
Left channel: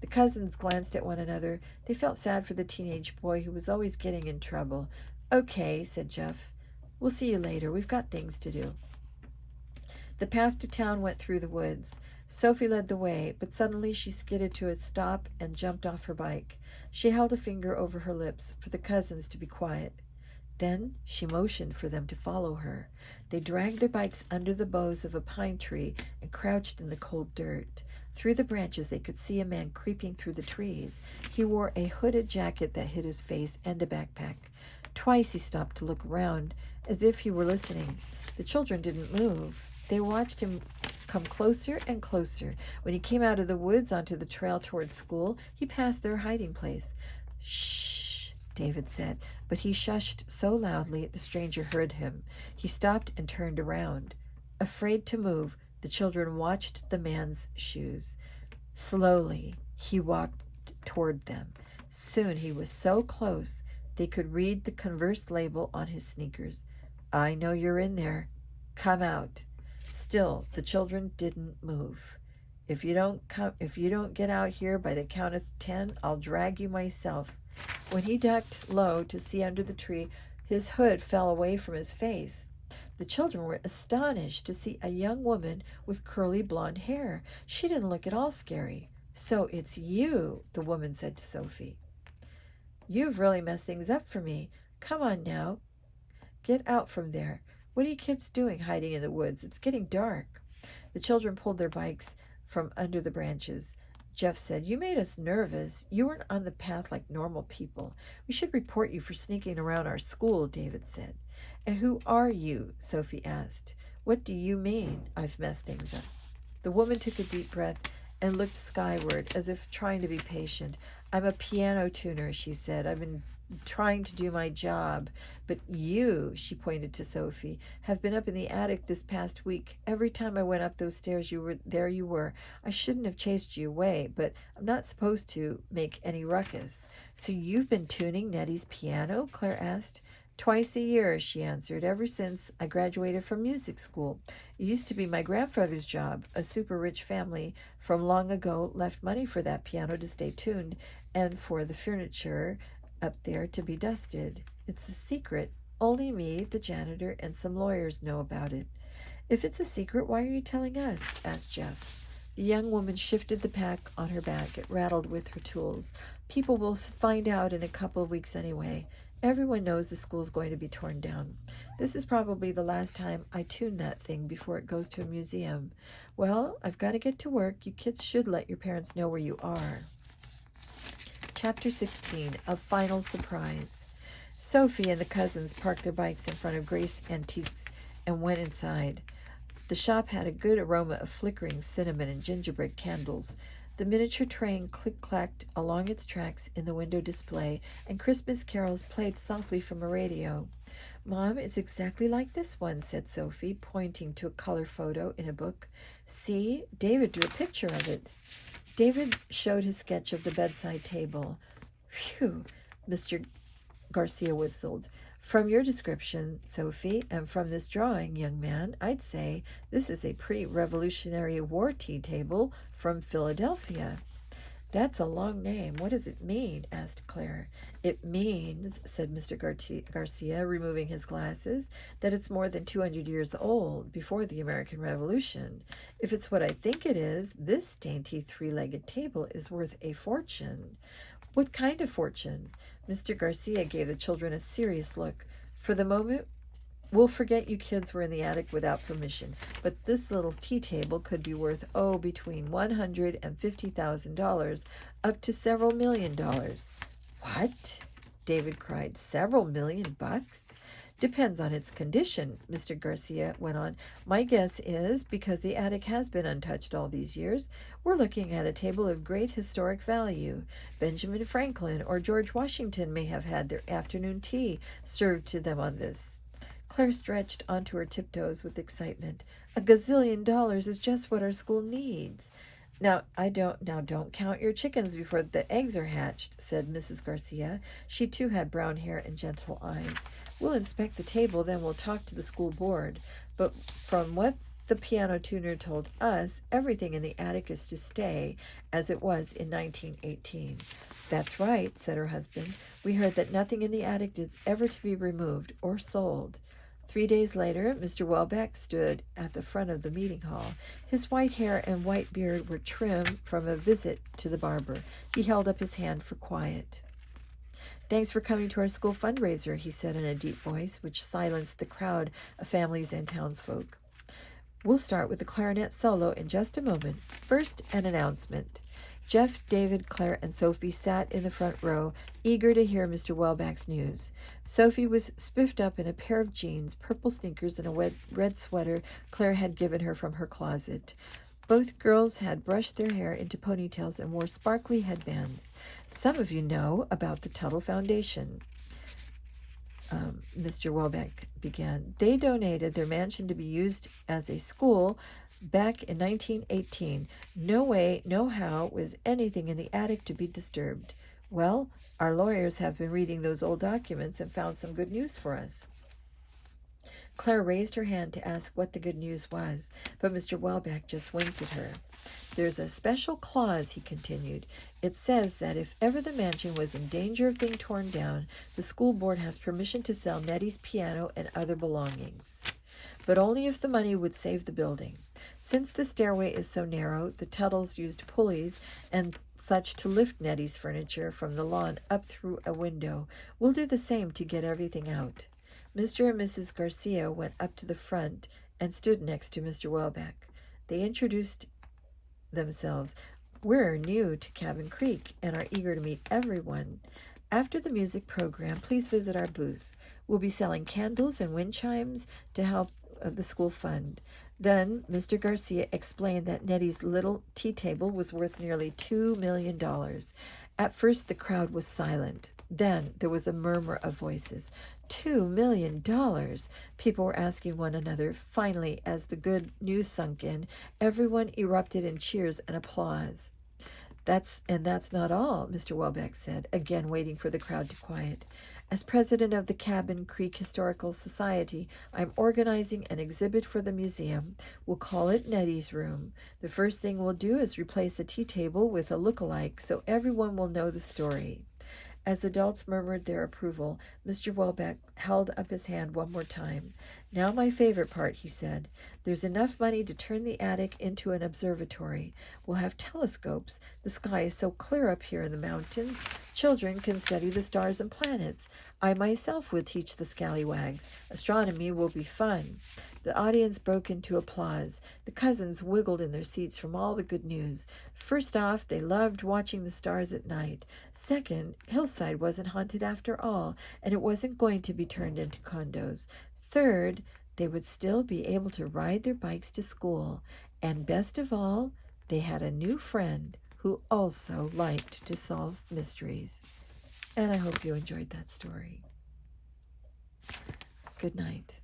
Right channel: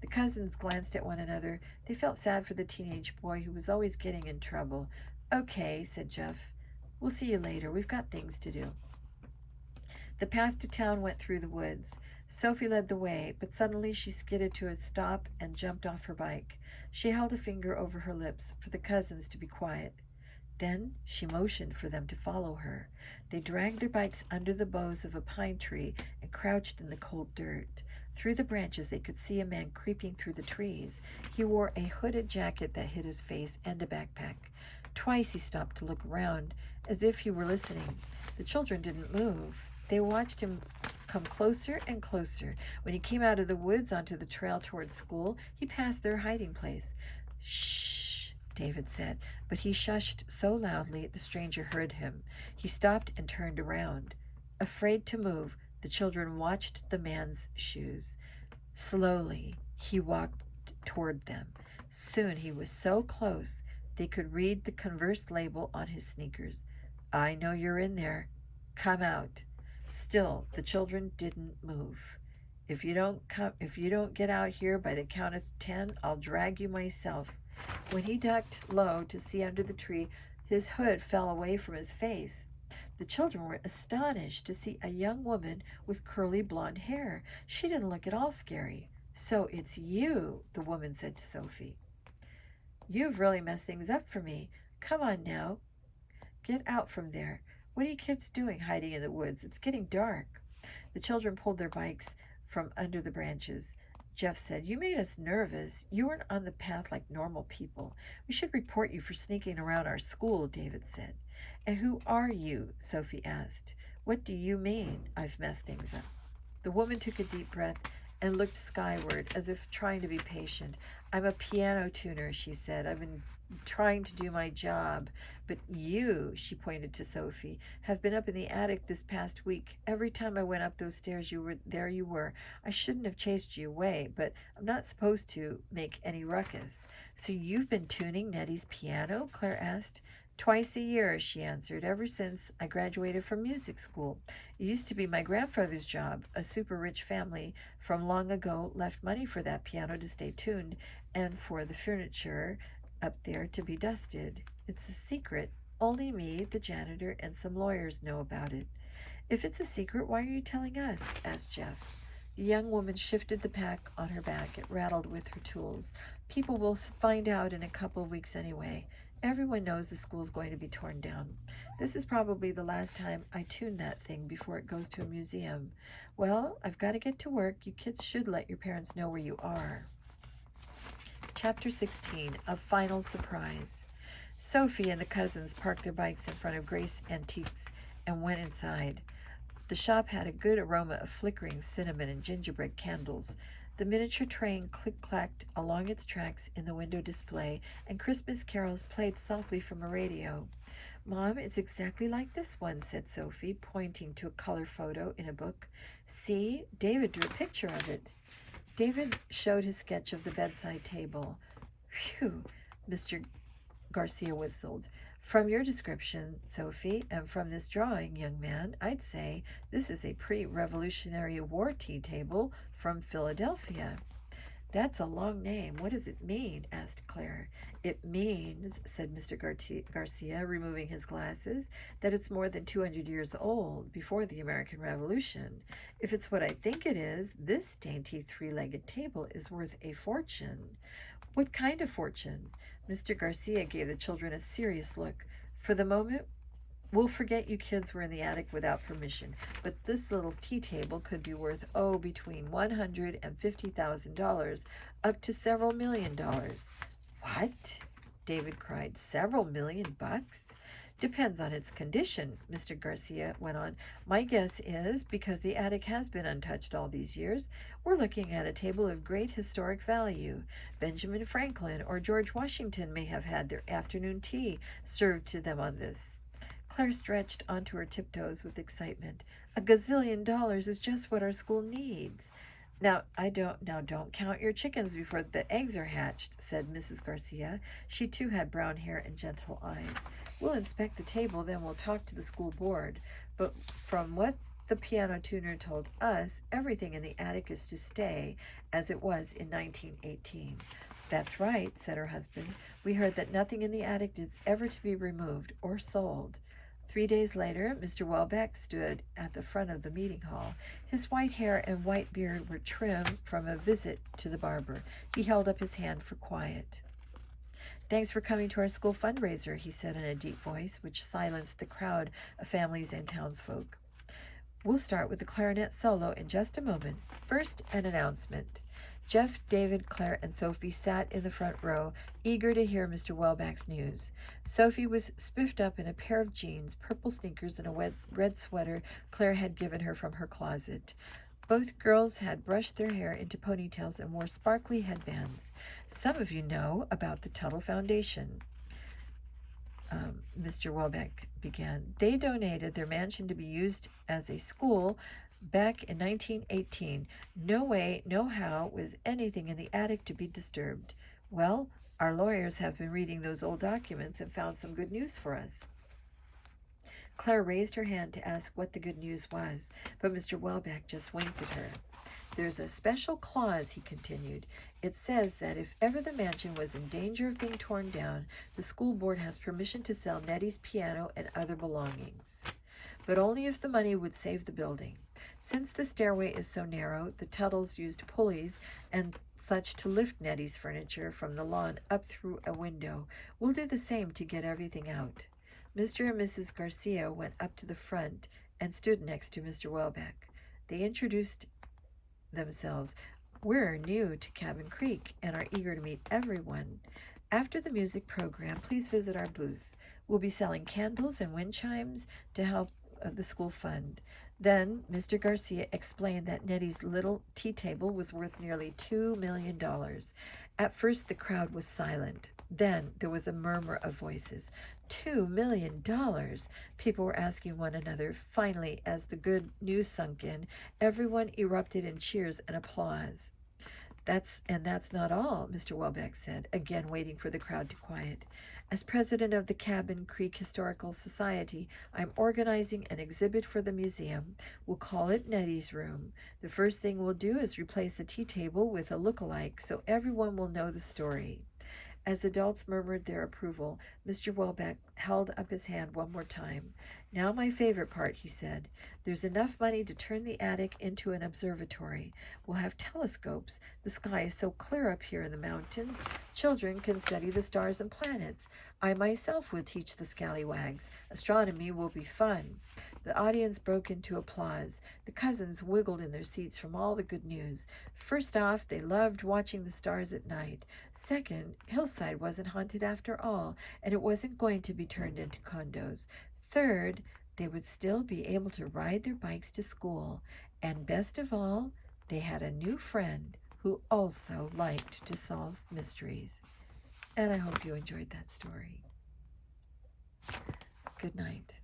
The cousins glanced at one another. They felt sad for the teenage boy who was always getting in trouble. Okay, said Jeff. We'll see you later. We've got things to do. The path to town went through the woods. Sophie led the way, but suddenly she skidded to a stop and jumped off her bike. She held a finger over her lips for the cousins to be quiet. Then she motioned for them to follow her. They dragged their bikes under the boughs of a pine tree and crouched in the cold dirt. Through the branches they could see a man creeping through the trees. He wore a hooded jacket that hid his face and a backpack. Twice he stopped to look around, as if he were listening. The children didn't move. They watched him come closer and closer. When he came out of the woods onto the trail towards school, he passed their hiding place. "Shh," David said, but he shushed so loudly the stranger heard him. He stopped and turned around. Afraid to move, the children watched the man's shoes. Slowly, he walked toward them. Soon he was so close they could read the Converse label on his sneakers. "I know you're in there. Come out." Still, the children didn't move. If you don't get out here by the count of 10, I'll drag you myself." When he ducked low to see under the tree, his hood fell away from his face. The children were astonished to see a young woman with curly blonde hair. She didn't look at all scary. "So it's you," the woman said to Sophie. "You've really messed things up for me. Come on now. Get out from there. What are you kids doing hiding in the woods? It's getting dark." The children pulled their bikes from under the branches. Jeff said, "You made us nervous. You weren't on the path like normal people. We should report you for sneaking around our school," David said. "And who are you?" Sophie asked. "What do you mean I've messed things up?" The woman took a deep breath and looked skyward as if trying to be patient. "I'm a piano tuner," she said. "I've been trying to do my job. But you," she pointed to Sophie, "have been up in the attic this past week. Every time I went up those stairs, there you were. I shouldn't have chased you away, but I'm not supposed to make any ruckus." "So you've been tuning Nettie's piano?" Claire asked. "Twice a year," she answered, "ever since I graduated from music school. It used to be my grandfather's job. A super rich family from long ago left money for that piano to stay tuned and for the furniture up there to be dusted. It's a secret. Only me, the janitor, and some lawyers know about it." "If it's a secret, why are you telling us?" asked Jeff. The young woman shifted the pack on her back. It rattled with her tools. "People will find out in a couple of weeks anyway. Everyone knows the school's going to be torn down. This is probably the last time I tune that thing before it goes to a museum. Well, I've got to get to work. You kids should let your parents know where you are." Chapter 16, A Final Surprise. Sophie and the cousins parked their bikes in front of Grace Antiques and went inside. The shop had a good aroma of flickering cinnamon and gingerbread candles. The miniature train click-clacked along its tracks in the window display, and Christmas carols played softly from a radio. "Mom, it's exactly like this one," said Sophie, pointing to a color photo in a book. "See, David drew a picture of it." David showed his sketch of the bedside table. "Phew," Mr. Garcia whistled. "From your description, Sophie, and from this drawing, young man, I'd say this is a pre-Revolutionary War tea table from Philadelphia." "That's a long name. What does it mean?" asked Claire. "It means," said Mr. Garcia, removing his glasses, "that it's more than 200 years old, before the American Revolution. If it's what I think it is, this dainty three-legged table is worth a fortune." "What kind of fortune?" Mr. Garcia gave the children a serious look. "For the moment, we'll forget you kids were in the attic without permission, but this little tea table could be worth, between $150,000 up to several $1,000,000. "What?" David cried. "Several $1,000,000? "Depends on its condition," Mr. Garcia went on. "My guess is, because the attic has been untouched all these years, we're looking at a table of great historic value. Benjamin Franklin or George Washington may have had their afternoon tea served to them on this." Claire stretched onto her tiptoes with excitement. "A gazillion dollars is just what our school needs." Now don't count your chickens before the eggs are hatched," said Mrs. Garcia. She too had brown hair and gentle eyes. "We'll inspect the table, then we'll talk to the school board. But from what the piano tuner told us, everything in the attic is to stay as it was in 1918. "That's right," said her husband. "We heard that nothing in the attic is ever to be removed or sold." 3 days later, Mr. Welbeck stood at the front of the meeting hall. His white hair and white beard were trim from a visit to the barber. He held up his hand for quiet. "Thanks for coming to our school fundraiser," he said in a deep voice, which silenced the crowd of families and townsfolk. We'll start with the clarinet solo in just a moment. First, an announcement. Jeff, David, Claire, and Sophie sat in the front row, eager to hear Mr. Welbeck's news. Sophie was spiffed up in a pair of jeans, purple sneakers, and a red sweater Claire had given her from her closet. Both girls had brushed their hair into ponytails and wore sparkly headbands. Some of you know about the Tuttle Foundation. Mr. Welbeck began. They donated their mansion to be used as a school back in 1918. No way, no how was anything in the attic to be disturbed. Well, our lawyers have been reading those old documents and found some good news for us. Claire raised her hand to ask what the good news was, but Mr. Welbeck just winked at her. There's a special clause, he continued. It says that if ever the mansion was in danger of being torn down, the school board has permission to sell Nettie's piano and other belongings, but only if the money would save the building. Since the stairway is so narrow, the Tuttles used pulleys and such to lift Nettie's furniture from the lawn up through a window. We'll do the same to get everything out. Mr. and Mrs. Garcia went up to the front and stood next to Mr. Welbeck. They introduced themselves. We're new to Cabin Creek and are eager to meet everyone. After the music program, please visit our booth. We'll be selling candles and wind chimes to help the school fund. Then Mr. Garcia explained that Nettie's little tea table was worth nearly $2 million. At first the crowd was silent. Then there was a murmur of voices. $2 million. People were asking one another. Finally, as the good news sunk in, everyone erupted in cheers and applause. That's not all, Mr. Welbeck said, again waiting for the crowd to quiet. As president of the Cabin Creek Historical Society, I'm organizing an exhibit for the museum. We'll call it Nettie's Room. The first thing we'll do is replace the tea table with a look-alike so everyone will know the story. As adults murmured their approval, Mr. Welbeck held up his hand one more time. Now my favorite part, he said. There's enough money to turn the attic into an observatory. We'll have telescopes. The sky is so clear up here in the mountains. Children can study the stars and planets. I myself will teach the scallywags. Astronomy will be fun. The audience broke into applause. The cousins wiggled in their seats from all the good news. First off, they loved watching the stars at night. Second, Hillside wasn't haunted after all, and it wasn't going to be turned into condos. Third, they would still be able to ride their bikes to school. And best of all, they had a new friend who also liked to solve mysteries. And I hope you enjoyed that story. Good night.